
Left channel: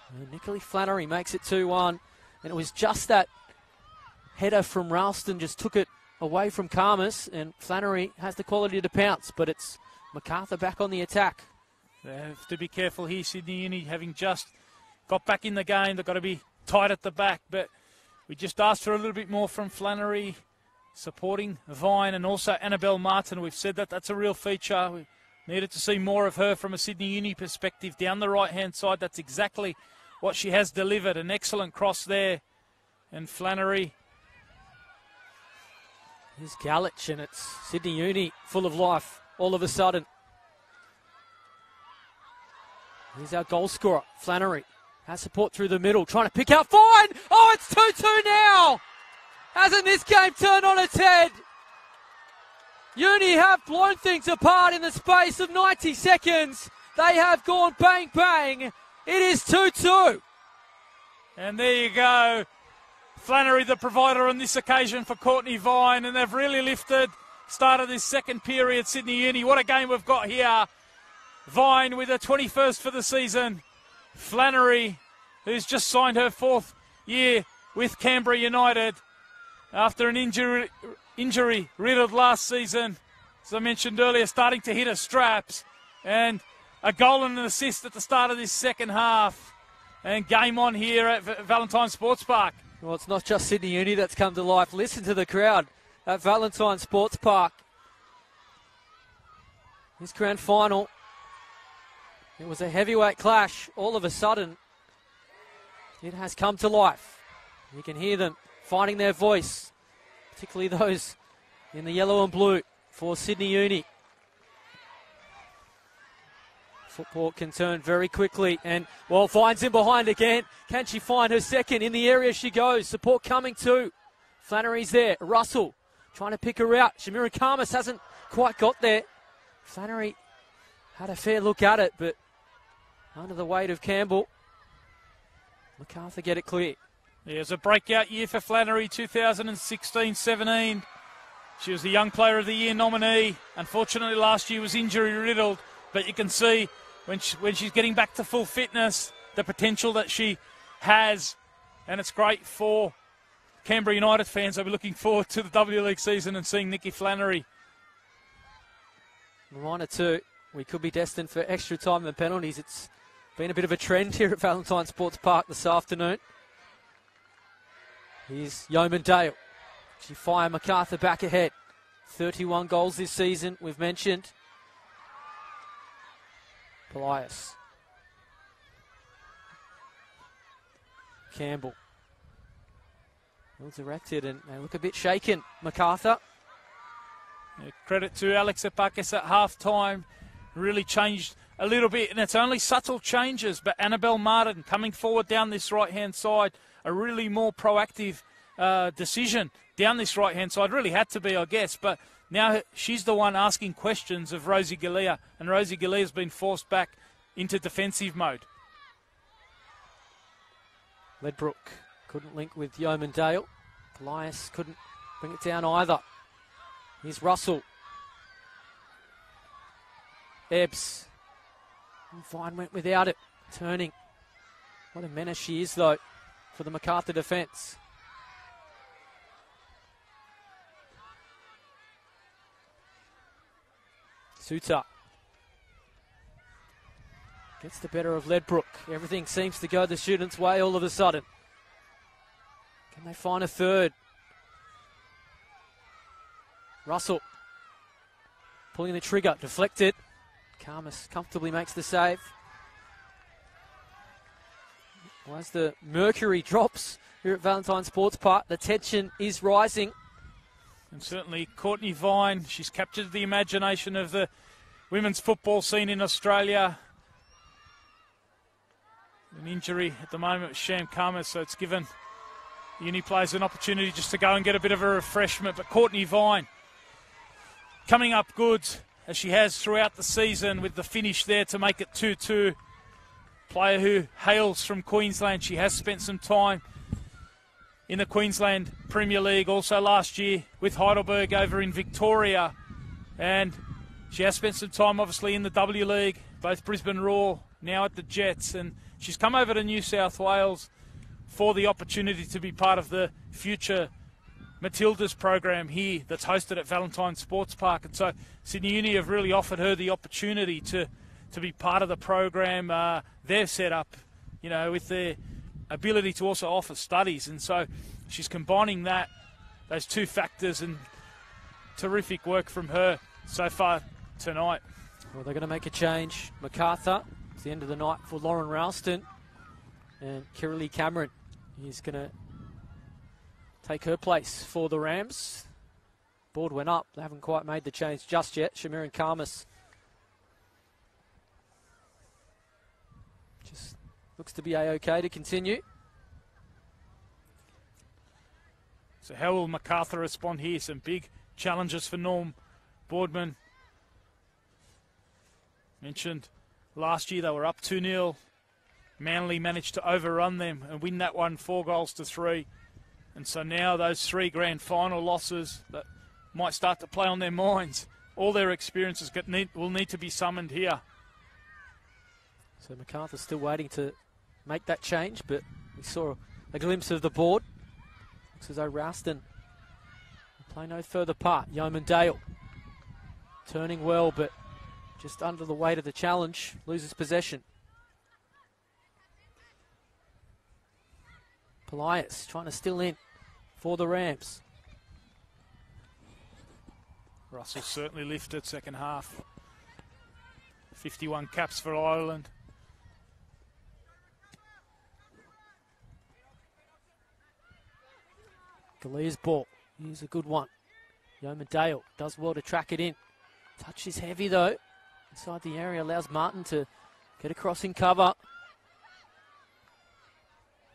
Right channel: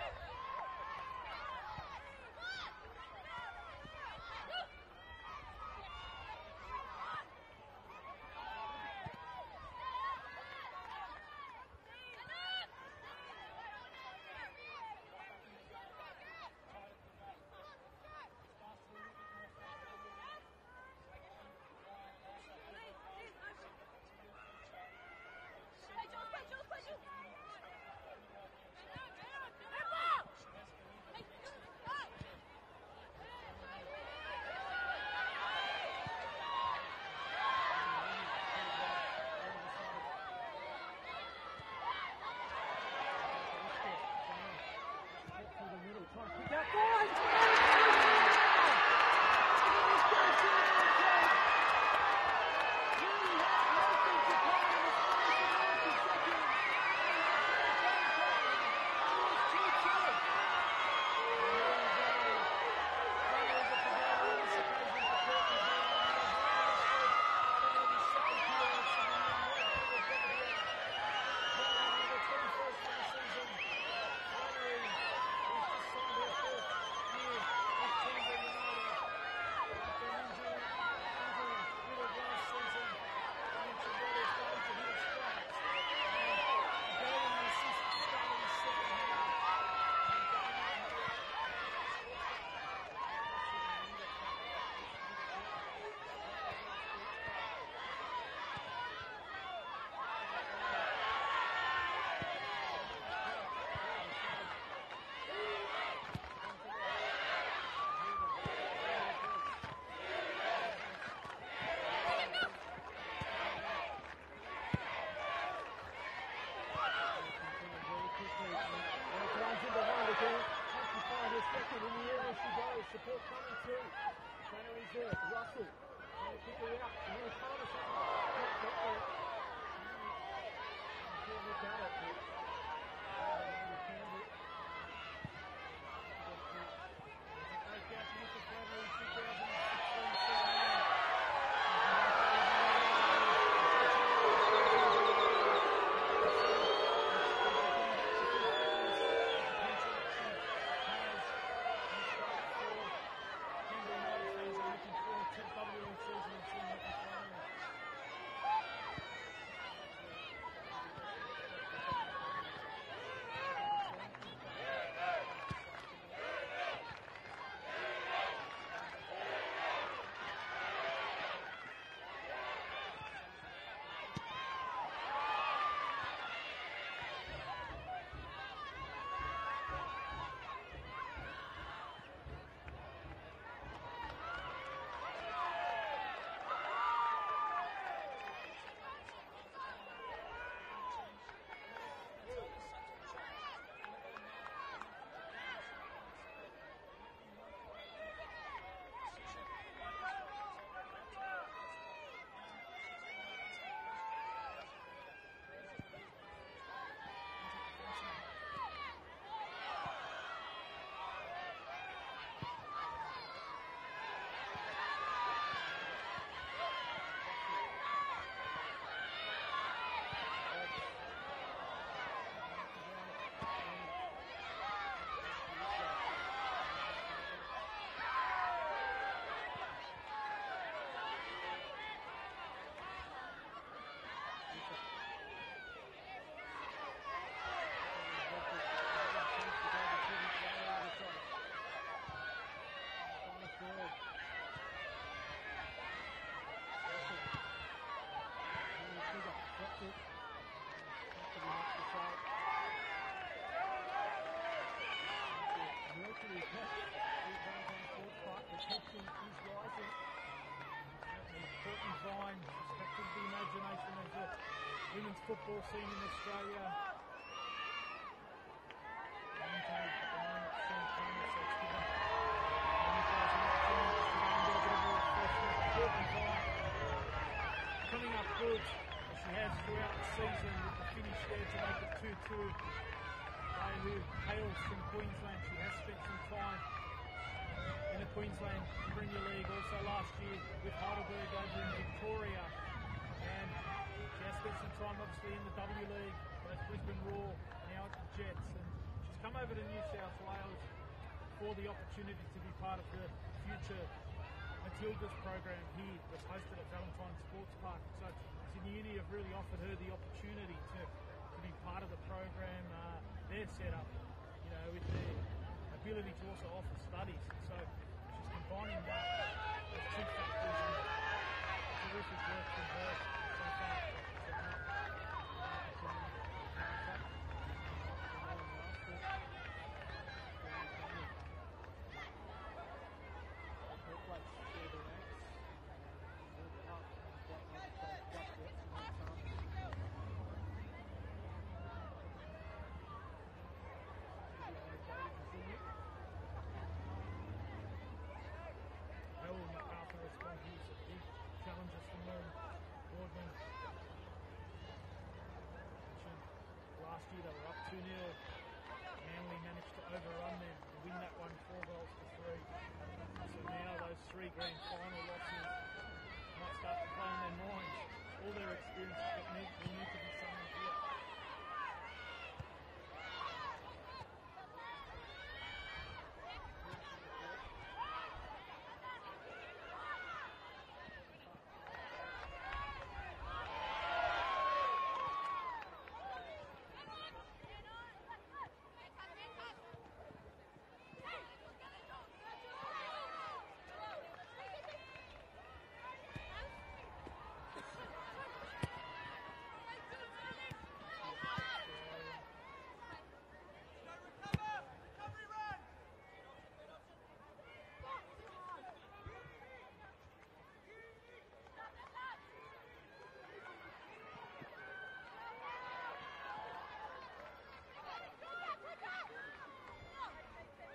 And Nicola Flannery makes it 2-1. And it was just that header from Ralston just took it away from Karmas, and Flannery has the quality to pounce, but it's Macarthur back on the attack. They have to be careful here, Sydney Uni, having just got back in the game. They've got to be tight at the back, but we just asked for a little bit more from Flannery, supporting Vine and also Annabelle Martin. We've said that that's a real feature. We needed to see more of her from a Sydney Uni perspective down the right-hand side. That's exactly what she has delivered. An excellent cross there. And Flannery. Here's Galich, and it's Sydney Uni full of life all of a sudden. Here's our goal scorer, Flannery. Has support through the middle, trying to pick out Vine. Oh, it's 2-2 now. Hasn't this game turned on its head? Uni have blown things apart in the space of 90 seconds. They have gone bang, bang. It is 2-2. And there you go. Flannery, the provider on this occasion for Courtney Vine, and they've really lifted. Start of this second period, Sydney Uni. What a game we've got here. Vine with her 21st for the season. Flannery, who's just signed her 4th year with Canberra United after an injury riddled last season. As I mentioned earlier, starting to hit her straps. And a goal and an assist at the start of this second half. And game on here at Valentine Sports Park. Well, it's not just Sydney Uni that's come to life. Listen to the crowd at Valentine Sports Park. This grand final, it was a heavyweight clash. All of a sudden, it has come to life. You can hear them finding their voice, particularly those in the yellow and blue for Sydney Uni. Football can turn very quickly, and well, Vine's in behind again. Can she find her second? In the area she goes. Support coming too. Flannery's there. Russell trying to pick her out. Shamira Karmas hasn't quite got there. Flannery had a fair look at it, but under the weight of Campbell, Macarthur get it clear. Yeah, it was a breakout year for Flannery, 2016-17. She was the Young Player of the Year nominee. Unfortunately, last year was injury-riddled, but you can see when she's getting back to full fitness, the potential that she has, and it's great for Canberra United fans. They'll be looking forward to the W League season and seeing Nikki Flannery. Reminder too, we could be destined for extra time and penalties. It's been a bit of a trend here at Valentine Sports Park this afternoon. Here's Yeoman Dale. She fire Macarthur back ahead. 31 goals this season, we've mentioned. Elias. Campbell. Well directed and they look a bit shaken, Macarthur. Credit to Alex Epakis at half-time. Really changed a little bit, and it's only subtle changes, but Annabelle Martin coming forward down this right-hand side, a really more proactive decision down this right-hand side. Really had to be, I guess, but now she's the one asking questions of Rosie Galea, and Rosie Galea's been forced back into defensive mode. Ledbrook couldn't link with Yeoman Dale. Elias couldn't bring it down either. Here's Russell. Ebbs. Vine went without it. Turning. What a menace she is, though, for the Macarthur defence. Suter. Gets the better of Ledbrook. Everything seems to go the students' way all of a sudden. Can they find a third? Russell pulling the trigger, deflected. Karmas comfortably makes the save. As the mercury drops here at Valentine Sports Park, the tension is rising. And certainly Courtney Vine, she's captured the imagination of the women's football scene in Australia. An injury at the moment with Sham Karmas, so it's given uni players an opportunity just to go and get a bit of a refreshment. But Courtney Vine coming up good, as she has throughout the season, with the finish there to make it 2-2. Player who hails from Queensland. She has spent some time in the Queensland Premier League, also last year with Heidelberg over in Victoria. And she has spent some time, obviously, in the W League, both Brisbane Roar, now at the Jets. And she's come over to New South Wales for the opportunity to be part of the future Matildas program here that's hosted at Valentine Sports Park. And so Sydney Uni have really offered her the opportunity to be part of the program. They're set up, you know, with their ability to also offer studies. And so she's combining those two factors, and terrific work from her so far tonight. Well, they're going to make a change. Macarthur, it's the end of the night for Lauren Ralston. And Kiralee Cameron is going to take her place for the Rams. Board went up. They haven't quite made the change just yet. Shamiran Karmas just looks to be A-OK to continue. So how will Macarthur respond here? Some big challenges for Norm Boardman. Mentioned last year they were up 2-0. Manly managed to overrun them and win that one 4-3. And so now those 3 grand final losses that might start to play on their minds. All their experiences will need to be summoned here. So Macarthur's still waiting to make that change, but we saw a glimpse of the board. Looks as though Ralston play no further part. Yeoman Dale turning well, but just under the weight of the challenge, loses possession. Polias trying to still in for the Rams. Russell certainly lifted second half. 51 caps for Ireland. Galea's ball. Here's a good one. Yeoman Dale does well to track it in. Touch is heavy though. Inside the area allows Martin to get across in cover.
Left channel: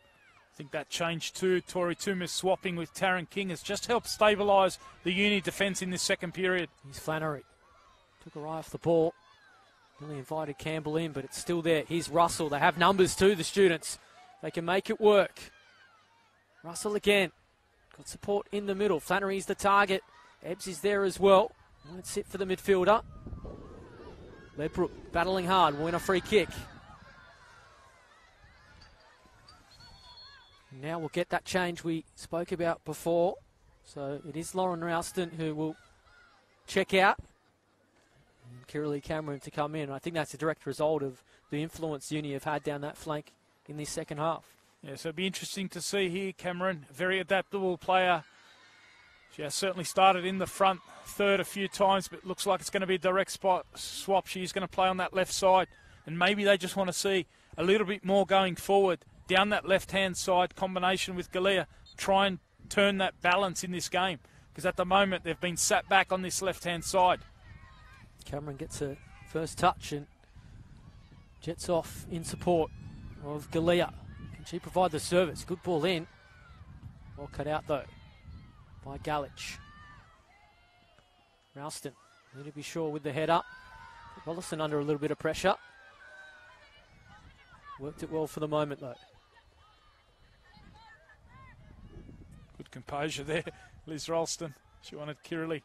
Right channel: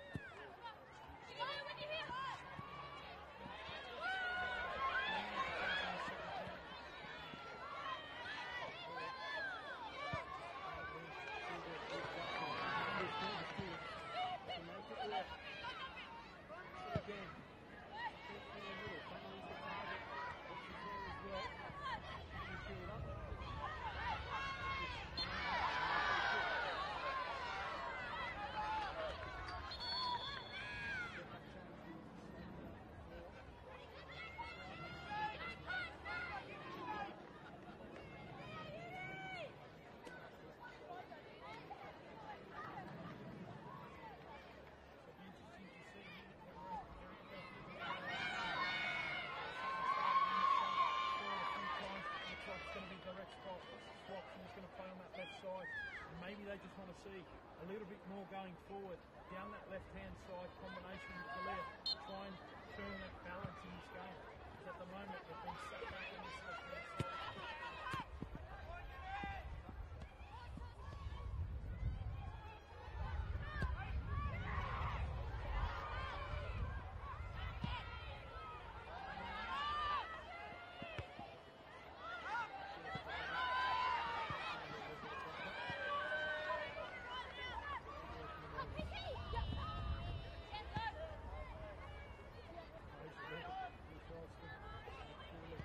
I think that change too, Tori Toomis swapping with Taryn King, has just helped stabilise the Uni defence in this second period. Here's Flannery. Took her eye off the ball. Really invited Campbell in, but it's still there. Here's Russell. They have numbers too, the students. They can make it work. Russell again. Good support in the middle. Flannery's the target. Ebbs is there as well. That's it for the midfielder. Ledbrook battling hard. Win a free kick. Now we'll get that change we spoke about before. So it is Lauren Ralston who will check out. Kiralee Cameron to come in. I think that's a direct result of the influence Uni have had down that flank in this second half. Yeah, so it'll be interesting to see here. Cameron, very adaptable player. She has certainly started in the front third a few times, but looks like it's going to be a direct swap. She's going to play on that left side, and maybe they just want to see a little bit more going forward down that left-hand side combination with Galea. Try and turn that balance in this game, because at the moment they've been sat back on this left-hand side. Cameron gets a first touch and jets off in support of Galea. Can she provide the service? Good ball in. Well cut out though by Galich. Ralston, need to be sure with the head up. Rollison under a little bit of pressure. Worked it well for the moment though. Good composure there, Liz Ralston. She wanted Kiralee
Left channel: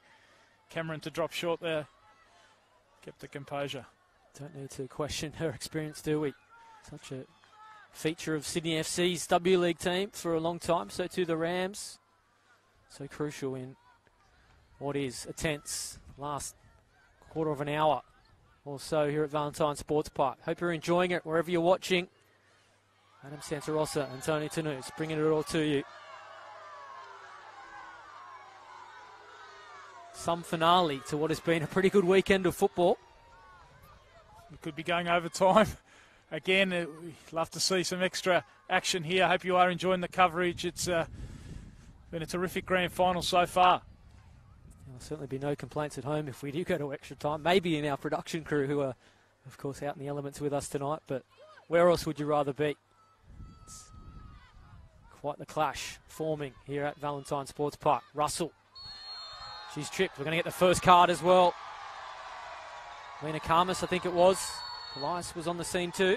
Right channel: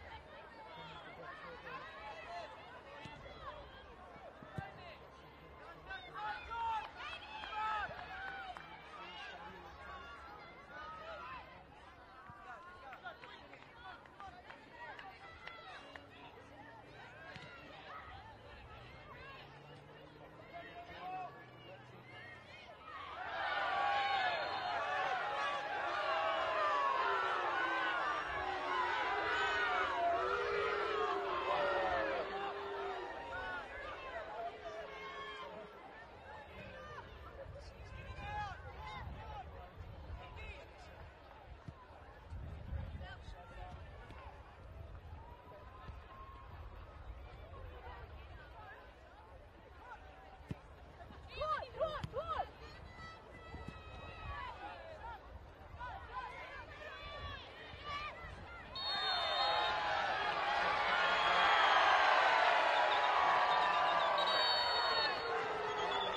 Cameron to drop short there. Kept the composure. Don't need to question her experience, do we? Such a feature of Sydney FC's W League team for a long time. So too the Rams. So crucial in what is a tense last quarter of an hour also here at Valentine Sports Park. Hope you're enjoying it wherever you're watching. Adam Santarossa and Tony Tanous bringing it all to you. Some finale to what has been a pretty good weekend of football. We could be going over time. Again, we'd love to see some extra action here. I hope you are enjoying the coverage. It's been a terrific grand final so far. There'll certainly be no complaints at home if we do go to extra time. Maybe in our production crew who are, of course, out in the elements with us tonight. But where else would you rather be? It's quite the clash forming here at Valentine Sports Park. Russell. He's tripped. We're going to get the first card as well. Rena Karmas, I think it was. Elias was on the scene too.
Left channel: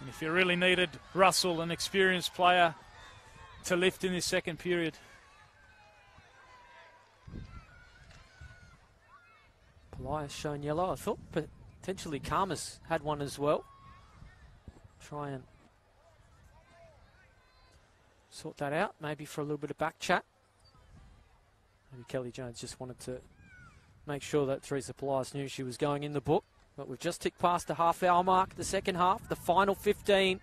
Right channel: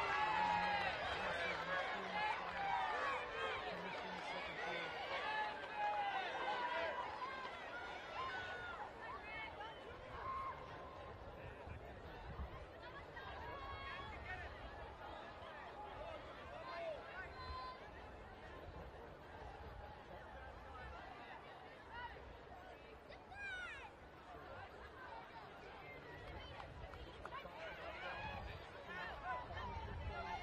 And if you really needed Russell, an experienced player, to lift in this second period. Elias shown yellow. I thought potentially Karmas had one as well. Try and sort that out, maybe for a little bit of back chat. And Kelly Jones just wanted to make sure that Teresa Polias knew she was going in the book. But we've just ticked past the half-hour mark, the second half, the final 15.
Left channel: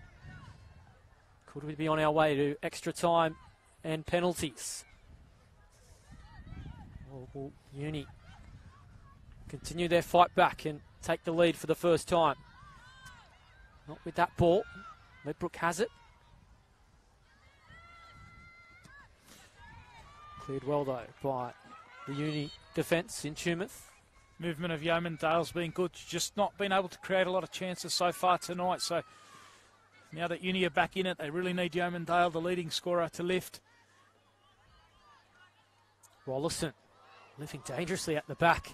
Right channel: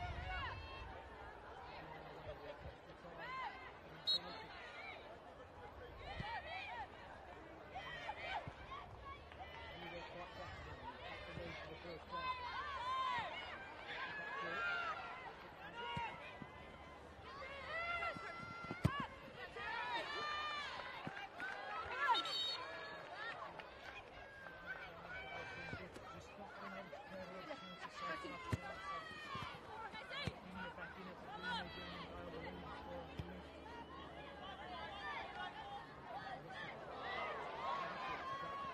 Could we be on our way to extra time and penalties? Will Uni continue their fight back and take the lead for the first time? Not with that ball. Ledbrook has it. Cleared well though by the Uni defence in Tumut. Movement of Yeoman Dale's been good, just not been able to create a lot of chances so far tonight. So now that Uni are back in it, they really need Yeoman Dale, the leading scorer, to lift. Rollison moving dangerously at the back.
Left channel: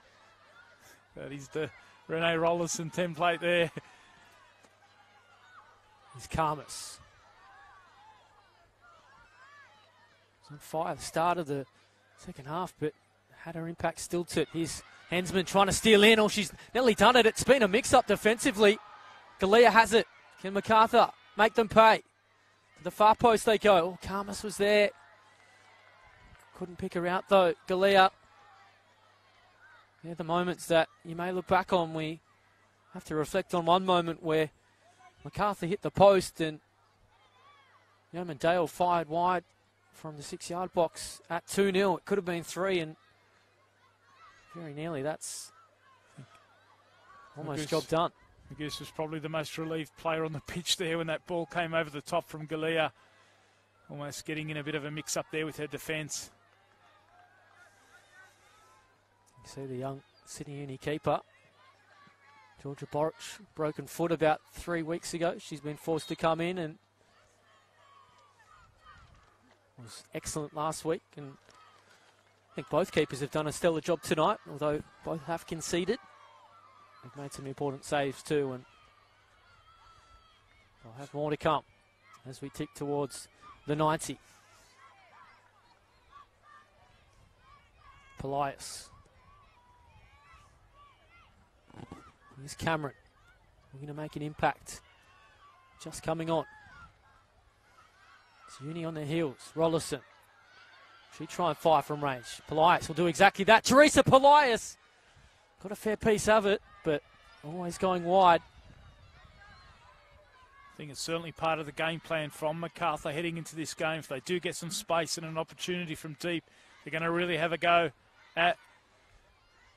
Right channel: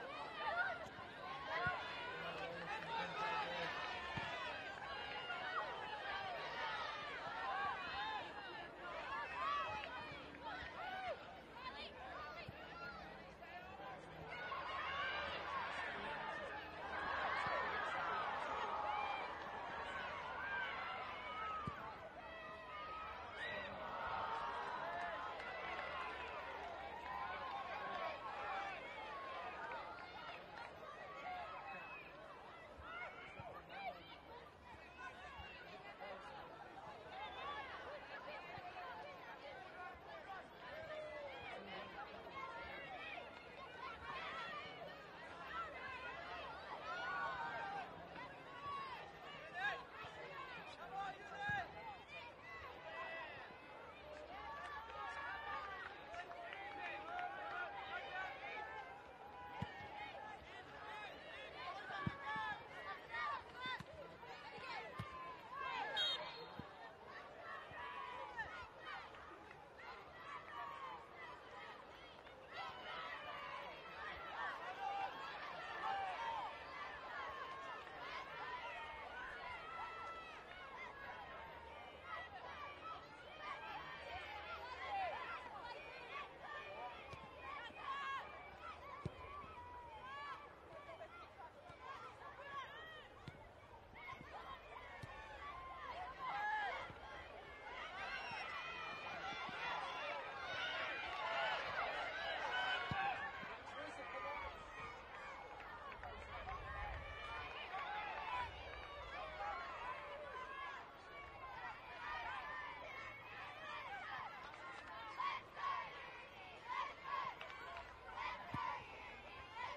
That is the Renee Rollison template there. Here's Karmas. On fire, start of the second half, but had her impact stilted. Here's Hensman trying to steal in. Oh, she's nearly done it. It's been a mix-up defensively. Galea has it. Can Macarthur make them pay? To the far post they go. Oh, Karmas was there. Couldn't pick her out though. Galea. They're the moments that you may look back on. We have to reflect on one moment where Macarthur hit the post and Yeoman Dale fired wide from the 6-yard box at 2-0. It could have been 3 and very nearly. That's almost job done. Goose was probably the most relieved player on the pitch there when that ball came over the top from Galea. Almost getting in a bit of a mix-up there with her defence. You see the young Sydney Uni keeper, Georgia Boric, broken foot about 3 weeks ago. She's been forced to come in and was excellent last week. And I think both keepers have done a stellar job tonight, although both have conceded. They've made some important saves too, and we'll have more to come as we tick towards the 90. Polias. Here's Cameron. We're going to make an impact. Just coming on. It's Uni on their heels. Rollison. She'll try and fire from range. Polias will do exactly that. Teresa Polias got a fair piece of it, but always going wide. I think it's certainly part of the game plan from Macarthur heading into this game. If they do get some space and an opportunity from deep, they're going to really have a go at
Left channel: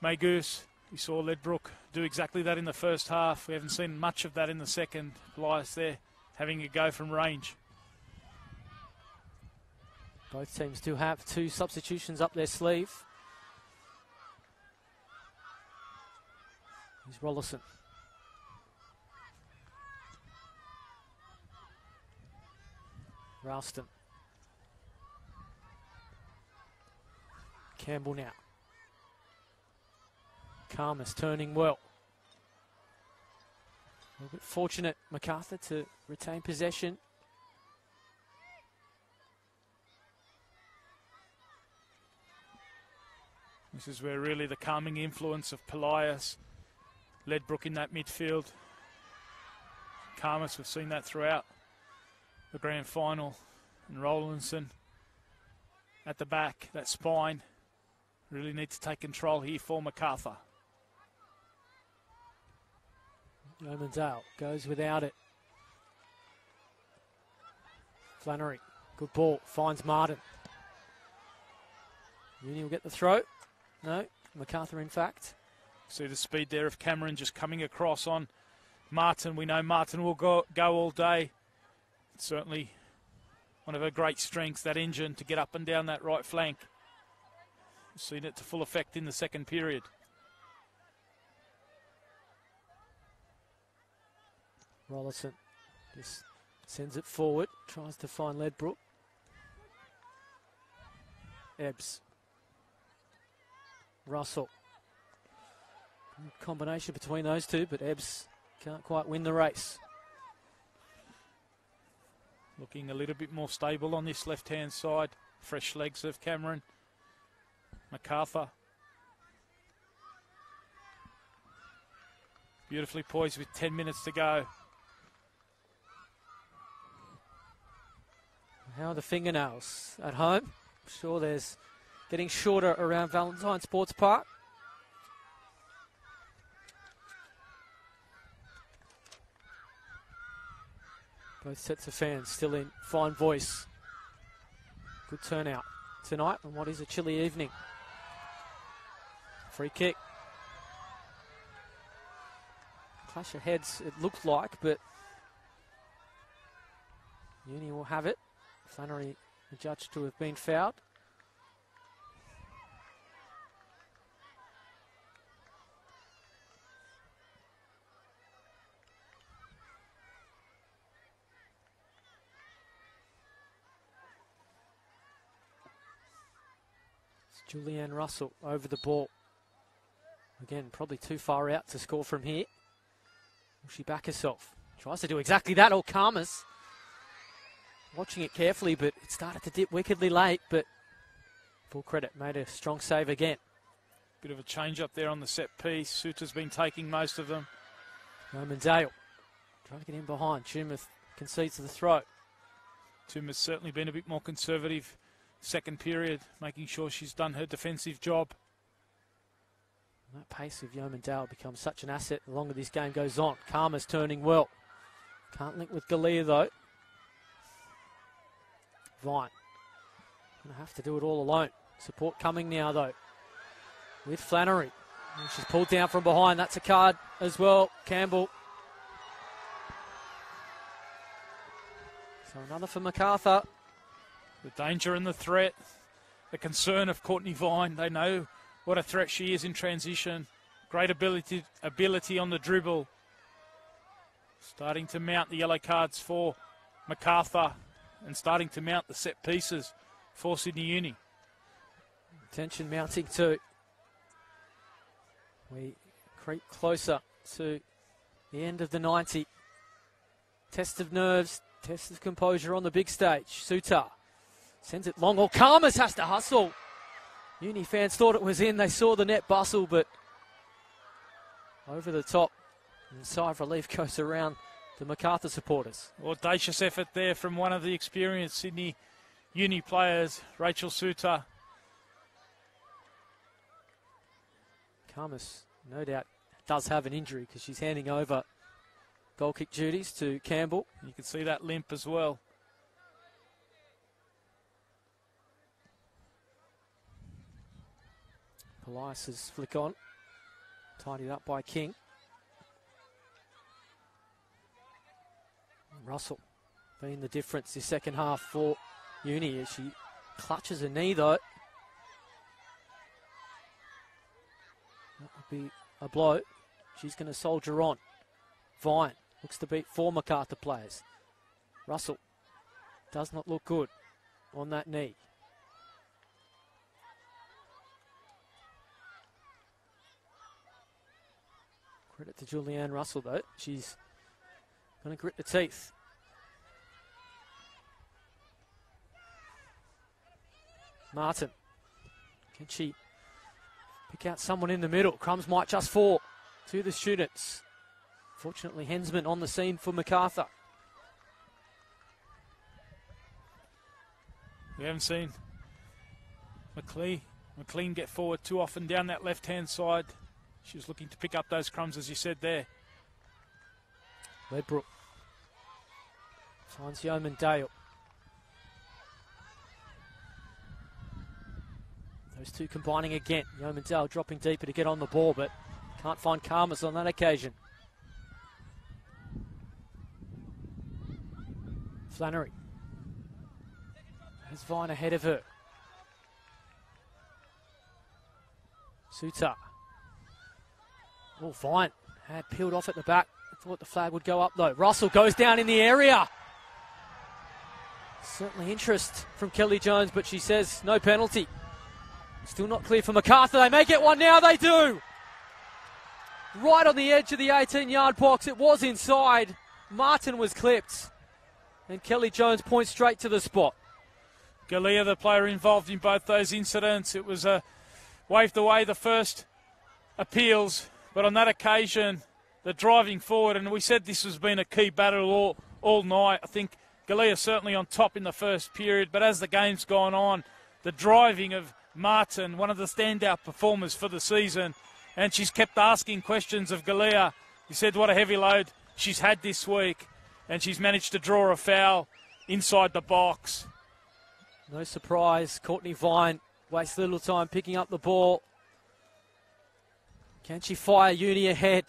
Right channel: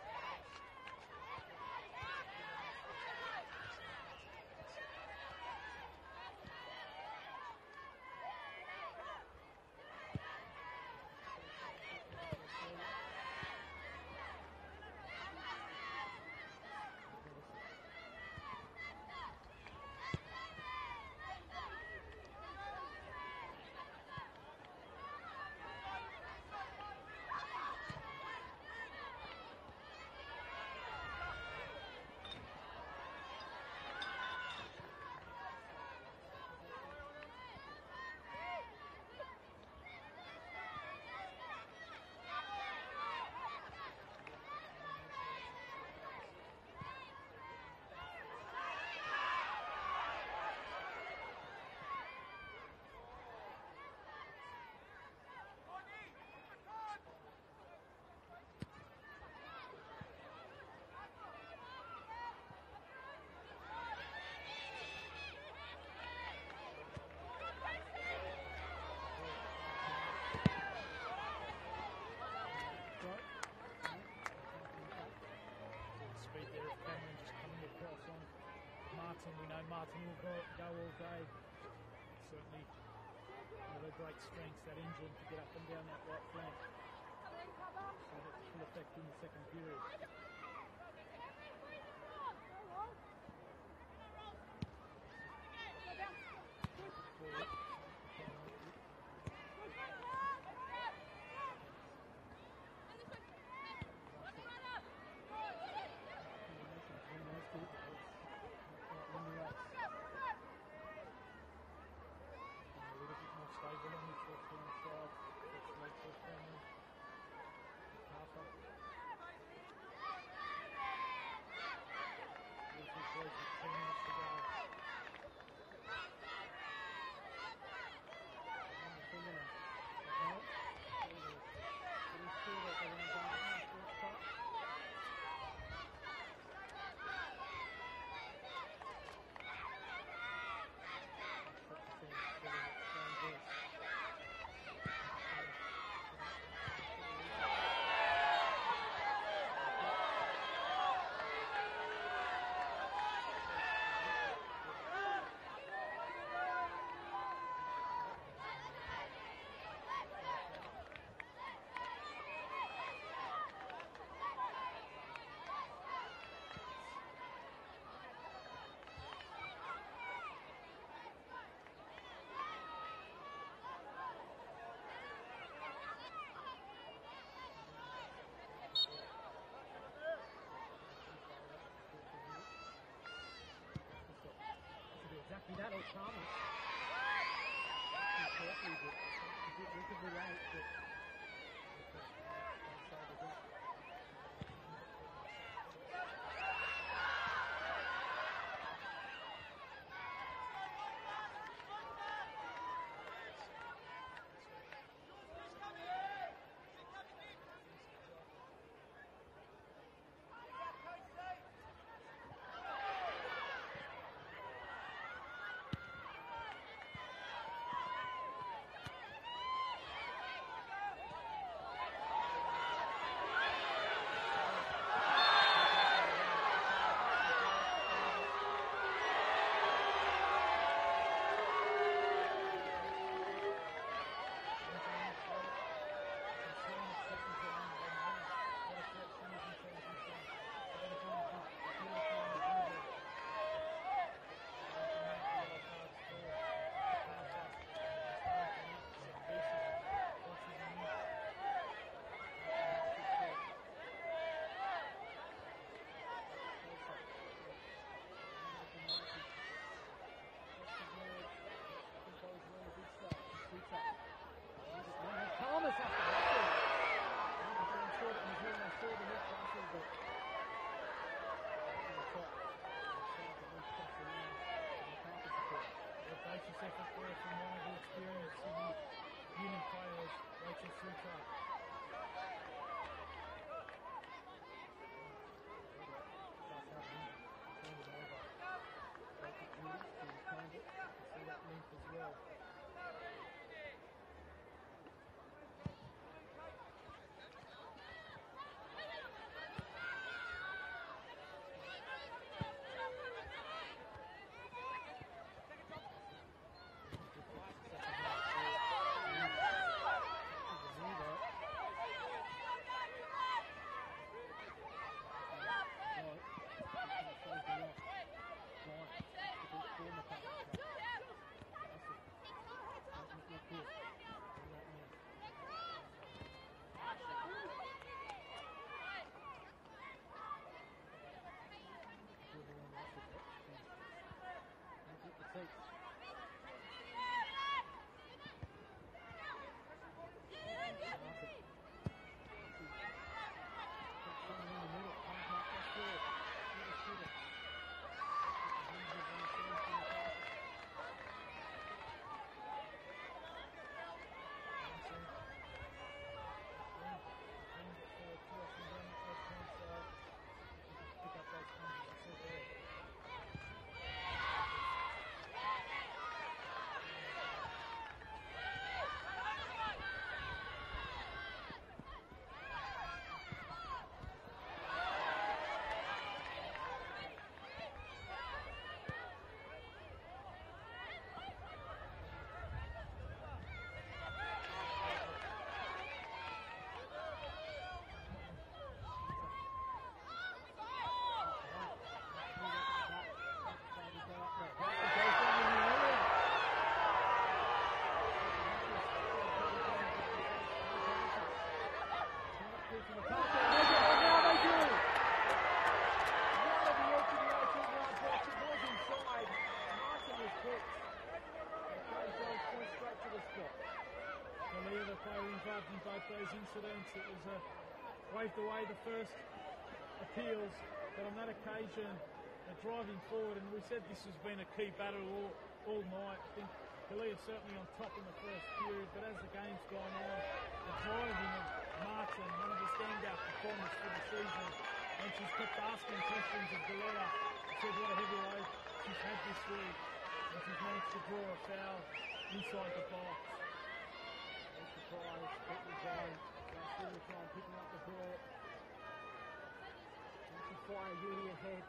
May Goose. We saw Ledbrook do exactly that in the first half. We haven't seen much of that in the second. Polias there having a go from range. Both teams do have 2 substitutions up their sleeve. Here's Rollison. Ralston. Campbell now. Karmas turning well. A bit fortunate, Macarthur, to retain possession. This is where really the calming influence of Polias, Ledbrook in that midfield. Karmas, we've seen that throughout the grand final. And Rowlandson at the back, that spine. Really need to take control here for Macarthur. Yeomandale goes without it. Flannery, good ball, finds Martin. Uni will get the throw. No, Macarthur in fact. See the speed there of Cameron just coming across on Martin. We know Martin will go all day. Certainly one of her great strengths, that engine to get up and down that right flank. Seen it to full effect in the second period. Rollison just sends it forward, tries to find Ledbrook. Ebbs. Russell. Combination between those two, but Ebbs can't quite win the race. Looking a little bit more stable on this left-hand side. Fresh legs of Cameron. Macarthur. Beautifully poised with 10 minutes to go. How are the fingernails at home? Sure, there's getting shorter around Valentine Sports Park. Both sets of fans still in fine voice. Good turnout tonight on what is a chilly evening. Free kick. Clash of heads, it looks like, but Uni will have it. Flannery judged to have been fouled. It's Julianne Russell over the ball. Again, probably too far out to score from here. Will she back herself? Tries to do exactly that. Oh, Karmas. Watching it carefully, but it started to dip wickedly late, but full credit, made a strong save again. Bit of a change up there on the set piece. Suter's been taking most of them. Yeomandale trying to get in behind. Tumeth concedes to the throw. Tumeth's certainly been a bit more conservative second period, making sure she's done her defensive job. That pace of Yeomandale becomes such an asset the longer this game goes on. Karma's turning well. Can't link with Galea though. Vine. Gonna have to do it all alone. Support coming now though. With Flannery. And she's pulled down from behind. That's a card as well. Campbell. So another for Macarthur. The danger and the threat. The concern of Courtney Vine. They know what a threat she is in transition. Great ability on the dribble. Starting to mount the yellow cards for Macarthur. And starting to mount the set pieces for Sydney Uni. Tension mounting too. We creep closer to the end of the 90. Test of nerves, test of composure on the big stage. Suter sends it long. Well, Karmas has to hustle. Uni fans thought it was in. They saw the net bustle, but over the top. And a sigh of relief goes around the Macarthur supporters. Audacious effort there from one of the experienced Sydney Uni players, Rachel Suter. Karmas, no doubt, does have an injury because she's handing over goal kick duties to Campbell. You can see that limp as well. Elias's flick on. Tidied up by King. Russell being the difference this second half for Uni as she clutches her knee though. That would be a blow. She's going to soldier on. Vine looks to beat four Macarthur players. Russell does not look good on that knee. Credit to Julianne Russell though. She's going to grit the teeth. Martin. Can she pick out someone in the middle? Crumbs might just fall to the students. Fortunately, Hensman on the scene for Macarthur. We haven't seen McLean McLean get forward too often down that left-hand side. She was looking to pick up those crumbs, as you said there. Redbrook finds Yeoman Dale. Those two combining again. Yeoman Dale dropping deeper to get on the ball, but can't find Karmas on that occasion. Flannery. He's Vine ahead of her. Suter. Oh, Vine had peeled off at the back. Thought the flag would go up though. Russell goes down in the area. Certainly interest from Kelly Jones, but she says no penalty. Still not clear for Macarthur. They may get one now. They do. Right on the edge of the 18-yard box. It was inside. Martin was clipped. And Kelly Jones points straight to the spot. Galea, the player involved in both those incidents. It was waved away the first appeals, but on that occasion, the driving forward, and we said this has been a key battle all night. I think Galea certainly on top in the first period, but as the game's gone on, the driving of Martin, one of the standout performers for the season, and she's kept asking questions of Galea. He said what a heavy load she's had this week, and she's managed to draw a foul inside the box. No surprise, Courtney Vine wastes little time picking up the ball. Can she fire Uni ahead?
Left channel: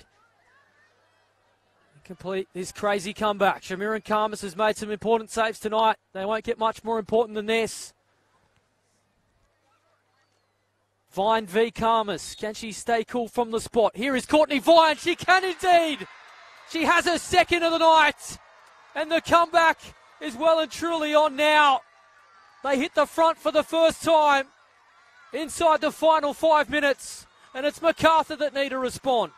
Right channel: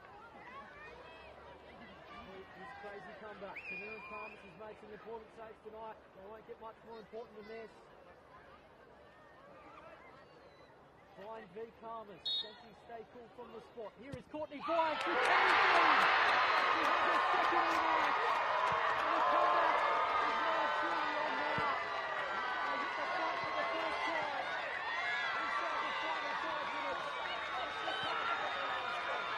Complete this crazy comeback. Shamiran Karmas has made some important saves tonight. They won't get much more important than this. Vine v Karmas. Can she stay cool from the spot? Here is Courtney Vine. She can indeed. She has her second of the night. And the comeback is well and truly on now. They hit the front for the first time inside the final 5 minutes. And it's Macarthur that need to respond.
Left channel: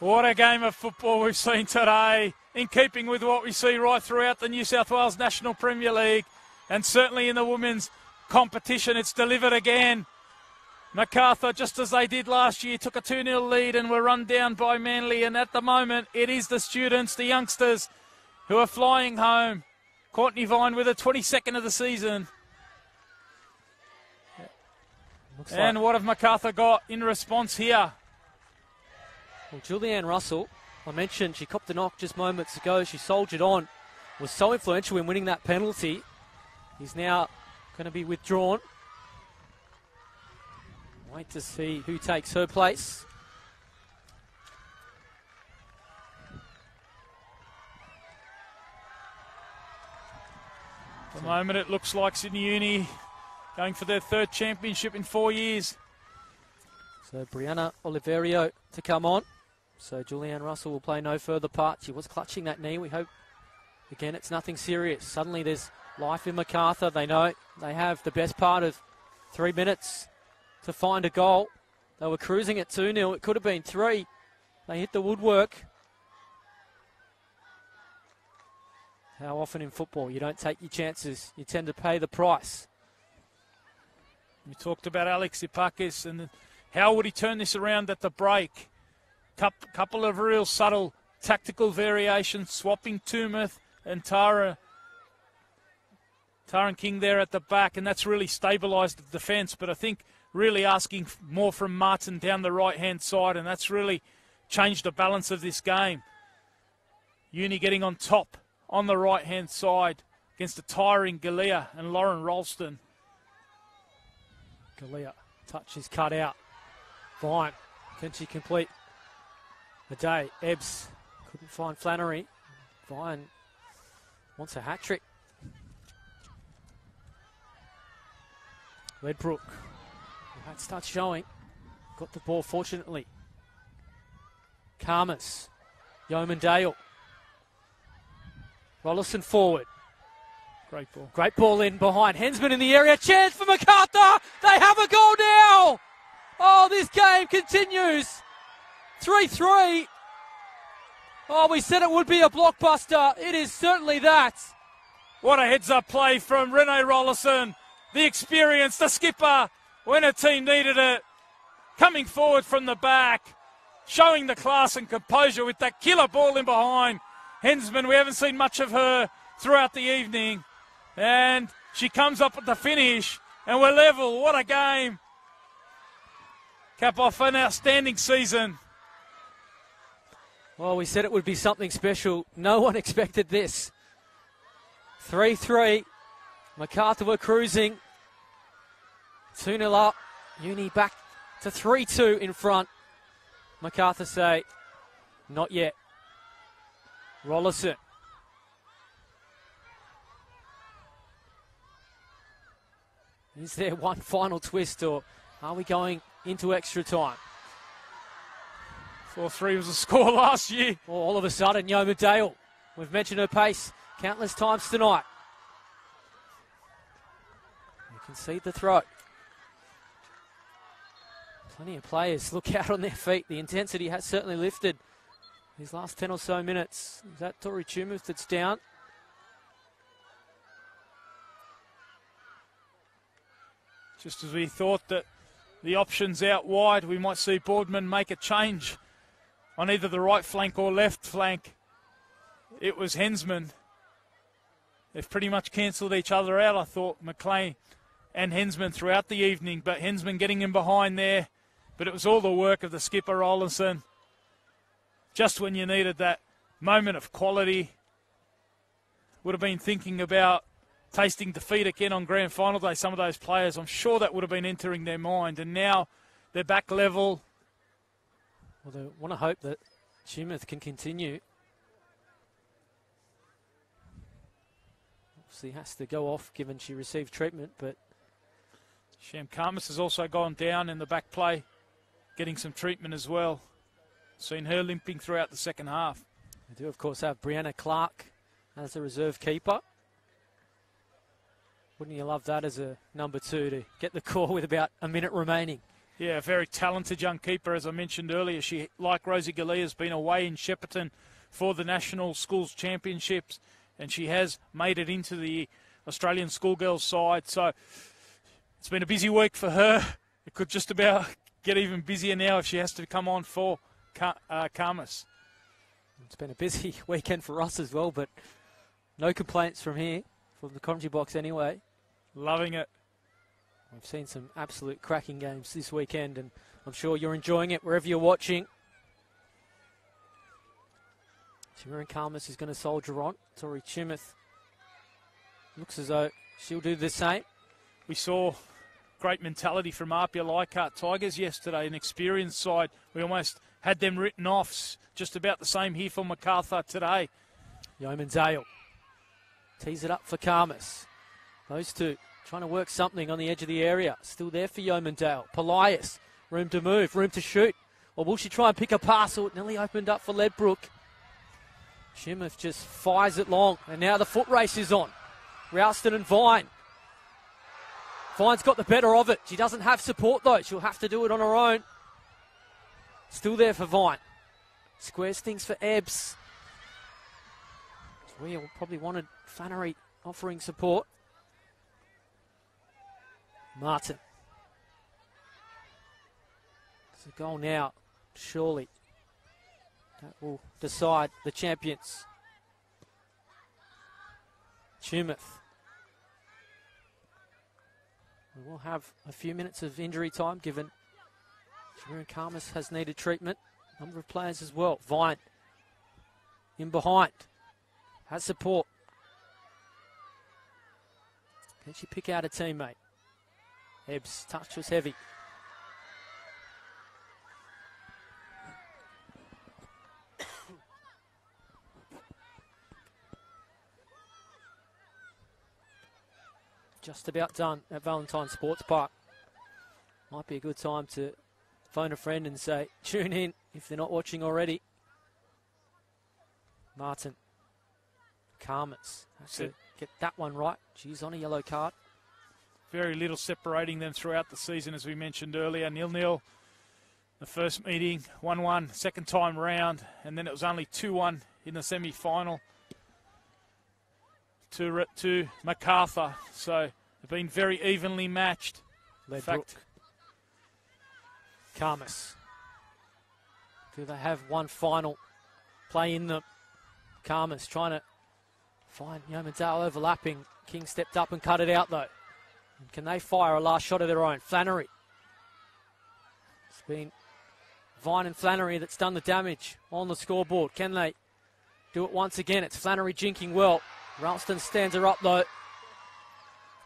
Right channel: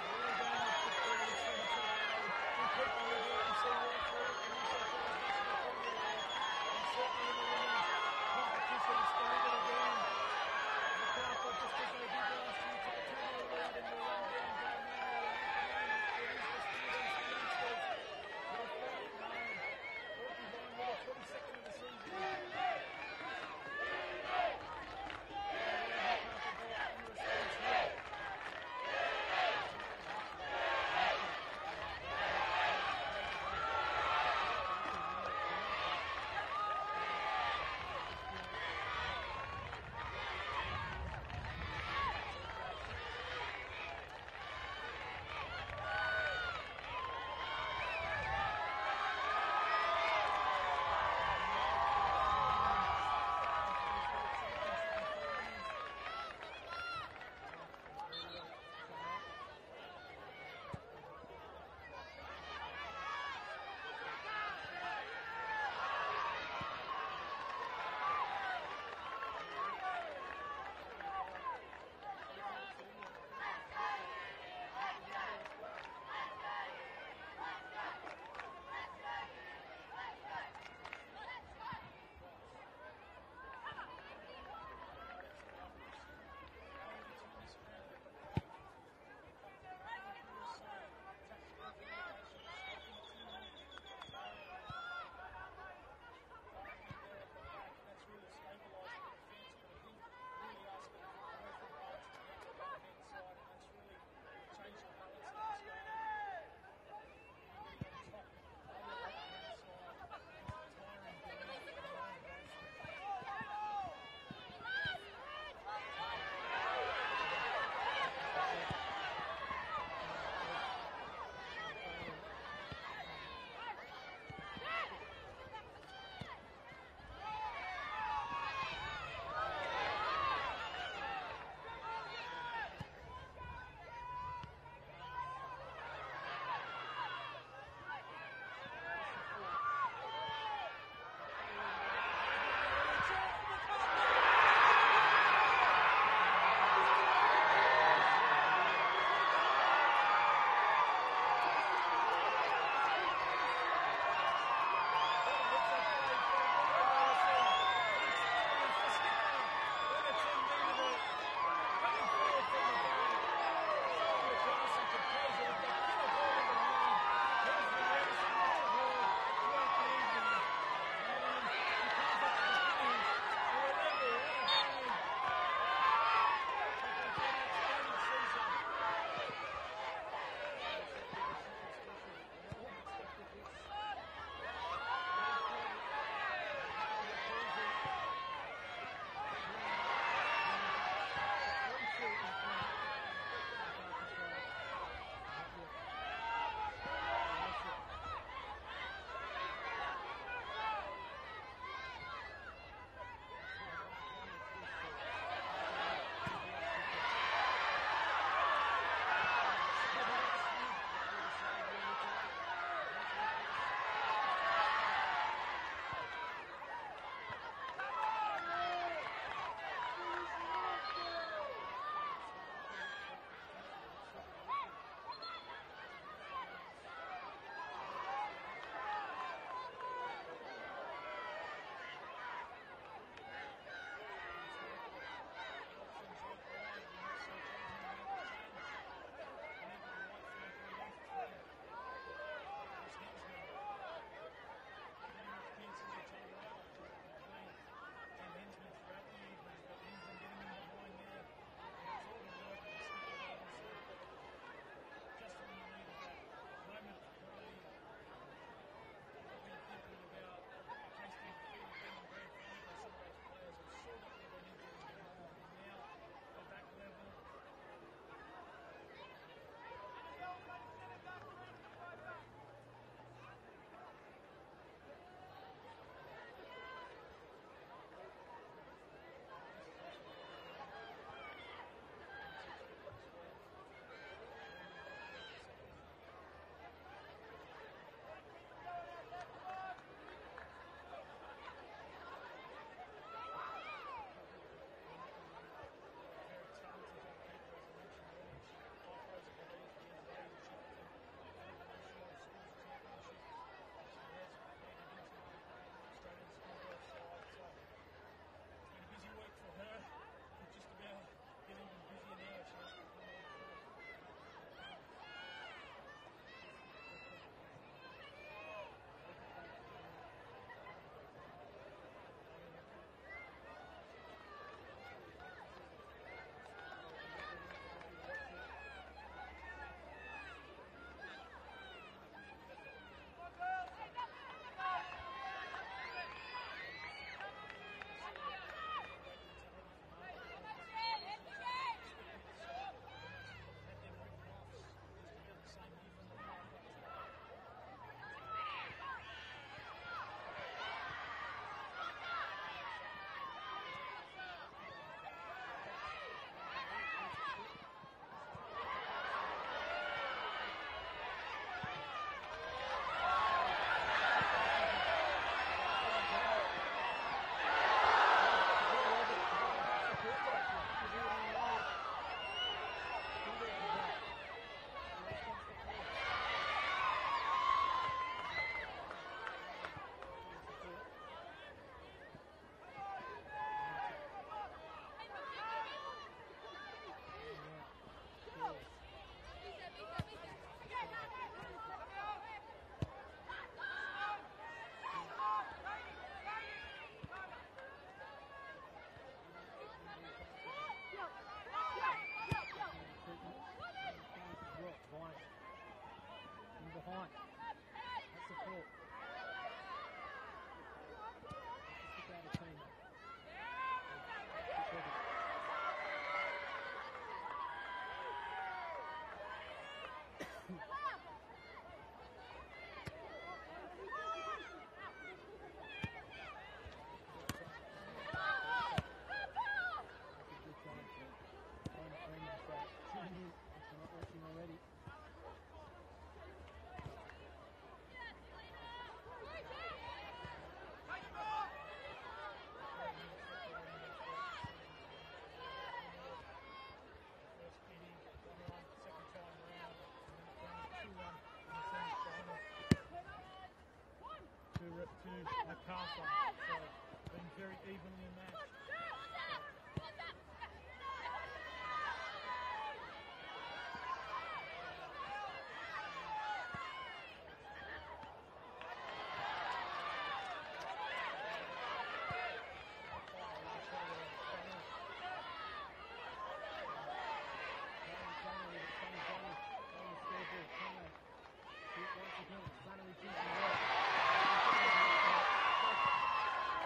What a game of football we've seen today, in keeping with what we see right throughout the New South Wales National Premier League, and certainly in the women's competition. It's delivered again. Macarthur, just as they did last year, took a 2-0 lead and were run down by Manly, and at the moment it is the students, the youngsters, who are flying home. Courtney Vine with her 22nd of the season. And what have Macarthur got in response here? Well, Julianne Russell, I mentioned she copped the knock just moments ago. She soldiered on. Was so influential in winning that penalty. Is now going to be withdrawn. Wait to see who takes her place. At the moment it looks like Sydney Uni going for their third championship in 4 years. So Brianna Oliverio to come on. So Julianne Russell will play no further part. She was clutching that knee. We hope, again, it's nothing serious. Suddenly there's life in Macarthur. They know they have the best part of 3 minutes to find a goal. They were cruising at 2-0. It could have been 3. They hit the woodwork. How often in football you don't take your chances. You tend to pay the price. We talked about Alex Ipakis and how would he turn this around at the break. Couple of real subtle tactical variations, swapping Tumeth and Taran King there at the back, and that's really stabilised the defence. But I think really asking more from Martin down the right-hand side, and that's really changed the balance of this game. Uni getting on top on the right-hand side against a tiring Galea and Lauren Ralston. Galea, touch is cut out. Vine, can she complete the day? Ebbs couldn't find Flannery. Vine wants a hat-trick. Redbrook, that starts showing. Got the ball fortunately. Karmas, Yeoman Dale. Rollison forward. Great ball. Great ball in behind. Hensman in the area. Chance for Macarthur. They have a goal now. Oh, this game continues. 3-3. Oh, we said it would be a blockbuster. It is certainly that. What a heads-up play from Renee Rollison. The experience, the skipper, when a team needed it. Coming forward from the back. Showing the class and composure with that killer ball in behind. Hensman, we haven't seen much of her throughout the evening. And she comes up at the finish And we're level. What a game. Cap off an outstanding season. Well, we said it would be something special. No one expected this. 3-3. Macarthur were cruising. 2-0 up. Uni back to 3-2 in front. Macarthur say, not yet. Rollerson. Is there one final twist, or are we going into extra time? 4-3 was the score last year. Well, all of a sudden, Yeoman Dale. We've mentioned her pace countless times tonight. You can see the throw. Plenty of players look out on their feet. The intensity has certainly lifted these last 10 or so minutes. Is that Tori Chumuth that's down? Just as we thought that the options out wide, we might see Boardman make a change on either the right flank or left flank. It was Hensman. They've pretty much cancelled each other out, I thought, McLean and Hensman throughout the evening, but Hensman getting in behind there. But it was all the work of the skipper, Rollinson. Just when you needed that moment of quality. Would have been thinking about tasting defeat again on grand final day, some of those players. I'm sure that would have been entering their mind. And now they're back level. Well, they want to hope that Chumuth can continue. Obviously has to go off given she received treatment, but Sham Karmas has also gone down in the back play, getting some treatment as well. Seen her limping throughout the second half. We do, of course, have Brianna Clark as a reserve keeper. Wouldn't you love that as a number 2 to get the call with about a minute remaining? Yeah, a very talented young keeper, as I mentioned earlier. She, like Rosie Galea, has been away in Shepparton for the National Schools Championships, and she has made it into the Australian schoolgirls side. So it's been a busy week for her. It could just about get even busier now if she has to come on for Karmas. It's been a busy weekend for us as well, but no complaints from here, from the commentary box anyway. Loving it. I've seen some absolute cracking games this weekend, and I'm sure you're enjoying it wherever you're watching. Shimmerin Karmas is going to soldier on. Tori Chumuth looks as though she'll do the same. We saw great mentality from Apia Leichhardt Tigers yesterday, an experienced side. We almost had them written off. Just about the same here for Macarthur today. Yeoman Dale tees it up for Karmas. Those two trying to work something on the edge of the area. Still there for Yeoman Dale. Polias, room to move, room to shoot. Or will she try and pick a pass? Or it nearly opened up for Ledbrook. Chumuth just fires it long. And now the foot race is on. Ralston and Vine. Vine's got the better of it. She doesn't have support though. She'll have to do it on her own. Still there for Vine. Squares things for Ebbs. Real probably wanted Fannery offering support. Martin. It's a goal now, surely. That will decide the champions. Chumuth. We will have a few minutes of injury time given Shimmerin Karmas has needed treatment. Number of players as well. Vine in behind. Has support. Can she pick out a teammate? Ebbs' touch was heavy. Just about done at Valentine Sports Park. Might be a good time to phone a friend and say, tune in if they're not watching already. Martin. Karmas. Get that one right. She's on a yellow card. Very little separating them throughout the season, as we mentioned earlier. 0-0 the first meeting, 1-1 second time round, and then it was only 2-1 in the semi-final to Macarthur. So they've been very evenly matched. In fact, Karmas. Do they have one final play in them? Karmas trying to find Yeoman Dale overlapping. King stepped up and cut it out though. Can they fire a last shot of their own? Flannery. It's been Vine and Flannery that's done the damage on the scoreboard. Can they do it once again? It's Flannery jinking well. Ralston stands her up though.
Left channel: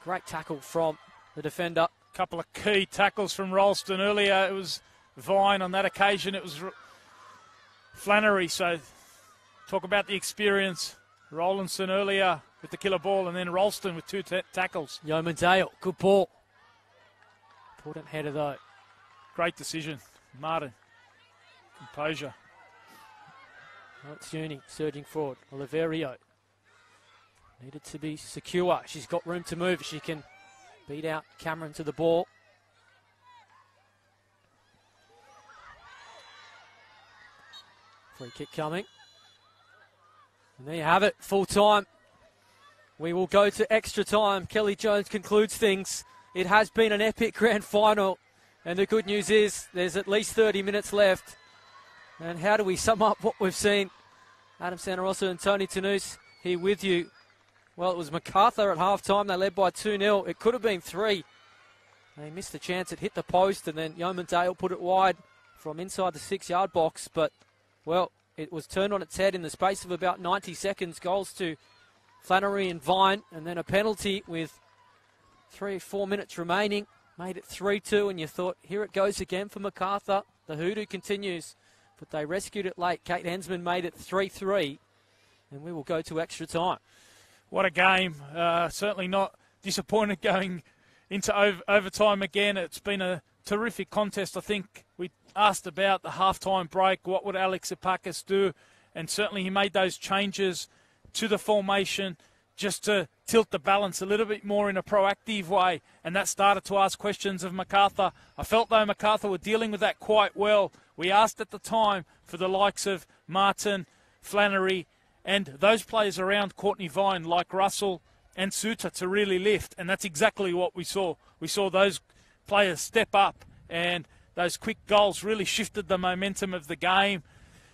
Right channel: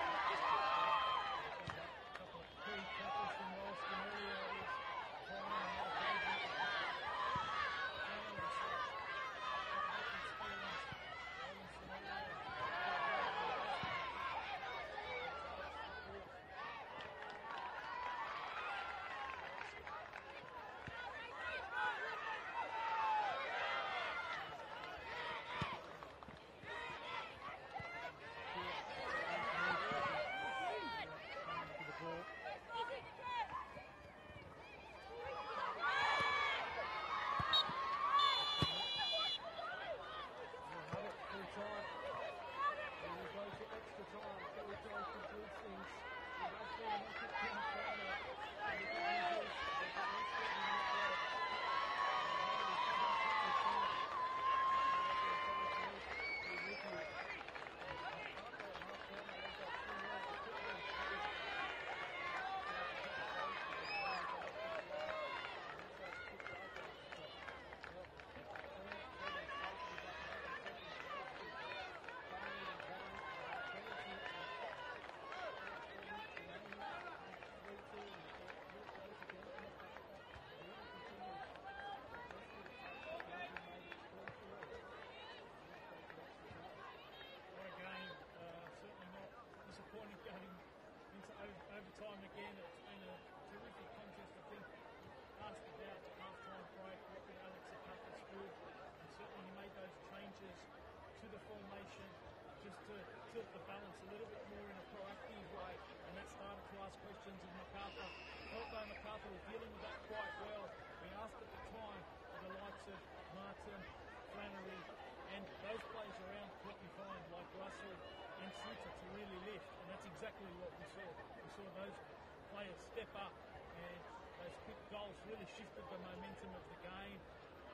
Great tackle from the defender. A couple of key tackles from Ralston earlier. It was Vine. On that occasion, it was Flannery. So talk about the experience. Rowlandson earlier with the killer ball, and then Ralston with two tackles. Yeoman Dale, good ball. Important header though. Great decision. Martin. Composure. Matsuni surging forward. Oliverio. Needed to be secure. She's got room to move. She can beat out Cameron to the ball. Free kick coming. And there you have it, full time. We will go to extra time. Kelly Jones concludes things. It has been an epic grand final. And the good news is there's at least 30 minutes left. And how do we sum up what we've seen? Adam Santarossa and Tony Tanous here with you. Well, it was Macarthur at half-time. They led by 2-0. It could have been 3. They missed a chance. It hit the post, and then Yeoman Dale put it wide from inside the 6-yard box. But, well, it was turned on its head in the space of about 90 seconds. Goals to Flannery and Vine, and then a penalty with 3 or 4 minutes remaining. Made it 3-2, and you thought, here it goes again for Macarthur. The hoodoo continues, but they rescued it late. Kate Hensman made it 3-3, and we will go to extra time. What a game. Certainly not disappointed going into overtime again. It's been a terrific contest. I think we asked about the halftime break. What would Alex Epakis do? And certainly he made those changes to the formation just to tilt the balance a little bit more in a proactive way. And that started to ask questions of Macarthur. I felt though Macarthur were dealing with that quite well. We asked at the time for the likes of Martin, Flannery, and those players around Courtney Vine like Russell and Suter to really lift, and that's exactly what we saw. We saw those players step up, and those quick goals really shifted the momentum of the game.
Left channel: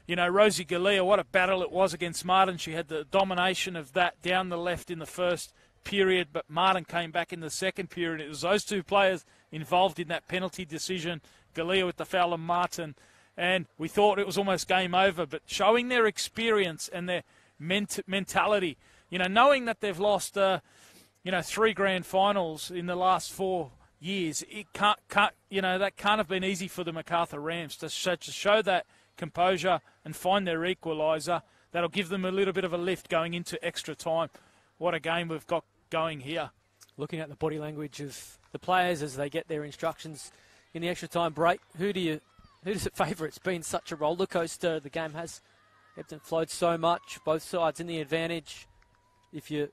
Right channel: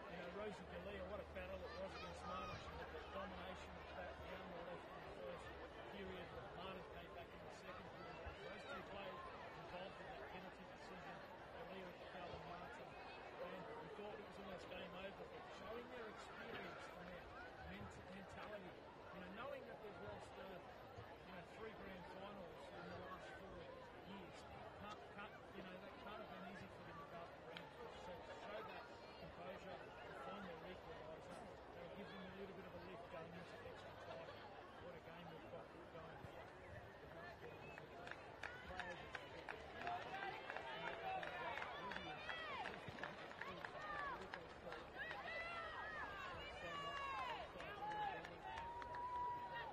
You know, Rosie Galea, what a battle it was against Martin. She had the domination of that down the left in the first period, but Martin came back in the second period. It was those two players involved in that penalty decision, Galea with the foul and Martin, and we thought it was almost game over, but showing their experience and their mentality, you know, knowing that they've lost, 3 grand finals in the last 4 years, it can't, that can't have been easy for the Macarthur Rams to show that composure and find their equaliser. That'll give them a little bit of a lift going into extra time. What a game we've got going here. Looking at the body language of the players as they get their instructions in the extra time break, who does it favour? It's been such a roller coaster. The game has ebbed and flowed so much, both sides in the advantage. If you're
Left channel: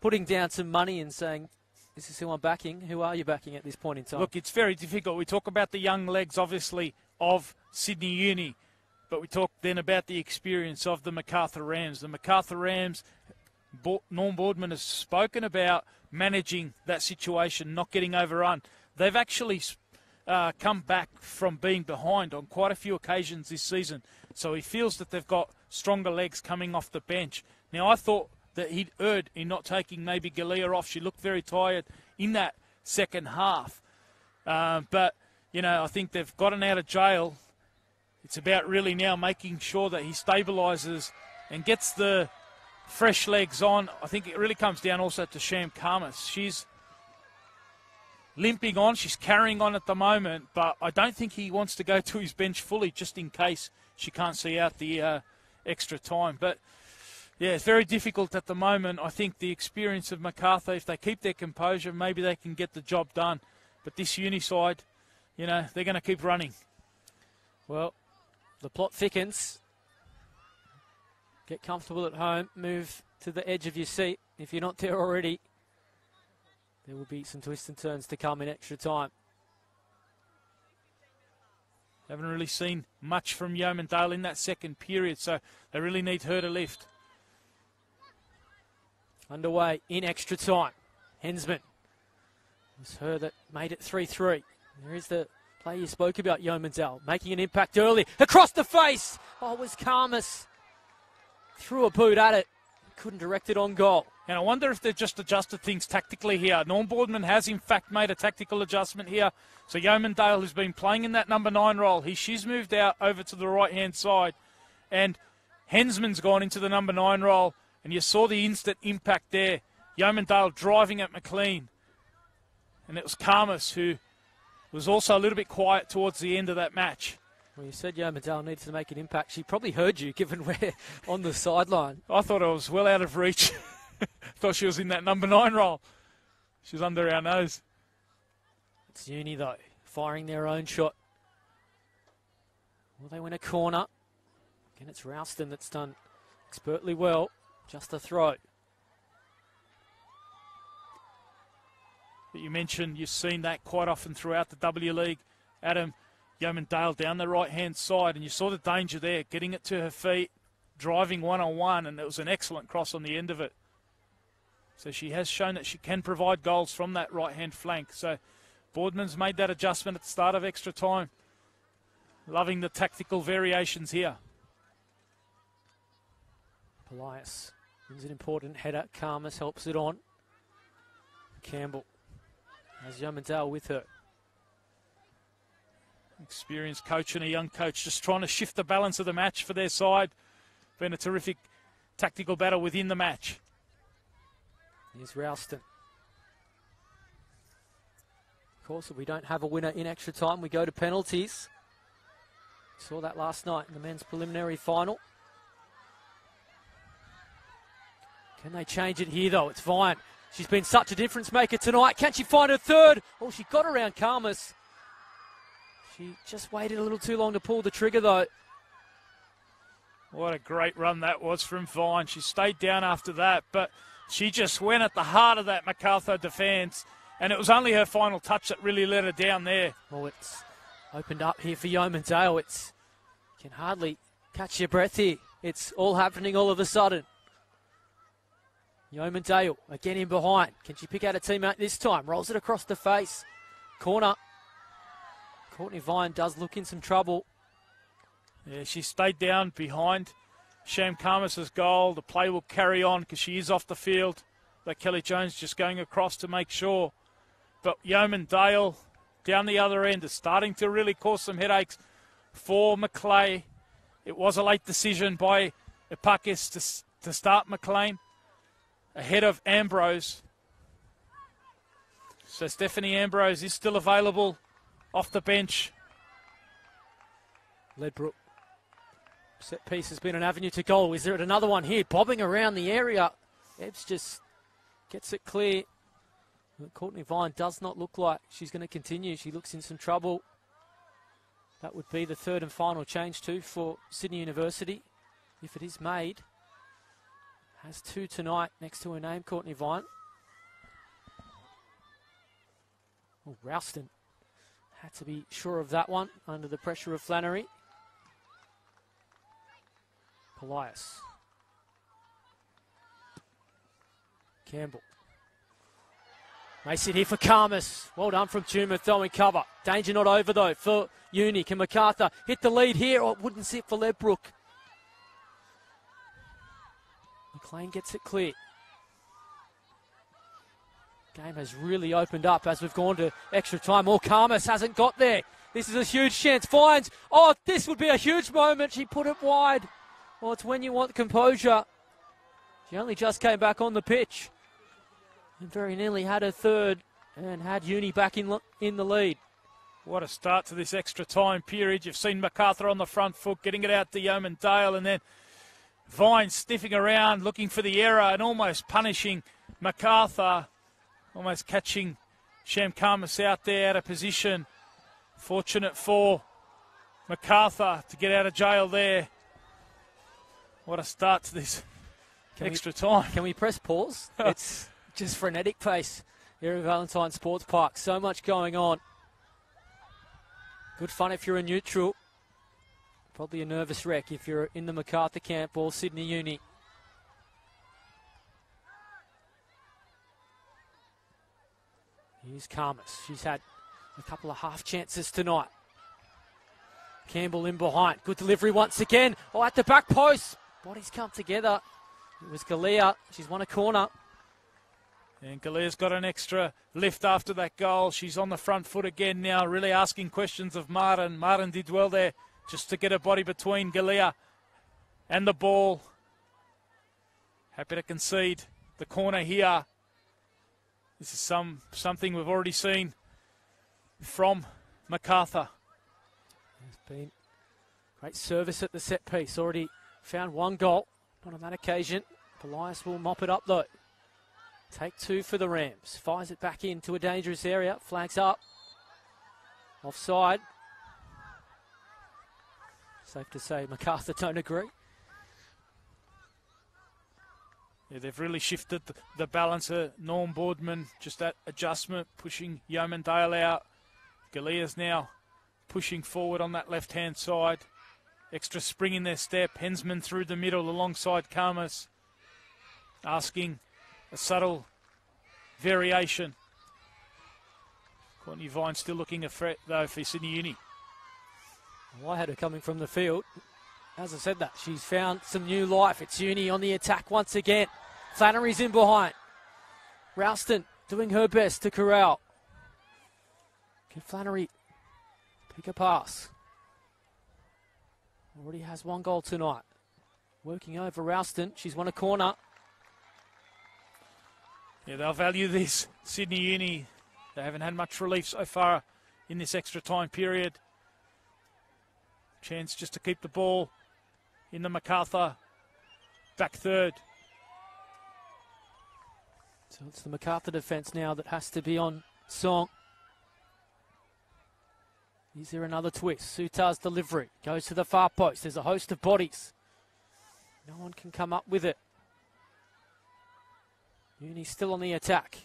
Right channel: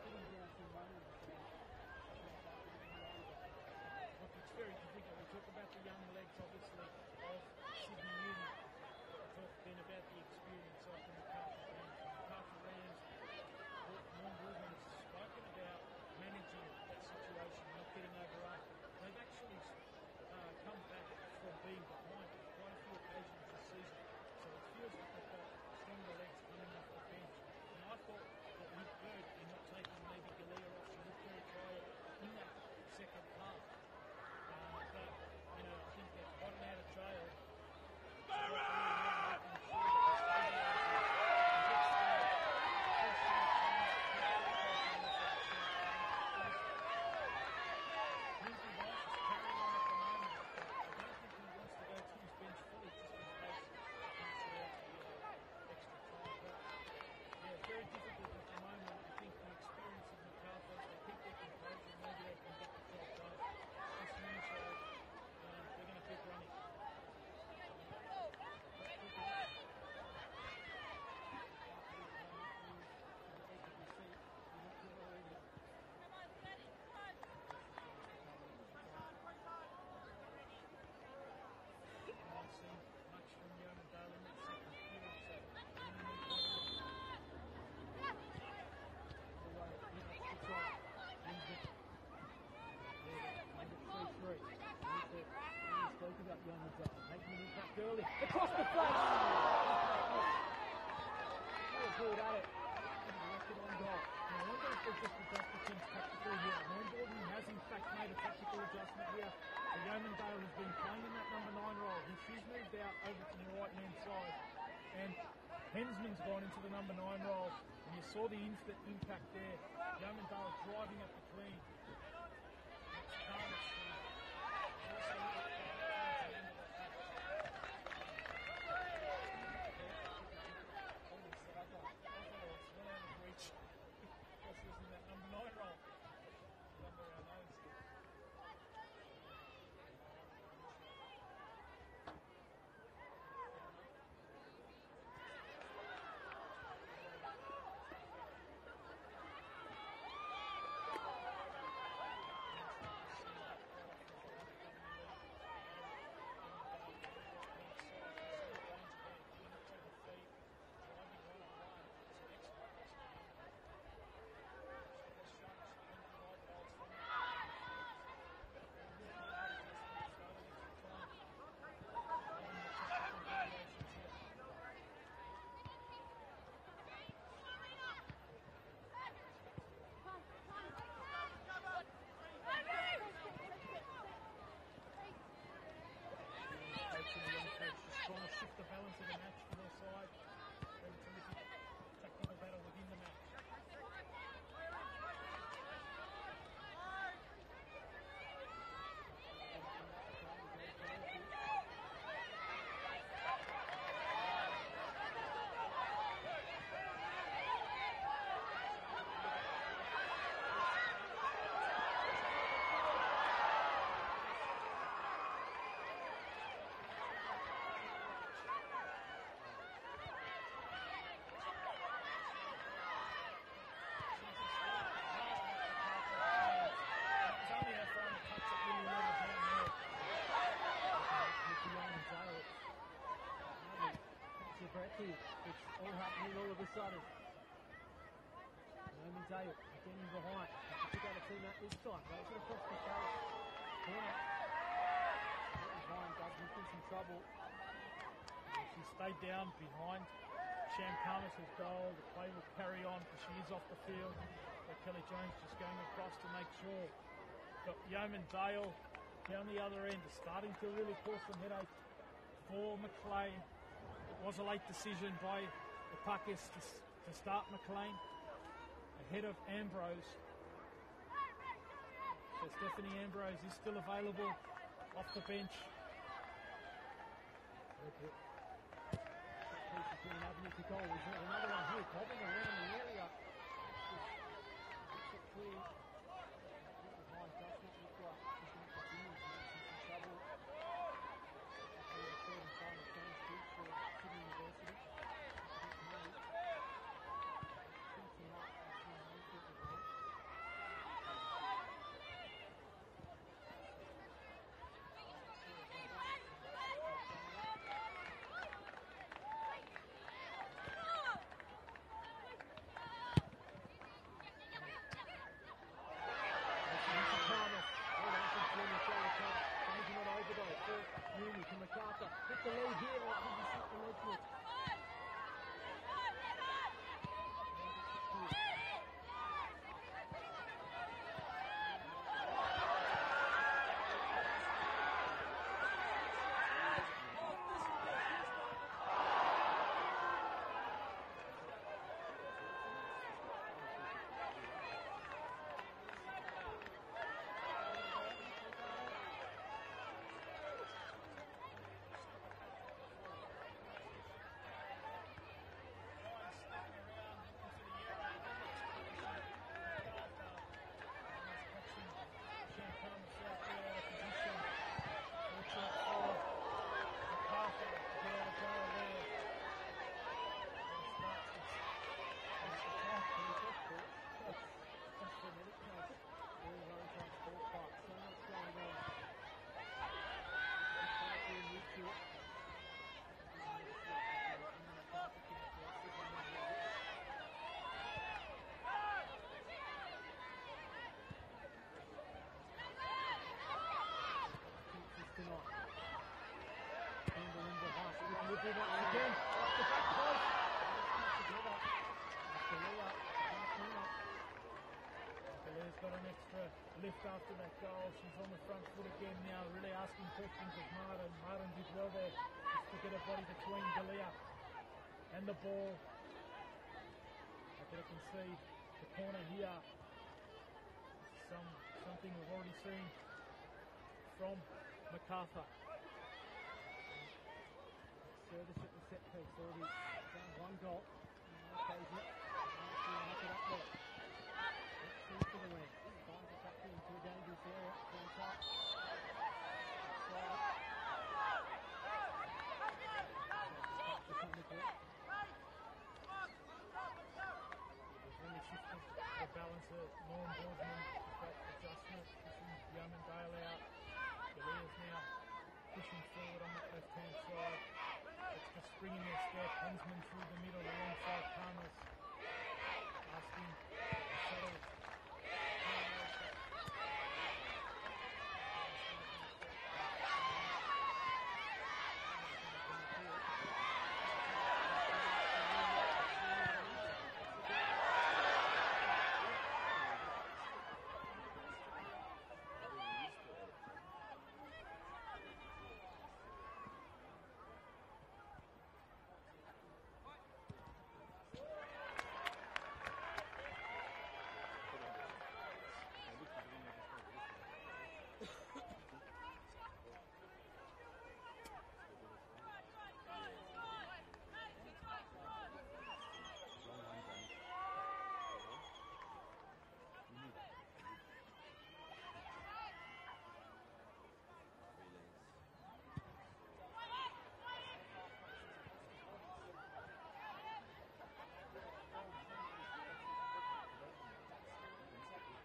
putting down some money and saying, this is who I'm backing, who are you backing at this point in time? Look, it's very difficult. We talk about the young legs, obviously, of Sydney Uni, but we talk then about the experience of the Macarthur Rams. The Macarthur Rams, Norm Boardman has spoken about managing that situation, not getting overrun. They've actually come back from being behind on quite a few occasions this season, so he feels that they've got stronger legs coming off the bench. Now, I thought that he'd erred in not taking maybe Galea off. She looked very tired in that second half. But, I think they've gotten out of jail. It's about really now making sure that he stabilises and gets the fresh legs on. I think it really comes down also to Sham Khamis. She's limping on. She's carrying on at the moment, but I don't think he wants to go to his bench fully just in case she can't see out the extra time. But, yeah, it's very difficult at the moment. I think the experience of Macarthur, if they keep their composure, maybe they can get the job done. But this uni side, they're going to keep running. Well, the plot thickens. Get comfortable at home. Move to the edge of your seat if you're not there already. There will be some twists and turns to come in extra time. Haven't really seen much from Yeoman Dale in that second period, so they really need her to lift. Underway in extra time. Hensman. It's her that made it 3-3. There is the play you spoke about, Yeoman Dale, making an impact early. Across the face! Oh, it was Khamis. Threw a boot at it. couldn't direct it on goal. And I wonder if they've just adjusted things tactically here. Norm Boardman has, in fact, made a tactical adjustment here. So Yeomandale, who's been playing in that number 9 role, she's moved out over to the right-hand side. And Hensman's gone into the number 9 role. And you saw the instant impact there. Yeomandale driving at McLean. And it was Karmas who was also a little bit quiet towards the end of that match. Well, you said Yeomandale needs to make an impact. She probably heard you, given we're on the sideline. I thought I was well out of reach. Thought she was in that number 9 role. She was under our nose. It's Uni, though, firing their own shot. Well, they win a corner. Again, it's Ralston that's done expertly well. Just a throw. But you mentioned you've seen that quite often throughout the W League. Adam, Yeomandale down the right-hand side, and you saw the danger there, getting it to her feet, driving one-on-one, and it was an excellent cross on the end of it. So she has shown that she can provide goals from that right-hand flank. So Boardman's made that adjustment at the start of extra time. Loving the tactical variations here. Elias wins an important header. Karmas helps it on. Campbell. There's Yeomandale with her. Experienced coach and a young coach just trying to shift the balance of the match for their side. Been a terrific tactical battle within the match. Here's Ralston. Of course, if we don't have a winner in extra time, we go to penalties. Saw that last night in the men's preliminary final. Can they change it here, though? It's Vine. She's been such a difference maker tonight. Can she find her third? Oh, she got around Karmas. She just waited a little too long to pull the trigger, though. What a great run that was from Vine. She stayed down after that, but she just went at the heart of that Macarthur defence, and it was only her final touch that really let her down there. Well, it's opened up here for Yeomandale. You can hardly catch your breath here. It's all happening all of a sudden. Yeomandale again in behind. Can she pick out a teammate this time? Rolls it across the face. Corner. Courtney Vine does look in some trouble. Yeah, she stayed down behind Sham Karmas' goal. The play will carry on because she is off the field. But Kelly Jones just going across to make sure. But Yeomandale down the other end is starting to really cause some headaches for McLeay. It was a late decision by Epakis to start McLean ahead of Ambrose. So Stephanie Ambrose is still available off the bench. Ledbrook. Set piece has been an avenue to goal. Is there another one here? Bobbing around the area. Ebbs just gets it clear. Courtney Vine does not look like she's going to continue. She looks in some trouble. That would be the third and final change too for Sydney University, if it is made. Has 2 tonight next to her name, Courtney Vine. Oh, Ralston had to be sure of that one under the pressure of Flannery. Elias. Campbell. Nice hit here for Karmas. Well done from Tuma, throwing cover. Danger not over though for Uni. Can Macarthur hit the lead here? Oh, it wouldn't sit for Ledbrook. McLean gets it clear. Game has really opened up as we've gone to extra time. Oh, Karmas hasn't got there. This is a huge chance. Finds. Oh, this would be a huge moment. She put it wide. Well, it's when you want composure. She only just came back on the pitch. And very nearly had her third and had Uni back in the lead. What a start to this extra time period. You've seen Macarthur on the front foot, getting it out to Yeomandale, and then Vine sniffing around, looking for the error and almost punishing Macarthur. Almost catching Sham Karmas out there out of position. Fortunate for Macarthur to get out of jail there. What a start to this extra time. Can we press pause? It's just frenetic pace here at Valentine Sports Park. So much going on. Good fun if you're a neutral. Probably a nervous wreck if you're in the Macarthur camp or Sydney Uni. Here's Karmas. She's had a couple of half chances tonight. Campbell in behind. Good delivery once again. Oh, at the back post. Bodies come together. It was Galea. She's won a corner. And Galea's got an extra lift after that goal. She's on the front foot again now, really asking questions of Martin. Martin did well there just to get her body between Galea and the ball. Happy to concede the corner here. This is something we've already seen from Macarthur. It's been great service at the set piece. Already found one goal on that occasion. Elias will mop it up though. Take two for the Rams. Fires it back into a dangerous area. Flags up. Offside. Safe to say Macarthur don't agree. Yeah, they've really shifted the balance. Norm Boardman, just that adjustment, pushing Yeomandale out. Galea's now pushing forward on that left-hand side. Extra spring in their step. Hensman through the middle alongside Karmas. Asking a subtle variation. Courtney Vine still looking a threat, though, for Sydney Uni. Well, I had her coming from the field. As I said that, she's found some new life. It's Uni on the attack once again. Flannery's in behind. Ralston doing her best to corral. Can Flannery pick a pass? Already has one goal tonight. Working over Ralston. She's won a corner. Yeah, they'll value this. Sydney Uni, they haven't had much relief so far in this extra time period. Chance just to keep the ball in the Macarthur back third. So it's the Macarthur defence now that has to be on song. Is there another twist? Sutar's delivery goes to the far post. There's a host of bodies. No one can come up with it. Uni's still on the attack.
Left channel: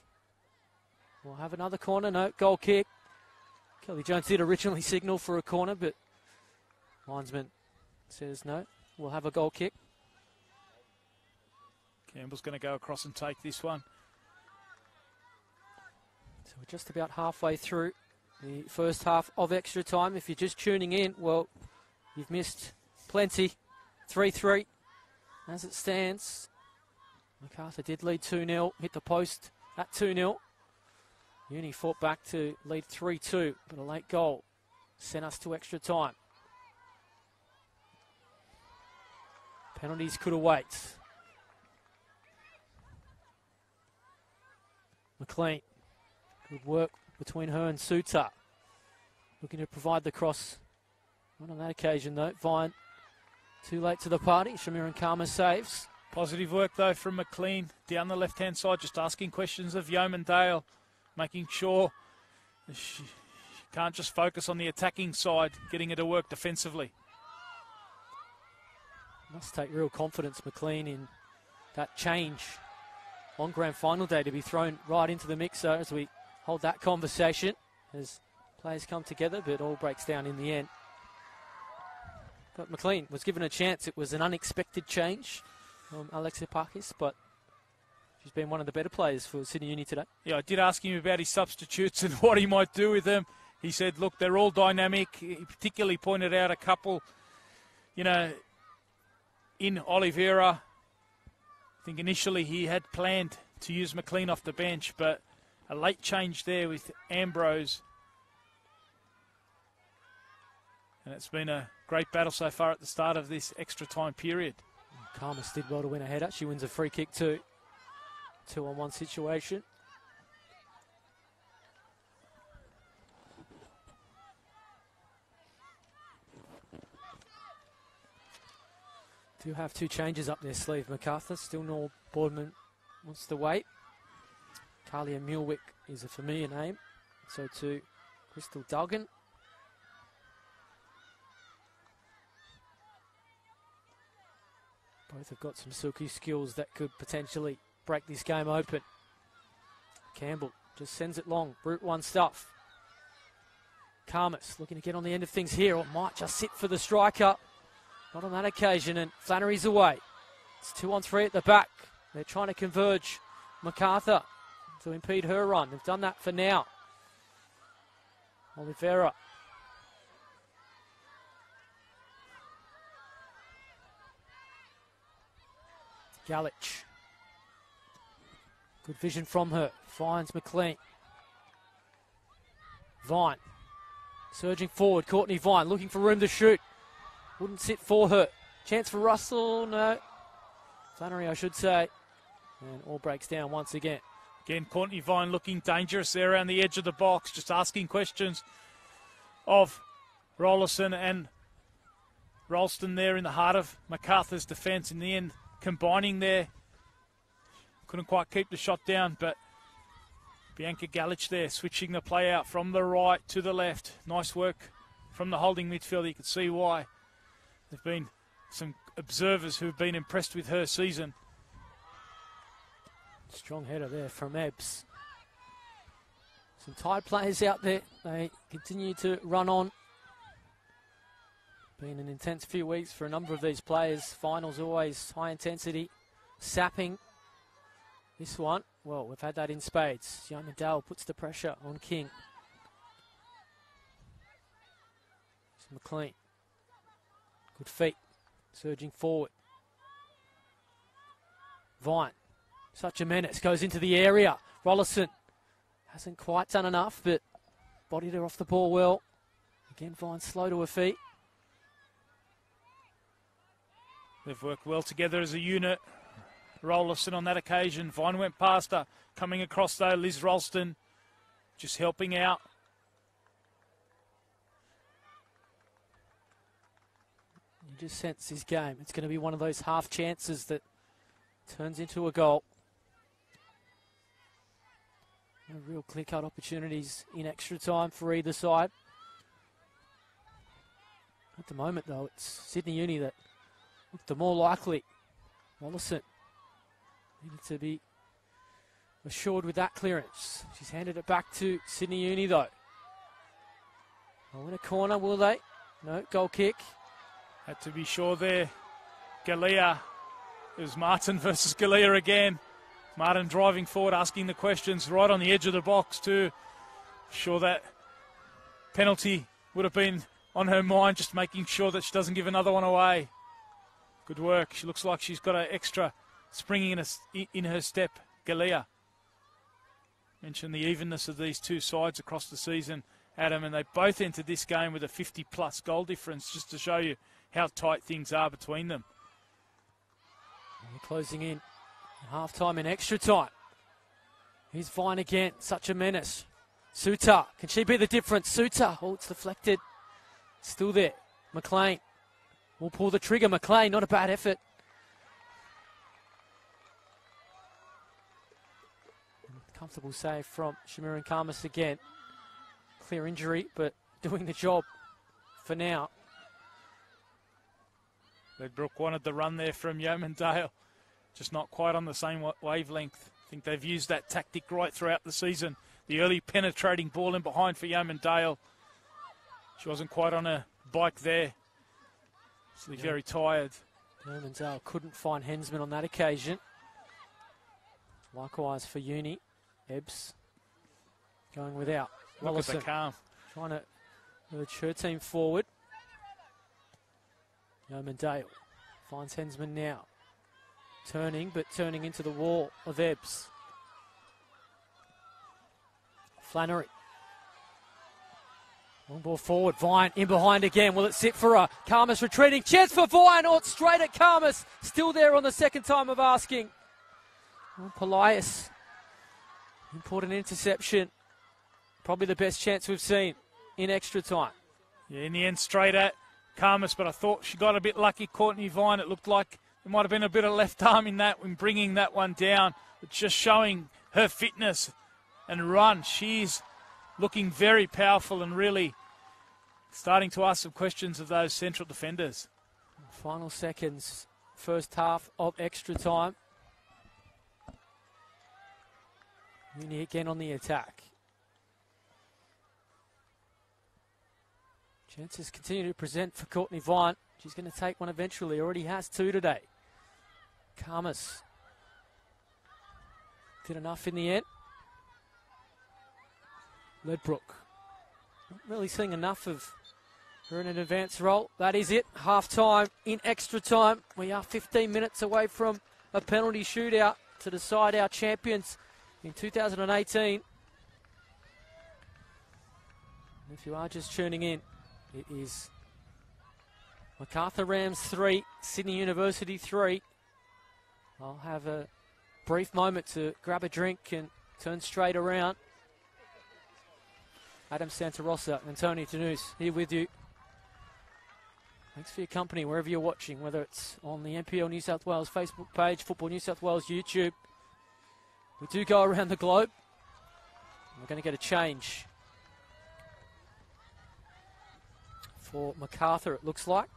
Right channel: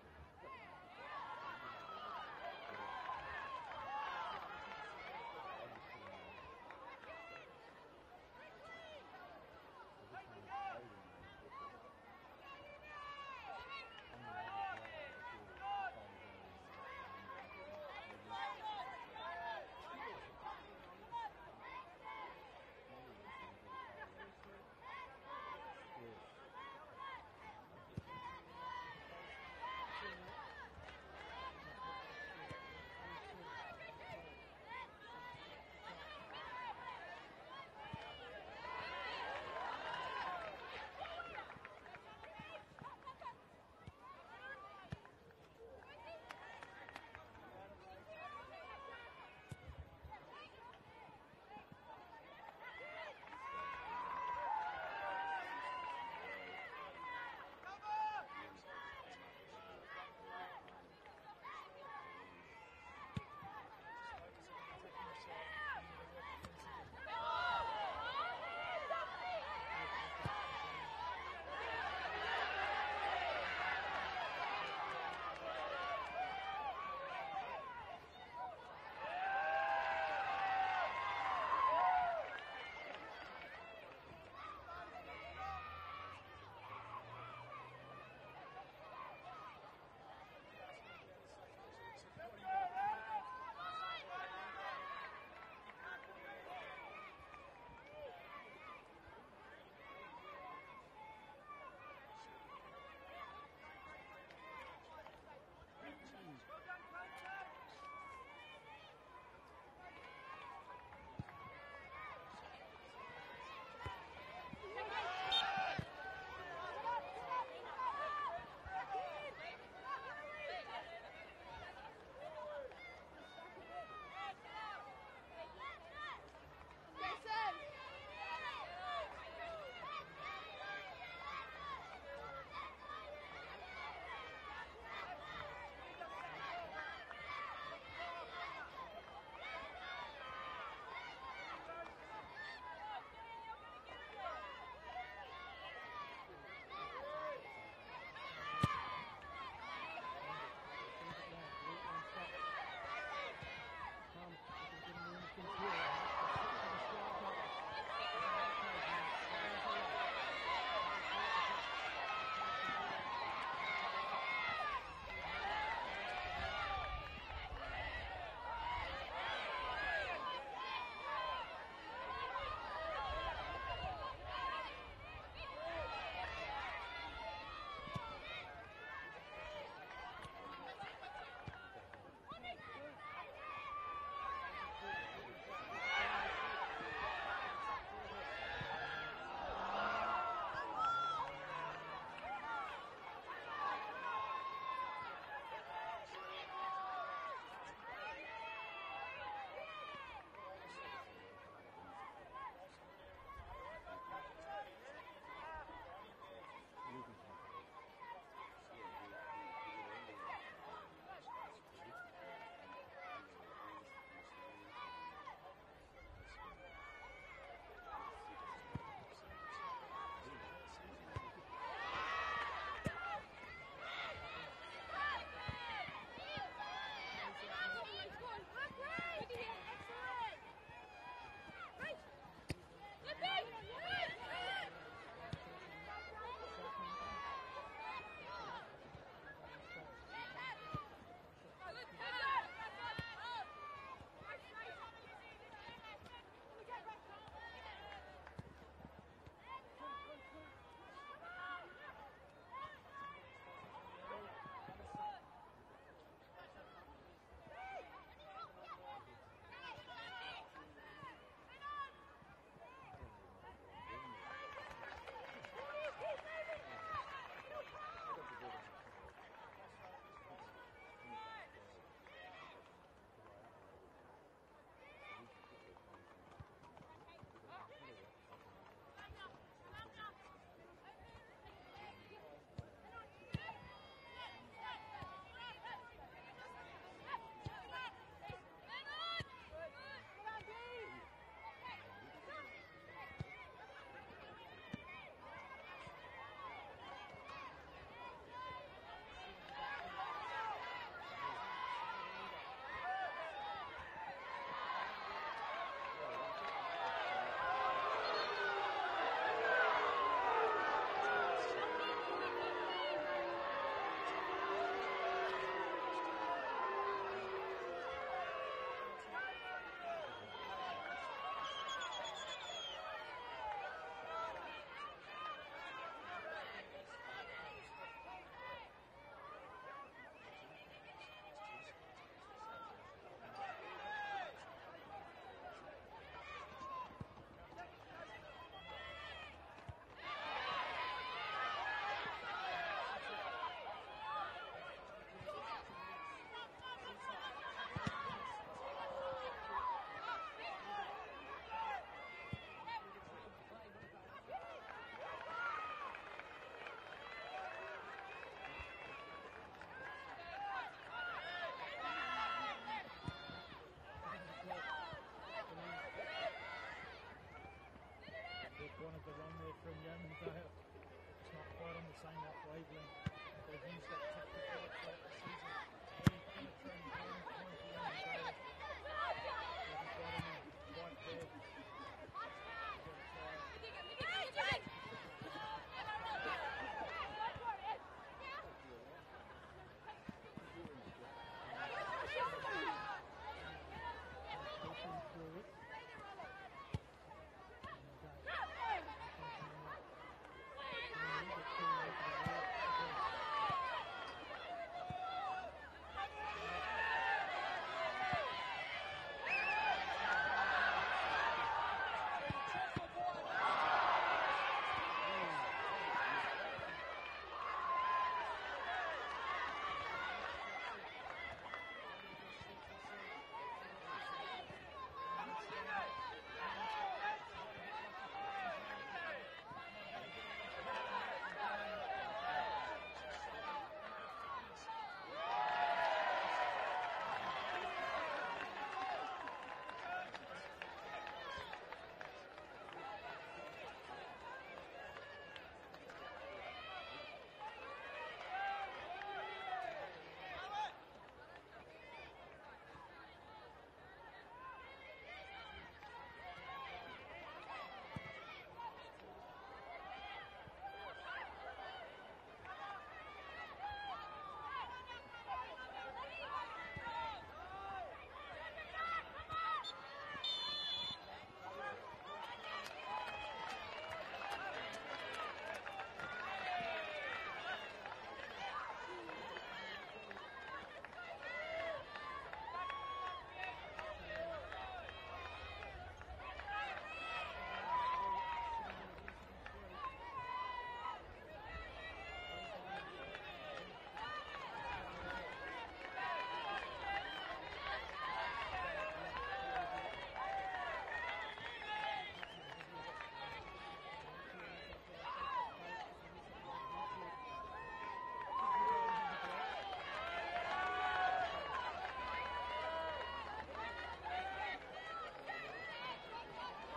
We'll have another corner. No, goal kick. Kelly Jones did originally signal for a corner, but linesman says no. We'll have a goal kick. Campbell's going to go across and take this one. So we're just about halfway through the first half of extra time. If you're just tuning in, well, you've missed plenty. 3-3 as it stands. Macarthur did lead 2-0, hit the post at 2-0. Uni fought back to lead 3-2, but a late goal sent us to extra time. Penalties could await. McLean, good work between her and Sutar. Looking to provide the cross. Not on that occasion though. Vine too late to the party. Shamir and Karma saves. Positive work though from McLean down the left-hand side, just asking questions of Yeomandale, making sure she can't just focus on the attacking side, getting her to work defensively. Must take real confidence, McLean, in that change on grand final day to be thrown right into the mixer as we hold that conversation as players come together, but all breaks down in the end. But McLean was given a chance. It was an unexpected change from Alexia Parkis, but she's been one of the better players for Sydney Uni today. Yeah, I did ask him about his substitutes and what he might do with them. He said, look, they're all dynamic. He particularly pointed out a couple, you know, in Oliveira. I think initially he had planned to use McLean off the bench, but a late change there with Ambrose. And it's been a great battle so far at the start of this extra time period. Karmas did well to win a header. She wins a free kick too. 2-on-1 situation. Do have two changes up their sleeve. Macarthur, still Noel Boardman wants to wait. Talia Mulwick is a familiar name. So too Crystal Duggan. Both have got some silky skills that could potentially break this game open. Campbell just sends it long. Brute one stuff. Karmas looking to get on the end of things here, or might just sit for the striker. Not on that occasion, and Flannery's away. It's 2-on-3 at the back. They're trying to converge Macarthur to impede her run. They've done that for now. Oliveira. Galich. Good vision from her. Finds McLean. Vine. Surging forward. Courtney Vine looking for room to shoot. Wouldn't sit for her. Chance for Russell. No. Flannery, I should say. And all breaks down once again. Again, Courtney Vine looking dangerous there around the edge of the box. Just asking questions of Rollerson and Ralston there in the heart of Macarthur's defence. In the end, combining there. Couldn't quite keep the shot down, but Bianca Galich there switching the play out from the right to the left. Nice work from the holding midfielder. You can see why. There've been some observers who've been impressed with her season. Strong header there from Ebbs. Some tight players out there. They continue to run on. Been an intense few weeks for a number of these players. Finals always high intensity, sapping. This one, well, we've had that in spades. Young Dale puts the pressure on King. It's McLean. Good feet, surging forward. Vine, such a menace, goes into the area. Rollerson hasn't quite done enough, but bodied her off the ball well. Again, Vine slow to her feet. They've worked well together as a unit. Rollerson on that occasion. Vine went past her. Coming across though, Liz Ralston just helping out. You just sense this game. It's going to be one of those half chances that turns into a goal. Real clear-cut opportunities in extra time for either side. At the moment though, it's Sydney Uni that look the more likely. Rollerson needed to be assured with that clearance. She's handed it back to Sydney Uni though. In a corner, will they? No, goal kick. Had to be sure there. Galea. It was Martin versus Galea again. Martin driving forward, asking the questions right on the edge of the box too. Sure that penalty would have been on her mind, just making sure that she doesn't give another one away. Good work. She looks like she's got an extra springing in her step. Galea. Mentioned the evenness of these two sides across the season, Adam, and they both entered this game with a 50-plus goal difference, just to show you how tight things are between them. And closing in half-time in extra time. Here's Vine again, such a menace. Suter, can she be the difference? Suter, oh, it's deflected. Still there. McLean will pull the trigger. McLean, not a bad effort. Comfortable save from Shamiran Karmas again. Clear injury, but doing the job for now. Redbrook wanted the run there from Yeomandale. Just not quite on the same wavelength. I think they've used that tactic right throughout the season. The early penetrating ball in behind for Yeomandale. She wasn't quite on her bike there. She's very tired. Yeomandale couldn't find Hensman on that occasion. Likewise for Uni. Ebbs going without. Rollerson trying to urge her team forward. Yeomandale finds Hensman now. Turning into the wall of Ebbs. Flannery. One ball forward, Vine in behind again. Will it sit for her? Karmas retreating. Chance for Vine. Oh, it's straight at Karmas. Still there on the second time of asking. And Polias. Important interception. Probably the best chance we've seen in extra time. Yeah, in the end, straight at Karmas, but I thought she got a bit lucky. Courtney Vine, it looked like it might have been a bit of left arm in that when bringing that one down. It's just showing her fitness and run. She's looking very powerful and really starting to ask some questions of those central defenders. Final seconds, first half of extra time. Uni again on the attack. Chances continue to present for Courtney Vine. She's going to take one eventually. Already has two today. Karmas did enough in the end. Ledbrook. Not really seeing enough of her in an advanced role. That is it. Half time in extra time. We are 15 minutes away from a penalty shootout to decide our champions in 2018. If you are just tuning in, it is Macarthur Rams 3, Sydney University 3. I'll have a brief moment to grab a drink and turn straight around. Adam Santarossa and Tony Tanous here with you. Thanks for your company wherever you're watching, whether it's on the NPL New South Wales Facebook page, Football New South Wales YouTube. We do go around the globe. We're going to get a change for Macarthur, it looks like.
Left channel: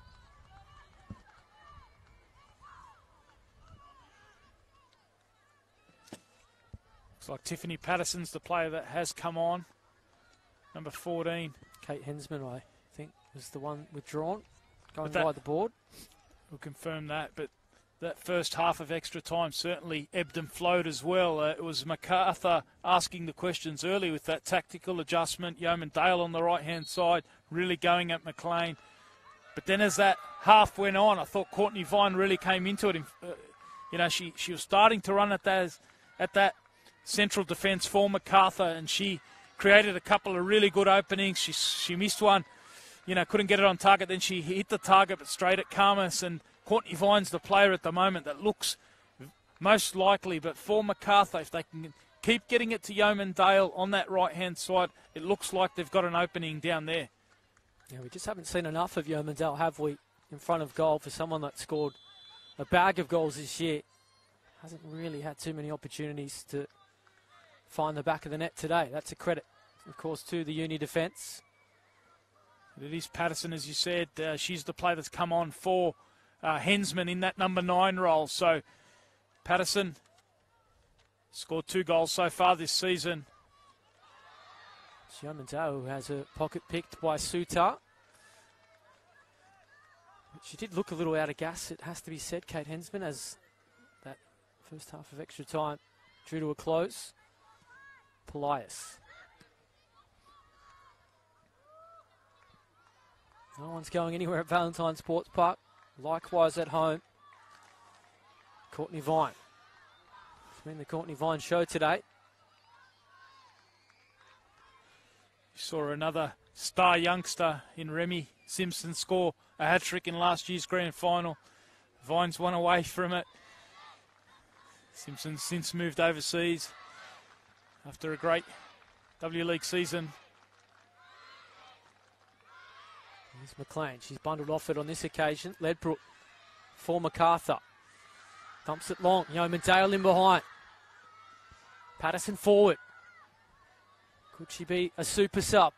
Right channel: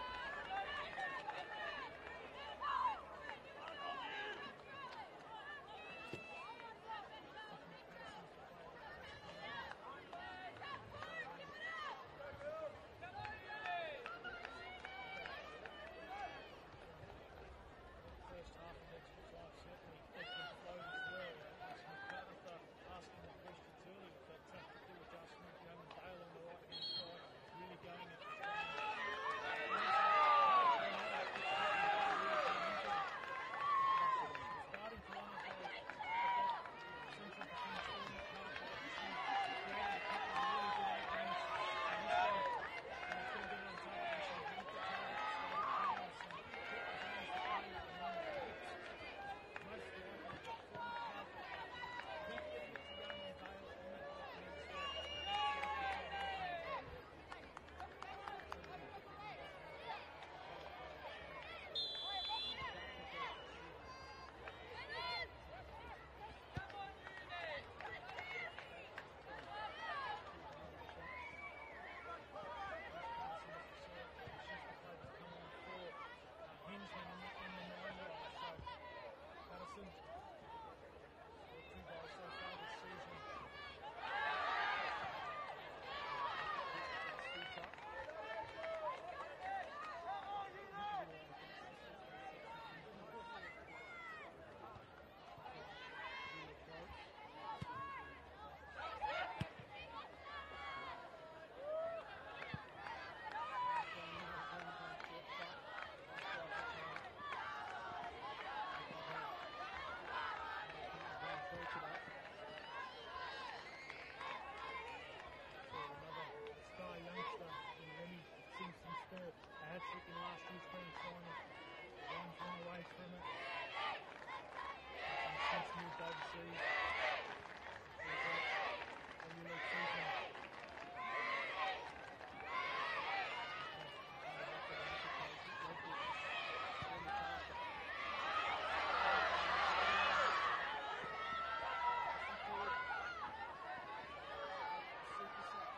Looks like Tiffany Patterson's the player that has come on. Number 14. Kate Hensman, I think, is the one withdrawn. Going by the board. We'll confirm that, but that first half of extra time certainly ebbed and flowed as well. It was Macarthur asking the questions early with that tactical adjustment. Yeoman Dale on the right-hand side, really going at McLean. But then as that half went on, I thought Courtney Vine really came into it. You know, she was starting to run at that central defence for Macarthur, and she created a couple of really good openings. She missed one, you know, couldn't get it on target. Then she hit the target, but straight at Carmus. And Courtney Vine's the player at the moment that looks most likely. But for Macarthur, if they can keep getting it to Yeoman Dale on that right-hand side, it looks like they've got an opening down there. Yeah, we just haven't seen enough of Yeoman Dale, have we, in front of goal for someone that scored a bag of goals this year. Hasn't really had too many opportunities to find the back of the net today. That's a credit, of course, to the uni defence. It is Patterson, as you said. She's the player that's come on for Hensman in that number 9 role. So Patterson scored 2 goals so far this season. Yeoman Dale has a pocket picked by Sutar. She did look a little out of gas, it has to be said, Kate Hensman, as that first half of extra time drew to a close. Polias. No one's going anywhere at Valentine Sports Park. Likewise at home. Courtney Vine. It's been the Courtney Vine show today. Saw another star youngster in Remy Simpson score a hat-trick in last year's grand final. Vine's one away from it. Simpson's since moved overseas after a great W League season. There's McLean. She's bundled off it on this occasion. Ledbrook for Macarthur. Dumps it long. Yeoman Dale in behind. Patterson forward. Could she be a super sub?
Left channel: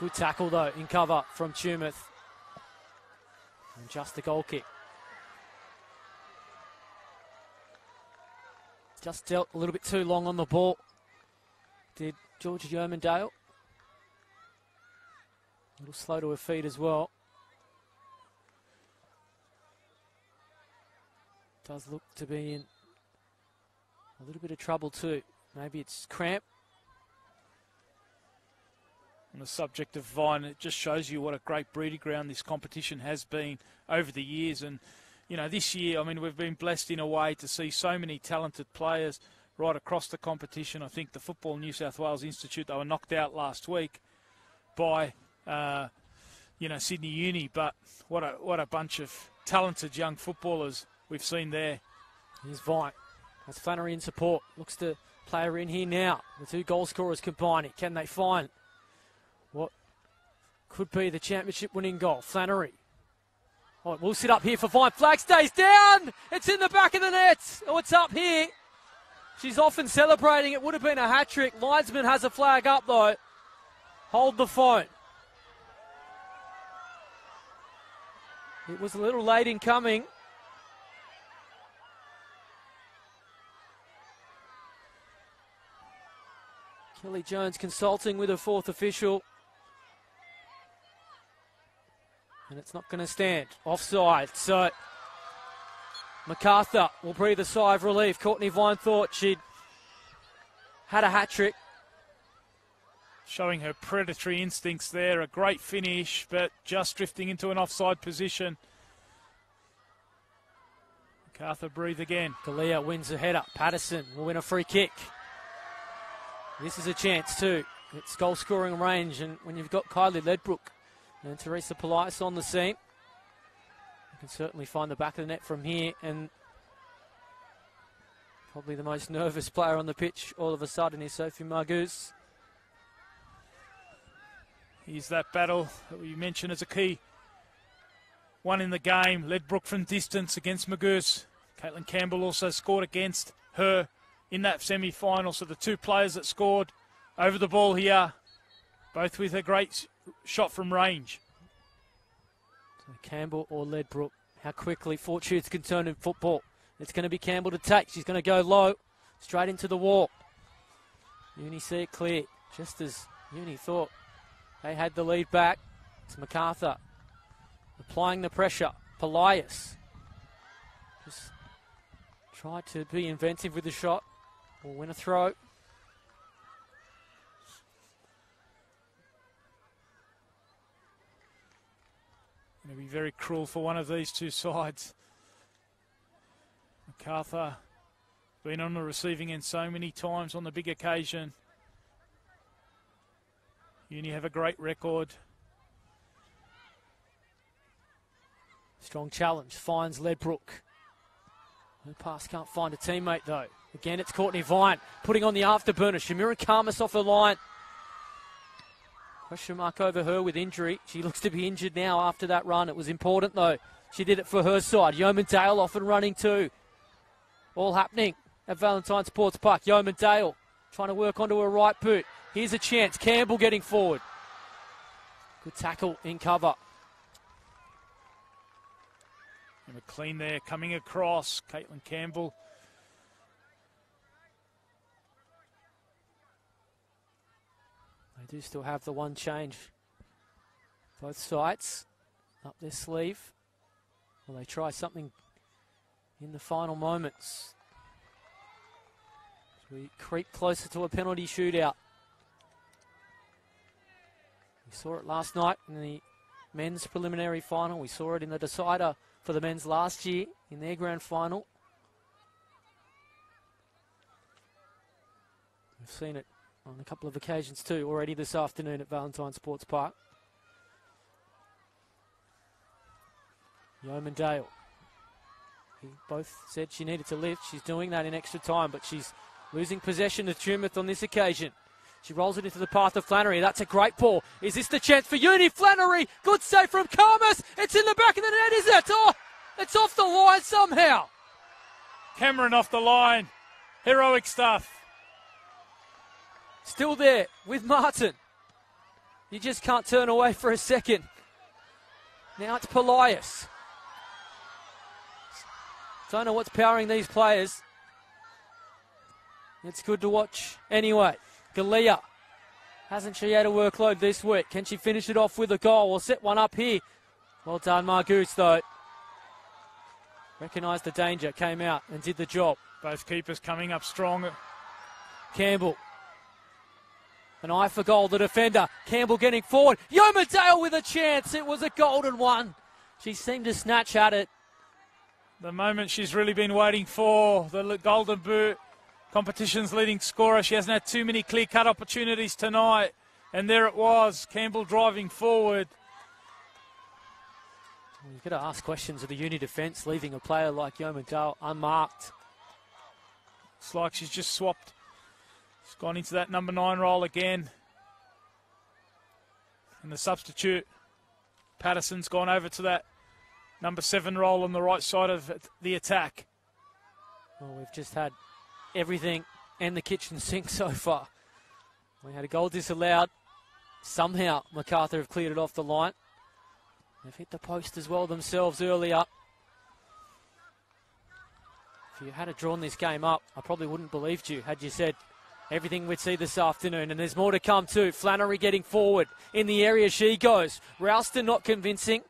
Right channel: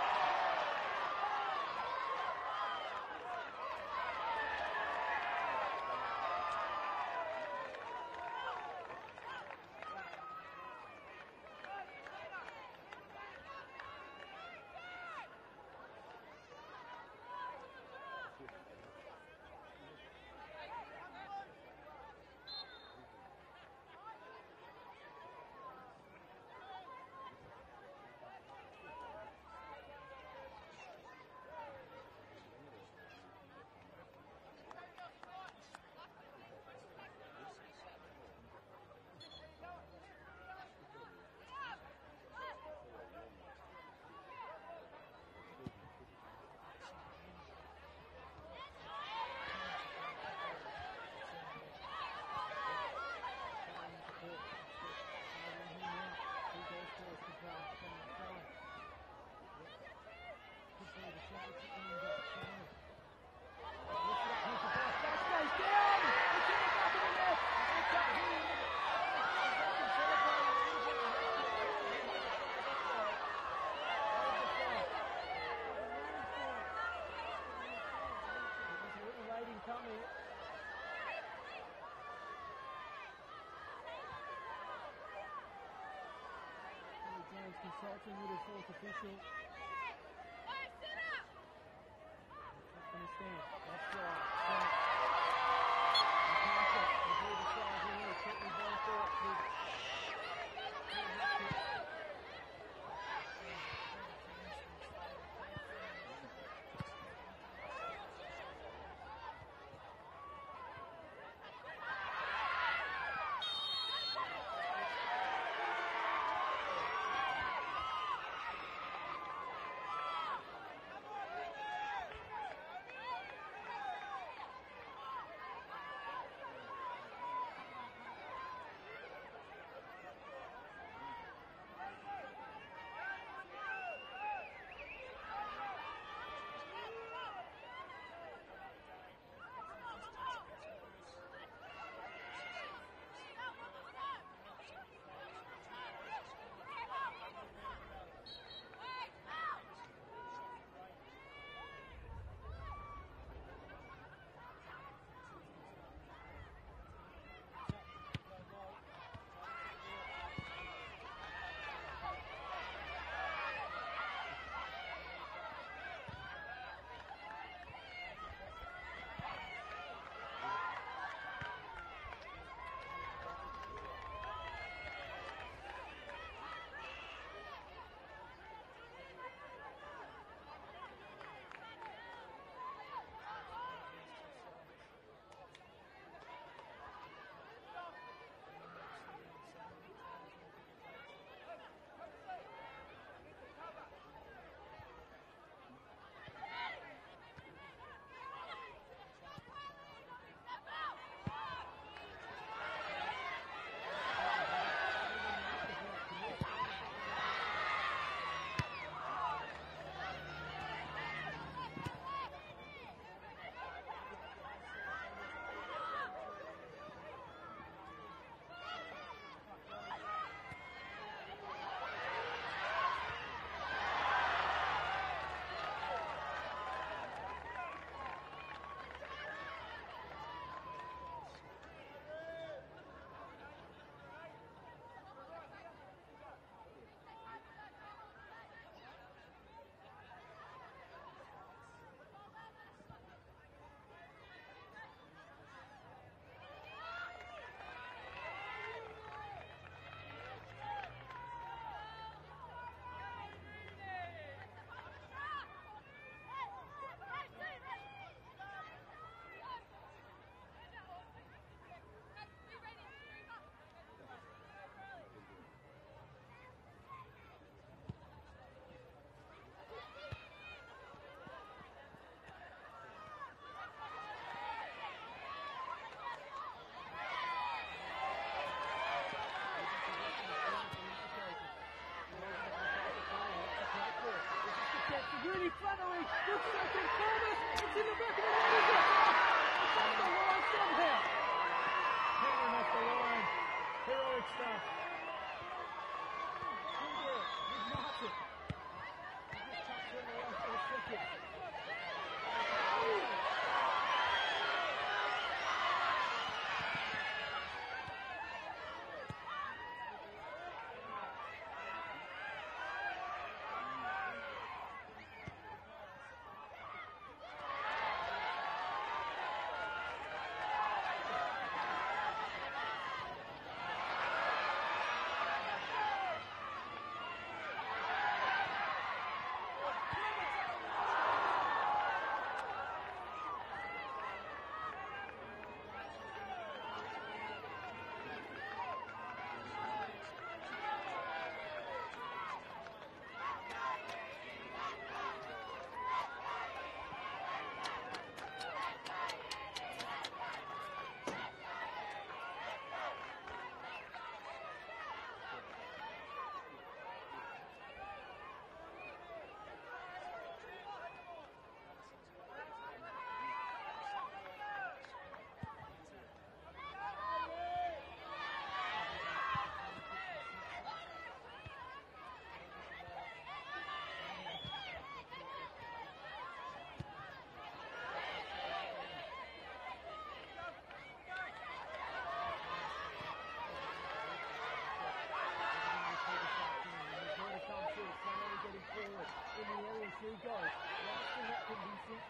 Good tackle though in cover from Tumeth. And just the goal kick. Just dealt a little bit too long on the ball. Did Georgia Yeoman Dale. A little slow to her feet as well. Does look to be in a little bit of trouble too. Maybe it's cramp. On the subject of Vine, it just shows you what a great breeding ground this competition has been over the years. And, you know, this year, I mean, we've been blessed in a way to see so many talented players right across the competition. I think the Football New South Wales Institute, they were knocked out last week by, you know, Sydney Uni. But what a bunch of talented young footballers we've seen there. Here's Vine. There's Flannery in support. Looks to play her in here now. The 2 goal scorers combining. Can they find what could be the championship winning goal? Flannery. Oh, we'll sit up here for Vine. Flag stays down. It's in the back of the net. Oh, it's up here. She's often celebrating. It would have been a hat-trick. Linesman has a flag up though. Hold the phone. It was a little late in coming. Kelly Jones consulting with a 4th official. And it's not going to stand. Offside. So Macarthur will breathe a sigh of relief. Courtney Vine thought she'd had a hat-trick. Showing her predatory instincts there. A great finish, but just drifting into an offside position. Macarthur breathe again. Galea wins the header. Patterson will win a free kick. This is a chance too. It's goal scoring range, and you've got Kylie Ledbrook and Teresa Politis on the scene. You can certainly find the back of the net from here, and probably the most nervous player on the pitch all of a sudden is Sophie Margoose. Here's that battle that you mentioned as a key one in the game. Ledbrook from distance against Margoose. Caitlin Campbell also scored against her in that semi-final. So the two players that scored over the ball here, both with a great shot from range. So Campbell or Ledbrook, how quickly fortunes can turn in football. It's going to be Campbell to take. She's going to go low, straight into the wall. Uni see it clear, just as Uni thought. They had the lead back. It's Macarthur applying the pressure. Politis just tried to be inventive with the shot. Will win a throw. It'll be very cruel for one of these two sides. Macarthur been on the receiving end so many times on the big occasion. Uni have a great record. Strong challenge, finds Ledbrook. No pass, can't find a teammate though. Again, it's Courtney Vine putting on the afterburner. Shamira Karmas off the line. Question mark over her with injury. She looks to be injured now after that run. It was important though. She did it for her side. Yeoman Dale off and running too. All happening at Valentine Sports Park. Yeoman Dale trying to work onto her right boot. Here's a chance. Campbell getting forward. Good tackle in cover. And a clean there coming across. Caitlin Campbell. They do still have the one change. Both sides up their sleeve. Will they try something in the final moments? We creep closer to a penalty shootout. We saw it last night in the men's preliminary final. We saw it in the decider for the men's last year in their grand final. We've seen it on a couple of occasions too already this afternoon at Valentine Sports Park. Yeoman Dale. Both said she needed to lift. She's doing that in extra time, but she's losing possession of Tumouth on this occasion. She rolls it into the path of Flannery. That's a great ball. Is this the chance for Uni? Flannery, good save from Karmas. It's in the back of the net, is it? Oh, it's off the line somehow. Cameron off the line. Heroic stuff. Still there with Martin. You just can't turn away for a second. Now it's Politis. Don't know what's powering these players. It's good to watch anyway. Galea, hasn't she had a workload this week? Can she finish it off with a goal or set one up here? Well done, Margoose, though. Recognised the danger, came out and did the job. Both keepers coming up strong. Campbell. An eye for goal, the defender. Campbell getting forward. Yeoman Dale with a chance. It was a golden one. She seemed to snatch at it. The moment she's really been waiting for, the golden boot. Competition's leading scorer. She hasn't had too many clear-cut opportunities tonight. And there it was, Campbell driving forward. You've got to ask questions of the Uni defence, leaving a player like Yeoman Dale unmarked. It's like she's just swapped. She's gone into that number 9 role again. And the substitute, Patterson's gone over to that number 7 role on the right side of the attack. Well, we've just had everything and the kitchen sink so far. We had a goal disallowed. Somehow Macarthur have cleared it off the line. They've hit the post as well themselves earlier. If you had drawn this game up, I probably wouldn't have believed you had you said everything we'd see this afternoon. And there's more to come too. Flannery getting forward. In the area she goes. Ralston not convincing.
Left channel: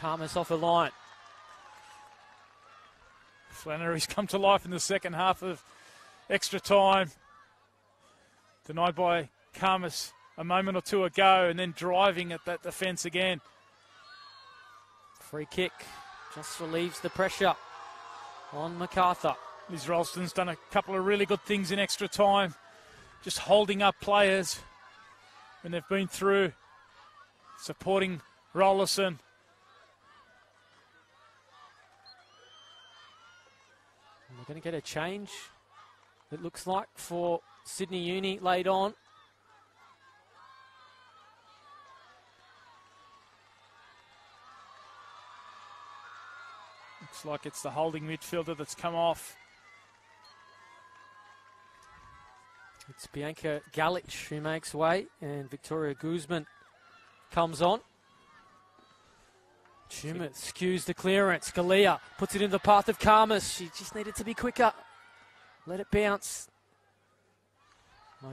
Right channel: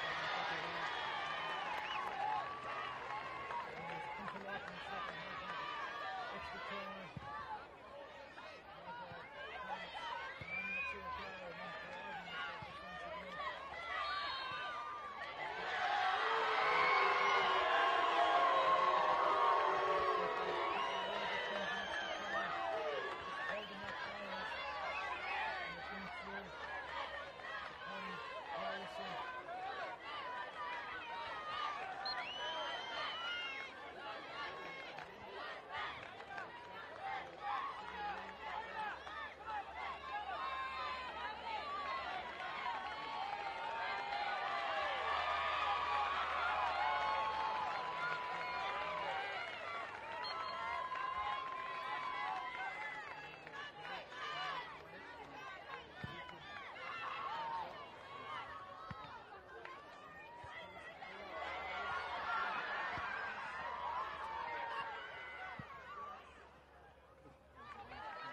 Karmas off the line. Flannery's come to life in the second half of extra time. Denied by Karmas a moment or two ago, and then driving at that defence again. Free kick just relieves the pressure on Macarthur. Liz Ralston's done a couple of really good things in extra time, just holding up players, and they've been through, supporting Rollerson. We're going to get a change, it looks like, for Sydney Uni late on. Looks like it's the holding midfielder that's come off. It's Bianca Galich who makes way, and Victoria Guzman comes on. Schumann skews the clearance. Galea puts it in the path of Karmas. She just needed to be quicker. Let it bounce.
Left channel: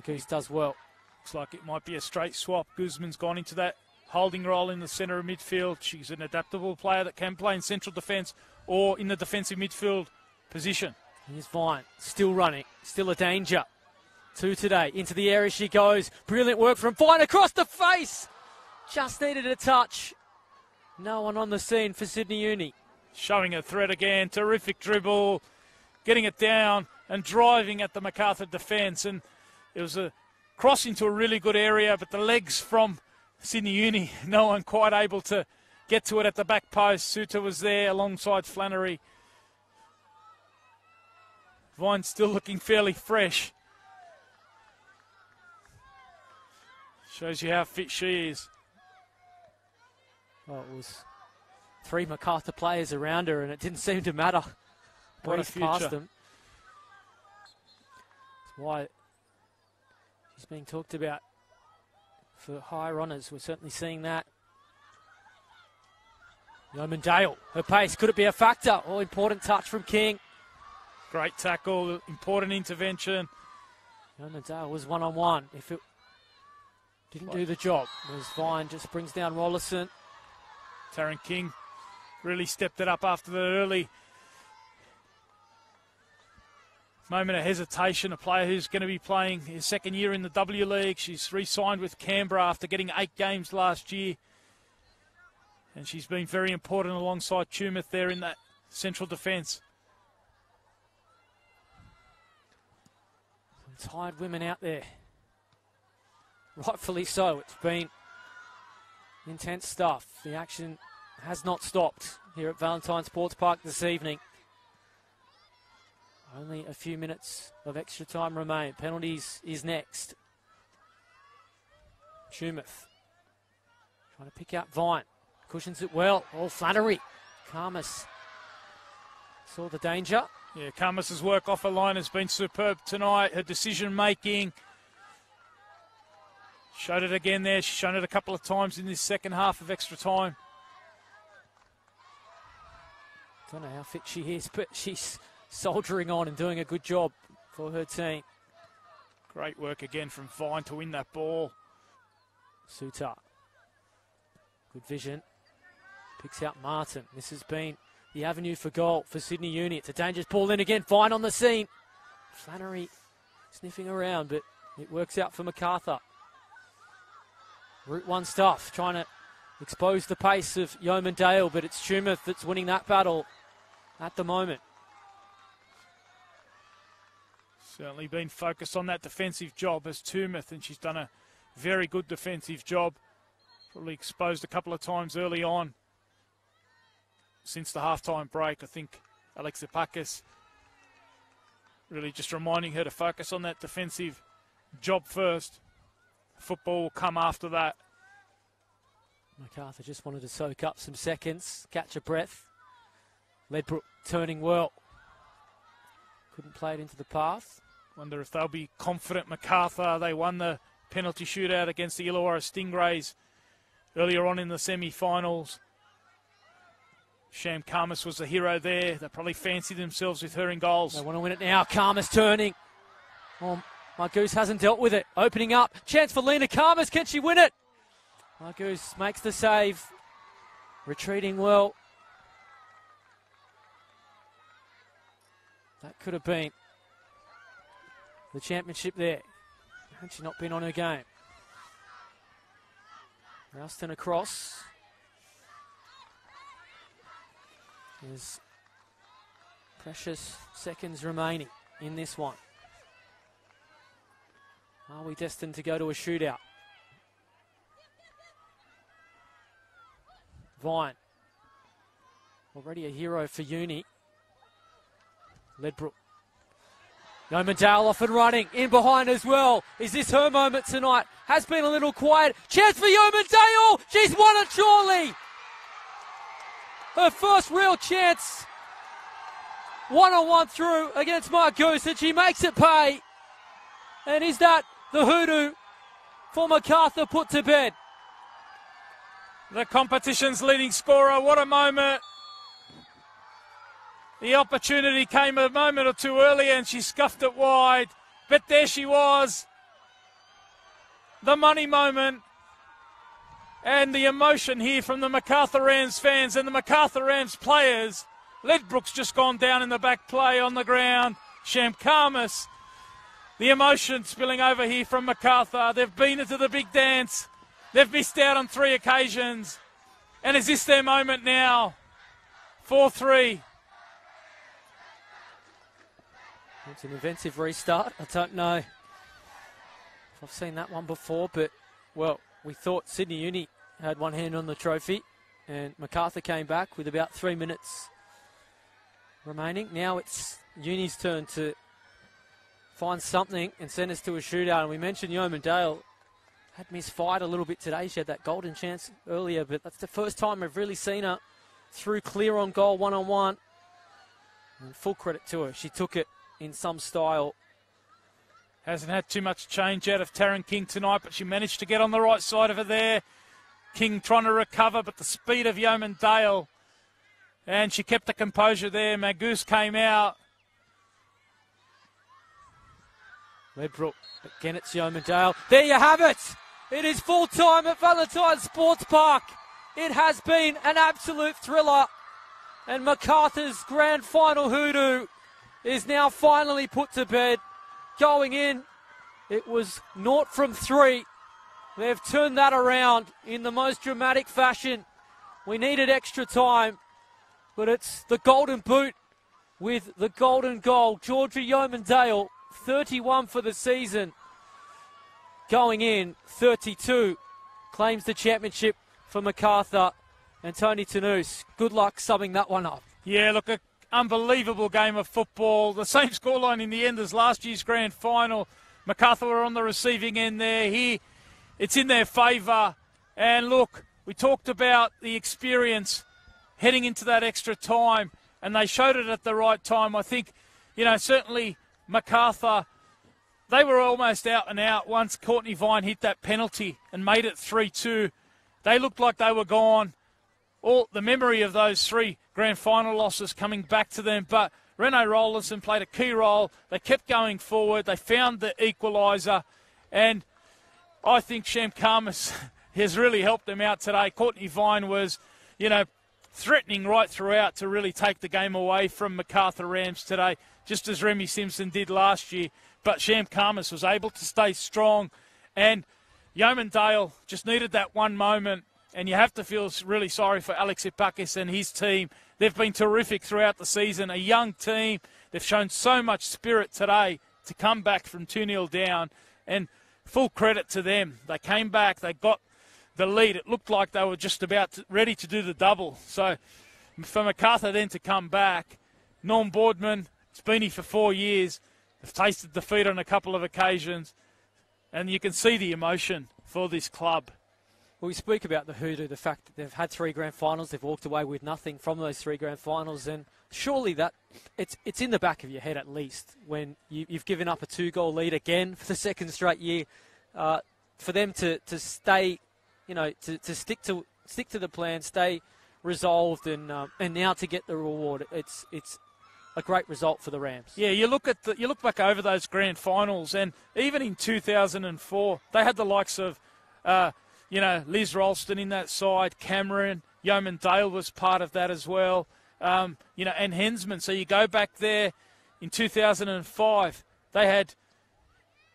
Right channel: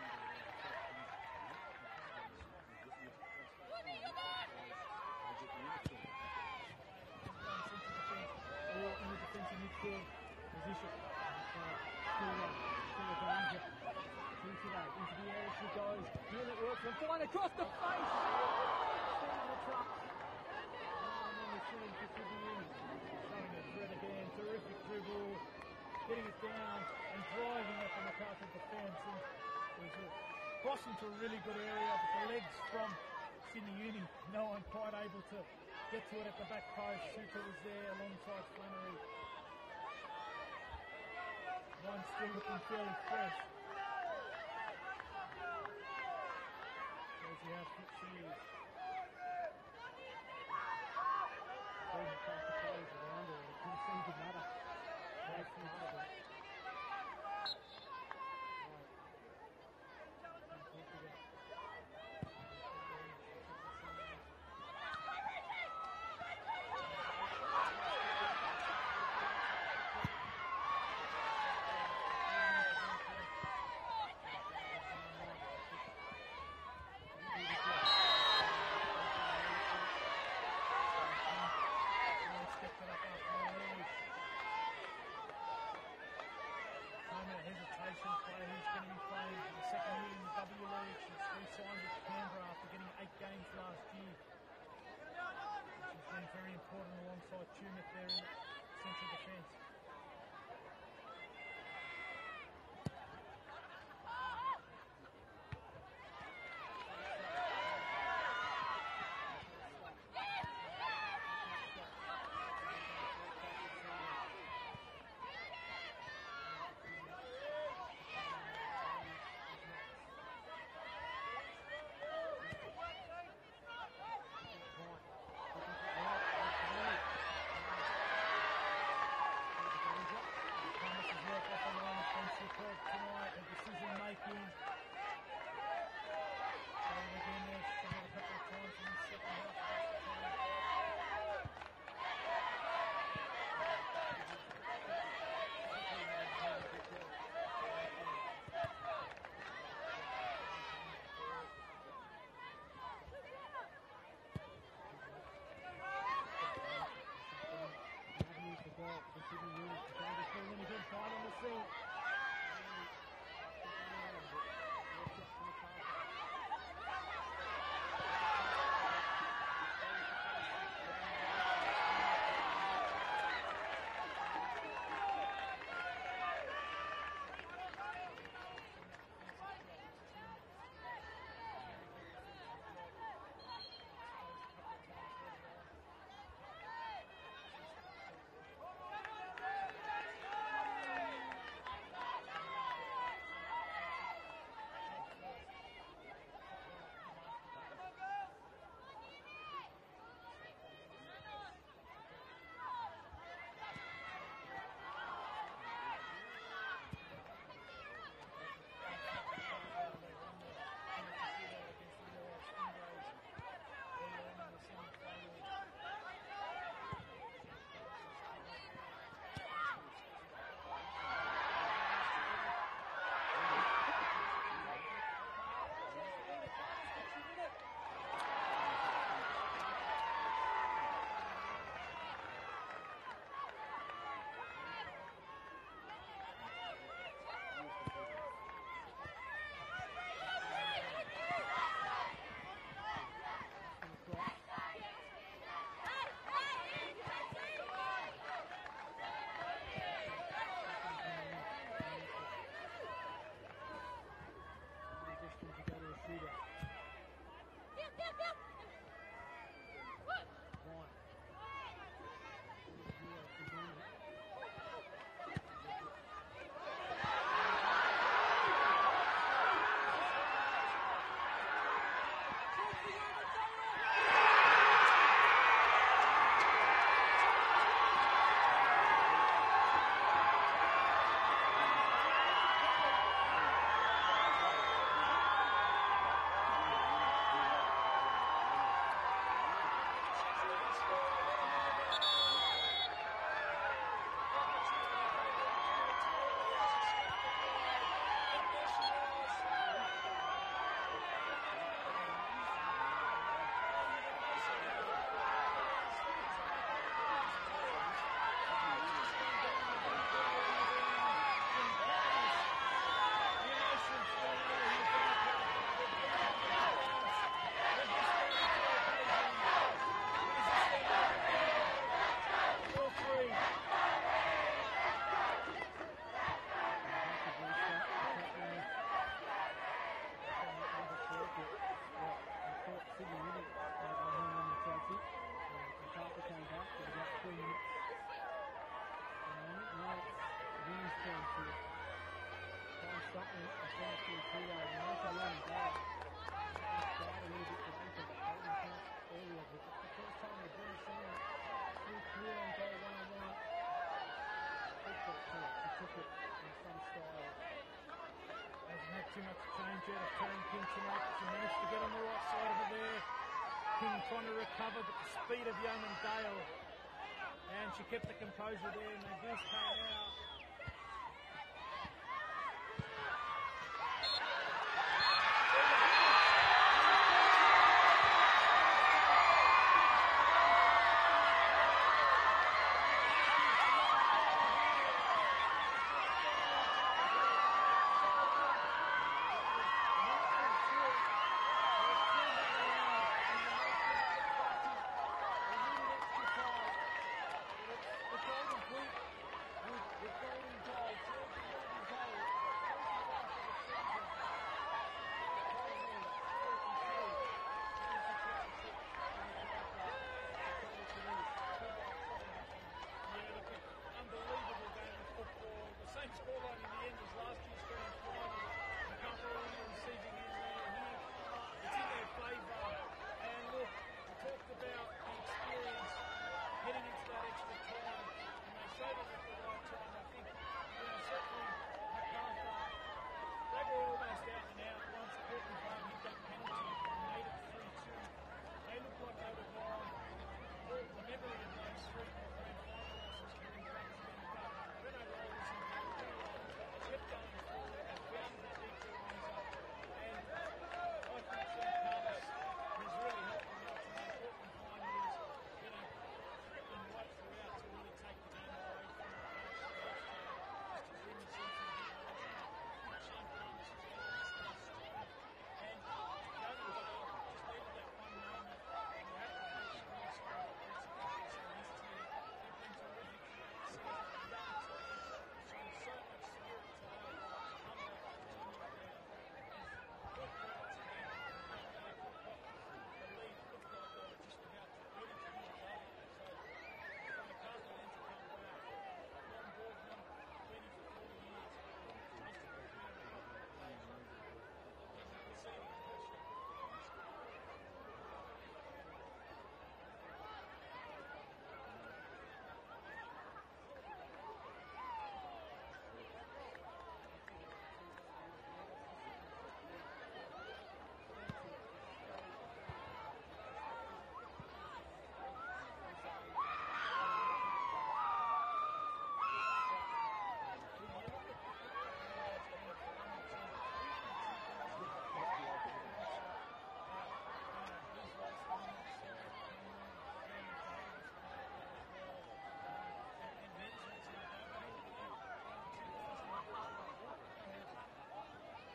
Goose does well. Looks like it might be a straight swap. Guzman's gone into that holding role in the centre of midfield. She's an adaptable player that can play in central defence or in the defensive midfield position. Here's Vine, still running, still a danger. 2 today, into the area she goes. Brilliant work from Vine across the face. Just needed a touch. No one on the scene for Sydney Uni. Showing a threat again, terrific dribble, getting it down and driving at the Macarthur defence. And it was a cross into a really good area, but the legs from Sydney Uni, no one quite able to get to it at the back post. Suter was there alongside Flannery. Vine still looking fairly fresh. Shows you how fit she is. Well, it was 3 Macarthur players around her, and it didn't seem to matter. What a Breeze past future. them. That's why it's being talked about for higher honours. We're certainly seeing that. Roman Dale, her pace, could it be a factor? Oh, important touch from King. Great tackle, important intervention. Roman Dale was one-on-one. If it didn't do the job, as Vine just brings down Rollerson. Taryn King really stepped it up after the early moment of hesitation. A player who's going to be playing his second year in the W League. She's re-signed with Canberra after getting 8 games last year. And she's been very important alongside Tumeth there in that central defence. Tired women out there. Rightfully so. It's been intense stuff. The action has not stopped here at Valentine Sports Park this evening. Only a few minutes of extra time remain. Penalties is next. Tumeth trying to pick out Vine. Cushions it well. Oh, Flannery. Karmas saw the danger. Yeah, Karmas's work off her line has been superb tonight. Her decision making. Showed it again there. She's shown it a couple of times in this second half of extra time. I don't know how fit she is, but she's soldiering on and doing a good job for her team. Great work again from Vine to win that ball. Suter. Good vision. Picks out Martin. This has been the avenue for goal for Sydney Uni. It's a dangerous ball in again. Vine on the scene. Flannery sniffing around, but it works out for Macarthur. Route 1 stuff, trying to expose the pace of Yeoman Dale, but it's Tumeth that's winning that battle at the moment. Certainly been focused on that defensive job as Tumeth, and she's done a very good defensive job. Probably exposed a couple of times early on. Since the halftime break, I think Alexia Pakis really just reminding her to focus on that defensive job first. Football will come after that. Macarthur just wanted to soak up some seconds, catch a breath. Ledbrook turning well. Couldn't play it into the path. Wonder if they'll be confident. Macarthur, they won the penalty shootout against the Illawarra Stingrays earlier on in the semi-finals. Sham Karmas was the hero there. They probably fancied themselves with her in goals. They want to win it now. Karmas turning. Oh, Goose hasn't dealt with it. Opening up. Chance for Lena Karmas. Can she win it? Goose makes the save. Retreating well. That could have been the championship there. Had she not been on her game. Ralston across. There's Precious seconds remaining in this one. Are we destined to go to a shootout? Vine. Already a hero for Uni. Ledbrook. Yeomandale off and running. In behind as well. Is this her moment tonight? Has been a little quiet. Chance for Yeomandale. She's won it surely. Her first real chance. One-on-one through against Margoose, and she makes it pay. And is that the hoodoo for Macarthur put to bed? The competition's leading scorer, what a moment. The opportunity came a moment or two earlier and she scuffed it wide. But there she was. The money moment. And the emotion here from the Macarthur Rams fans and the Macarthur Rams players. Ledbrook's just gone down in the back play on the ground. Shamkarmas. The emotion spilling over here from Macarthur. They've been into the big dance. They've missed out on 3 occasions. And is this their moment now? 4-3. It's an inventive restart. I don't know if I've seen that one before, but, well, we thought Sydney Uni had one hand on the trophy, and Macarthur came back with about 3 minutes remaining. Now it's Uni's turn to find something and send us to a shootout. And we mentioned Yeomandale had misfired a little bit today. She had that golden chance earlier, but that's the first time we've really seen her through clear on goal one-on-one. And full credit to her. She took it in some style. Hasn't had too much change out of Taryn King tonight, but she managed to get on the right side of her there. King trying to recover, but the speed of Yeomandale. And she kept the composure there. Margoose came out. Ledbrook, again it's Yeomandale. There you have it. It is full time at Valentine Sports Park. It has been an absolute thriller. And Macarthur's grand final hoodoo is now finally put to bed. Going in, it was 0 from 3. They've turned that around in the most dramatic fashion. We needed extra time, but it's the golden boot with the golden goal. Georgia Yeomandale, 31 for the season. Going in, 32. Claims the championship for Macarthur. And Tony Tanous, good luck summing that one up. Yeah, look, an unbelievable game of football. The same scoreline in the end as last year's grand final. Macarthur were on the receiving end there. Here, it's in their favour. And look, we talked about the experience heading into that extra time, and they showed it at the right time. I think, you know, certainly Macarthur, they were almost out and out once Courtney Vine hit that penalty and made it 3-2. They looked like they were gone. All the memory of those 3 grand final losses coming back to them, but Renee Rollinson played a key role. They kept going forward. They found the equaliser, and I think Shamkarmas has really helped them out today. Courtney Vine was, you know, threatening right throughout to really take the game away from Macarthur Rams today, just as Remy Simpson did last year. But Shamkarmas was able to stay strong, and Yeomandale just needed that one moment. And you have to feel really sorry for Alex Ipakis and his team. They've been terrific throughout the season, a young team. They've shown so much spirit today to come back from 2-0 down. And full credit to them. They came back, they got the lead. It looked like they were just about ready to do the double. So for Macarthur then to come back, Norm Boardman, it's been here for 4 years, have tasted defeat on a couple of occasions. And you can see the emotion for this club. Well, we speak about the hoodoo, the fact that they've had 3 grand finals, they've walked away with nothing from those 3 grand finals, and surely that it's in the back of your head at least when you've given up a 2-goal lead again for the second straight year. For them to stay, you know, to stick to the plan, stay resolved, and now to get the reward, it's a great result for the Rams. Yeah, you look back over those grand finals, and even in 2004, they had the likes of. You know, Liz Ralston in that side, Cameron, Yeomandale was part of that as well, you know, and Hensman. So you go back there in 2005, they had,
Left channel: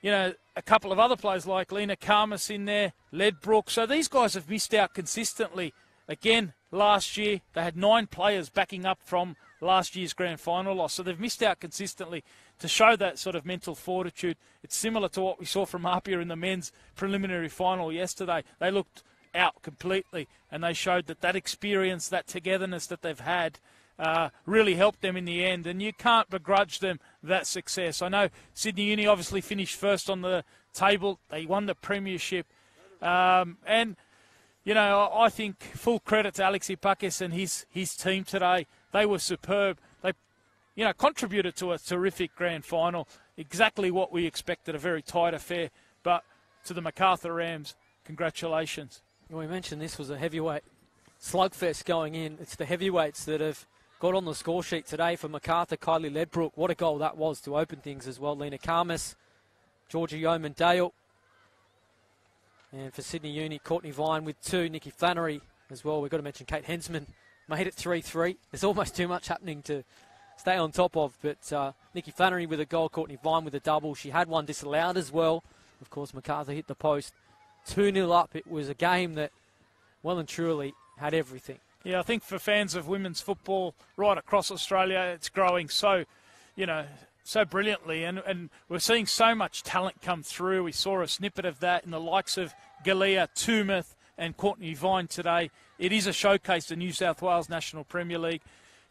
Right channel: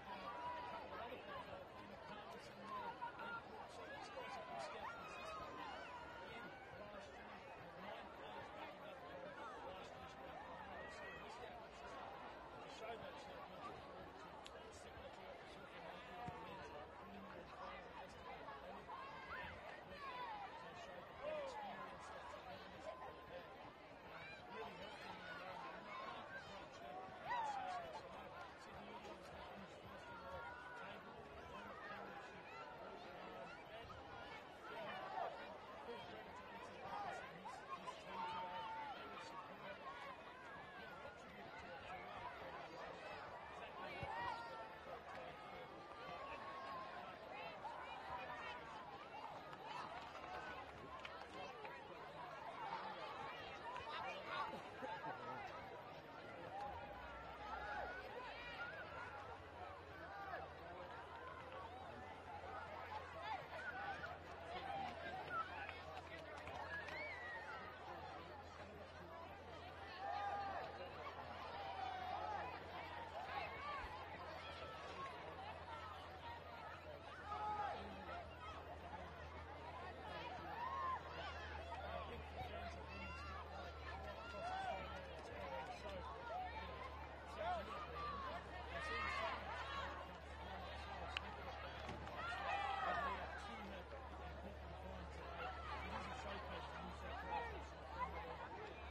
you know, a couple of other players like Lena Karmas in there, Ledbrook. So these guys have missed out consistently. Again, last year, they had 9 players backing up from last year's grand final loss. So they've missed out consistently to show that sort of mental fortitude. It's similar to what we saw from Apia in the men's preliminary final yesterday. They looked out completely, and they showed that experience, that togetherness that they've had really helped them in the end, and you can't begrudge them that success. I know Sydney Uni obviously finished first on the table. They won the premiership, and you know, I think full credit to Alex Ipakis and his team today. They were superb. They, you know, contributed to a terrific grand final. Exactly what we expected, a very tight affair. But to the Macarthur Rams, congratulations. Well, we mentioned this was a heavyweight slugfest going in. It's the heavyweights that have got on the score sheet today for Macarthur. Kylie Ledbrook, what a goal that was to open things as well. Lena Karmas, Georgia Yeoman Dale. And for Sydney Uni, Courtney Vine with 2, Nikki Flannery as well. We've got to mention Kate Hensman made it 3-3. There's almost too much happening to stay on top of, but Nikki Flannery with a goal, Courtney Vine with a double. She had one disallowed as well. Of course, Macarthur hit the post. 2-0 up. It was a game that well and truly had everything. Yeah, I think for fans of women's football right across Australia, it's growing so, you know, so brilliantly, and we're seeing so much talent come through. We saw a snippet of that in the likes of Galea, Tumeth and Courtney Vine today. It is a showcase to New South Wales National Premier League.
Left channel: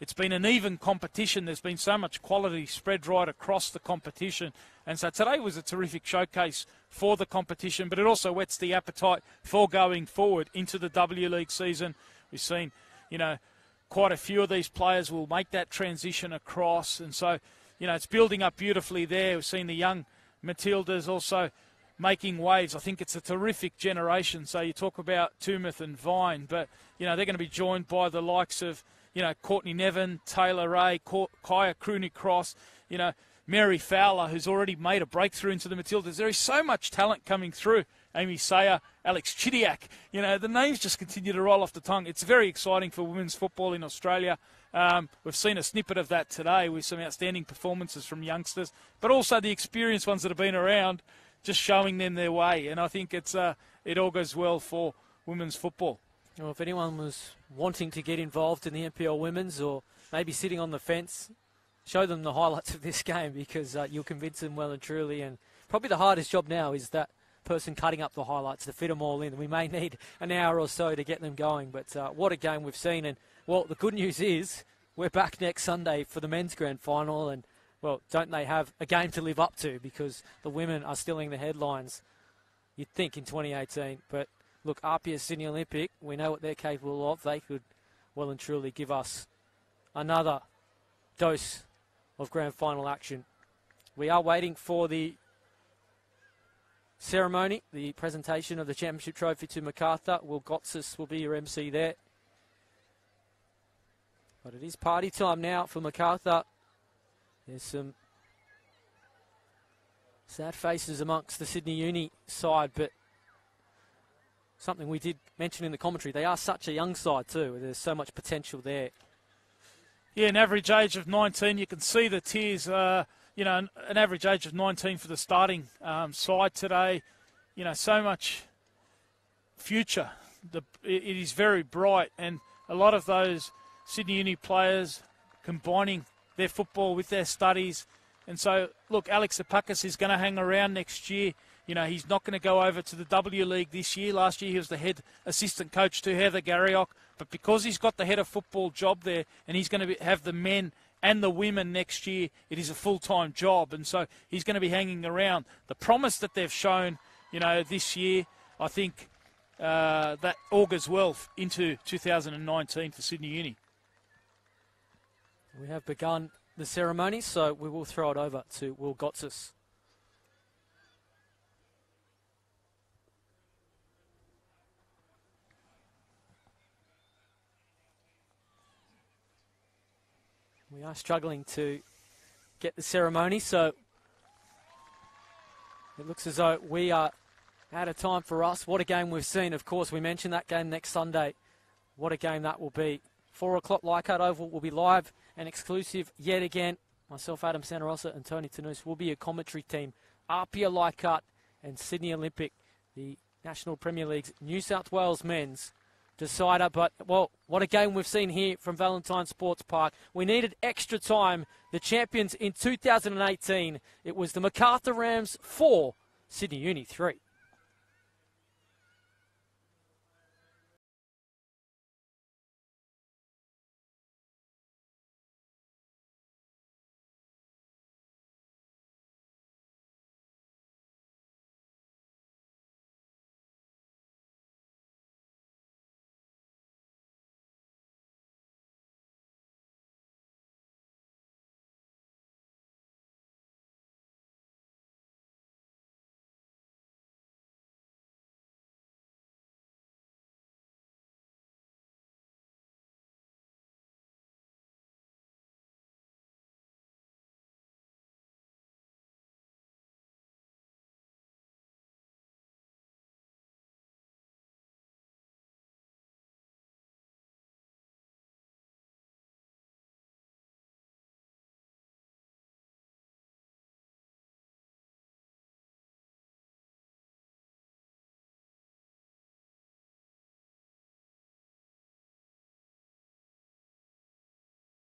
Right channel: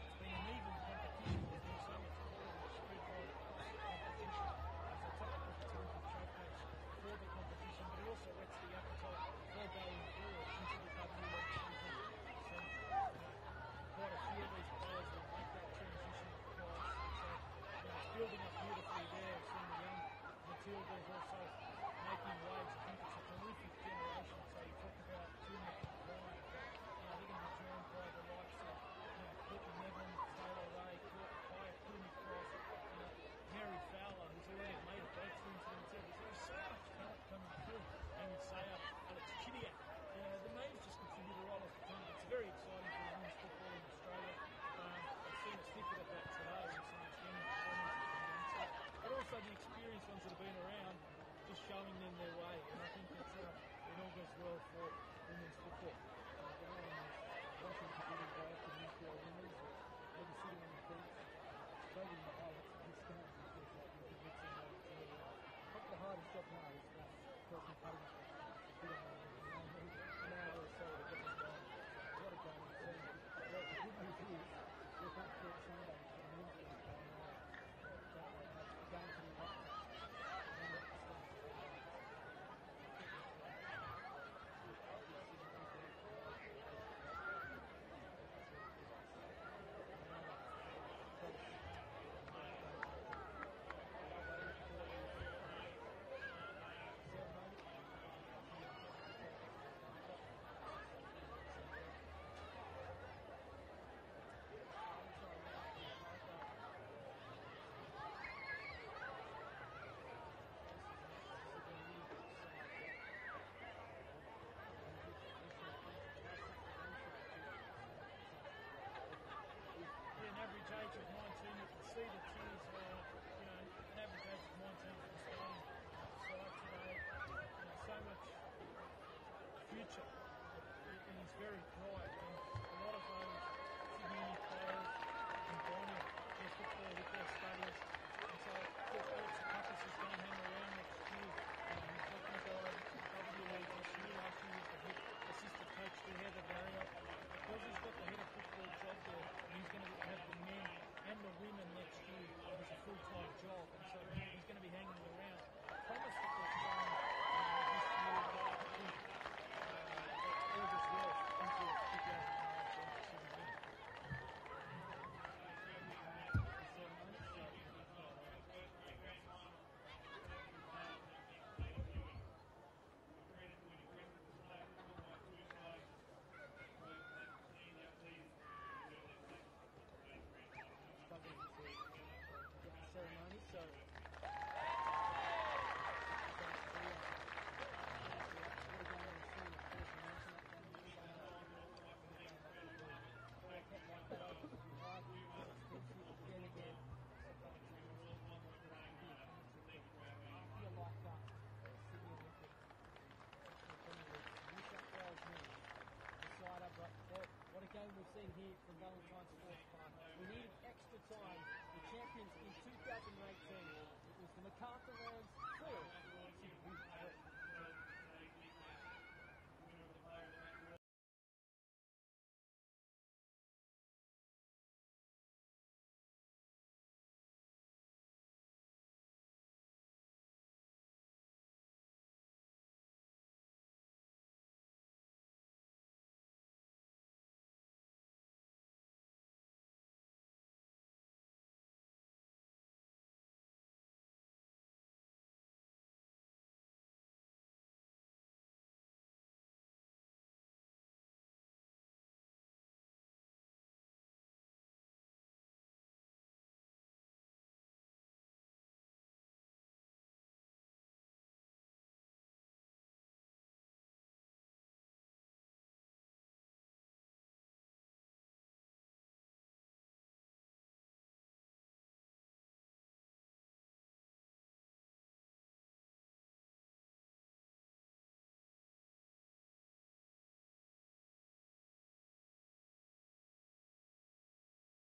It's been an even competition. There's been so much quality spread right across the competition, and so today was a terrific showcase for the competition, but it also whets the appetite for going forward into the W League season. We've seen, you know, quite a few of these players will make that transition across, and so, you know, it's building up beautifully there. We've seen the young Matildas also making waves. I think it's a terrific generation. So you talk about Tumeth and Vine, but, you know, they're going to be joined by the likes of, you know, Courtney Nevin, Taylor Ray, Kaya Cross, you know, Mary Fowler, who's already made a breakthrough into the Matildas. There is so much talent coming through. Amy Sayer, Alex Chidiak. You know, the names just continue to roll off the tongue. It's very exciting for women's football in Australia. We've seen a snippet of that today with some outstanding performances from youngsters, but also the experienced ones that have been around, just showing them their way. And I think it all goes well for women's football. Well, if anyone was wanting to get involved in the NPL Women's, or maybe sitting on the fence, show them the highlights of this game, because you'll convince them well and truly. And probably the hardest job now is that person cutting up the highlights to fit them all in. We may need an hour or so to get them going, but what a game we've seen. And, well, the good news is we're back next Sunday for the men's grand final, and, well, don't they have a game to live up to, because the women are still in the headlines, you'd think, in 2018. But, look, Apia Sydney Olympic, we know what they're capable of. They could well and truly give us another dose of grand final action. We are waiting for the ceremony, the presentation of the championship trophy to Macarthur. Will Gotsis will be your MC there. But it is party time now for Macarthur. There's some sad faces amongst the Sydney Uni side, but something we did mention in the commentary, they are such a young side too. There's so much potential there. Yeah, an average age of 19. You can see the tears. You know, an average age of 19 for the starting side today. You know, so much future. It is very bright, and a lot of those Sydney Uni players combining their football with their studies. And so, look, Alex Ipakis is going to hang around next year. You know, he's not going to go over to the W League this year. Last year he was the head assistant coach to Heather Garriock. But because he's got the head of football job there, and he's going to have the men and the women next year, it is a full-time job. And so he's going to be hanging around. The promise that they've shown, you know, this year, I think that augurs well into 2019 for Sydney Uni. We have begun the ceremony, so we will throw it over to Will Gotsis. We are struggling to get the ceremony, so it looks as though we are out of time for us. What a game we've seen. Of course, we mentioned that game next Sunday. What a game that will be. 4 o'clock Leichhardt Oval will be live and exclusive yet again. Myself, Adam Santarossa, and Tony Tanous will be a commentary team. Apia Leichhardt and Sydney Olympic, the National Premier League's New South Wales men's decider. But, well, what a game we've seen here from Valentine Sports Park. We needed extra time. The champions in 2018, it was the Macarthur Rams 4, Sydney Uni 3.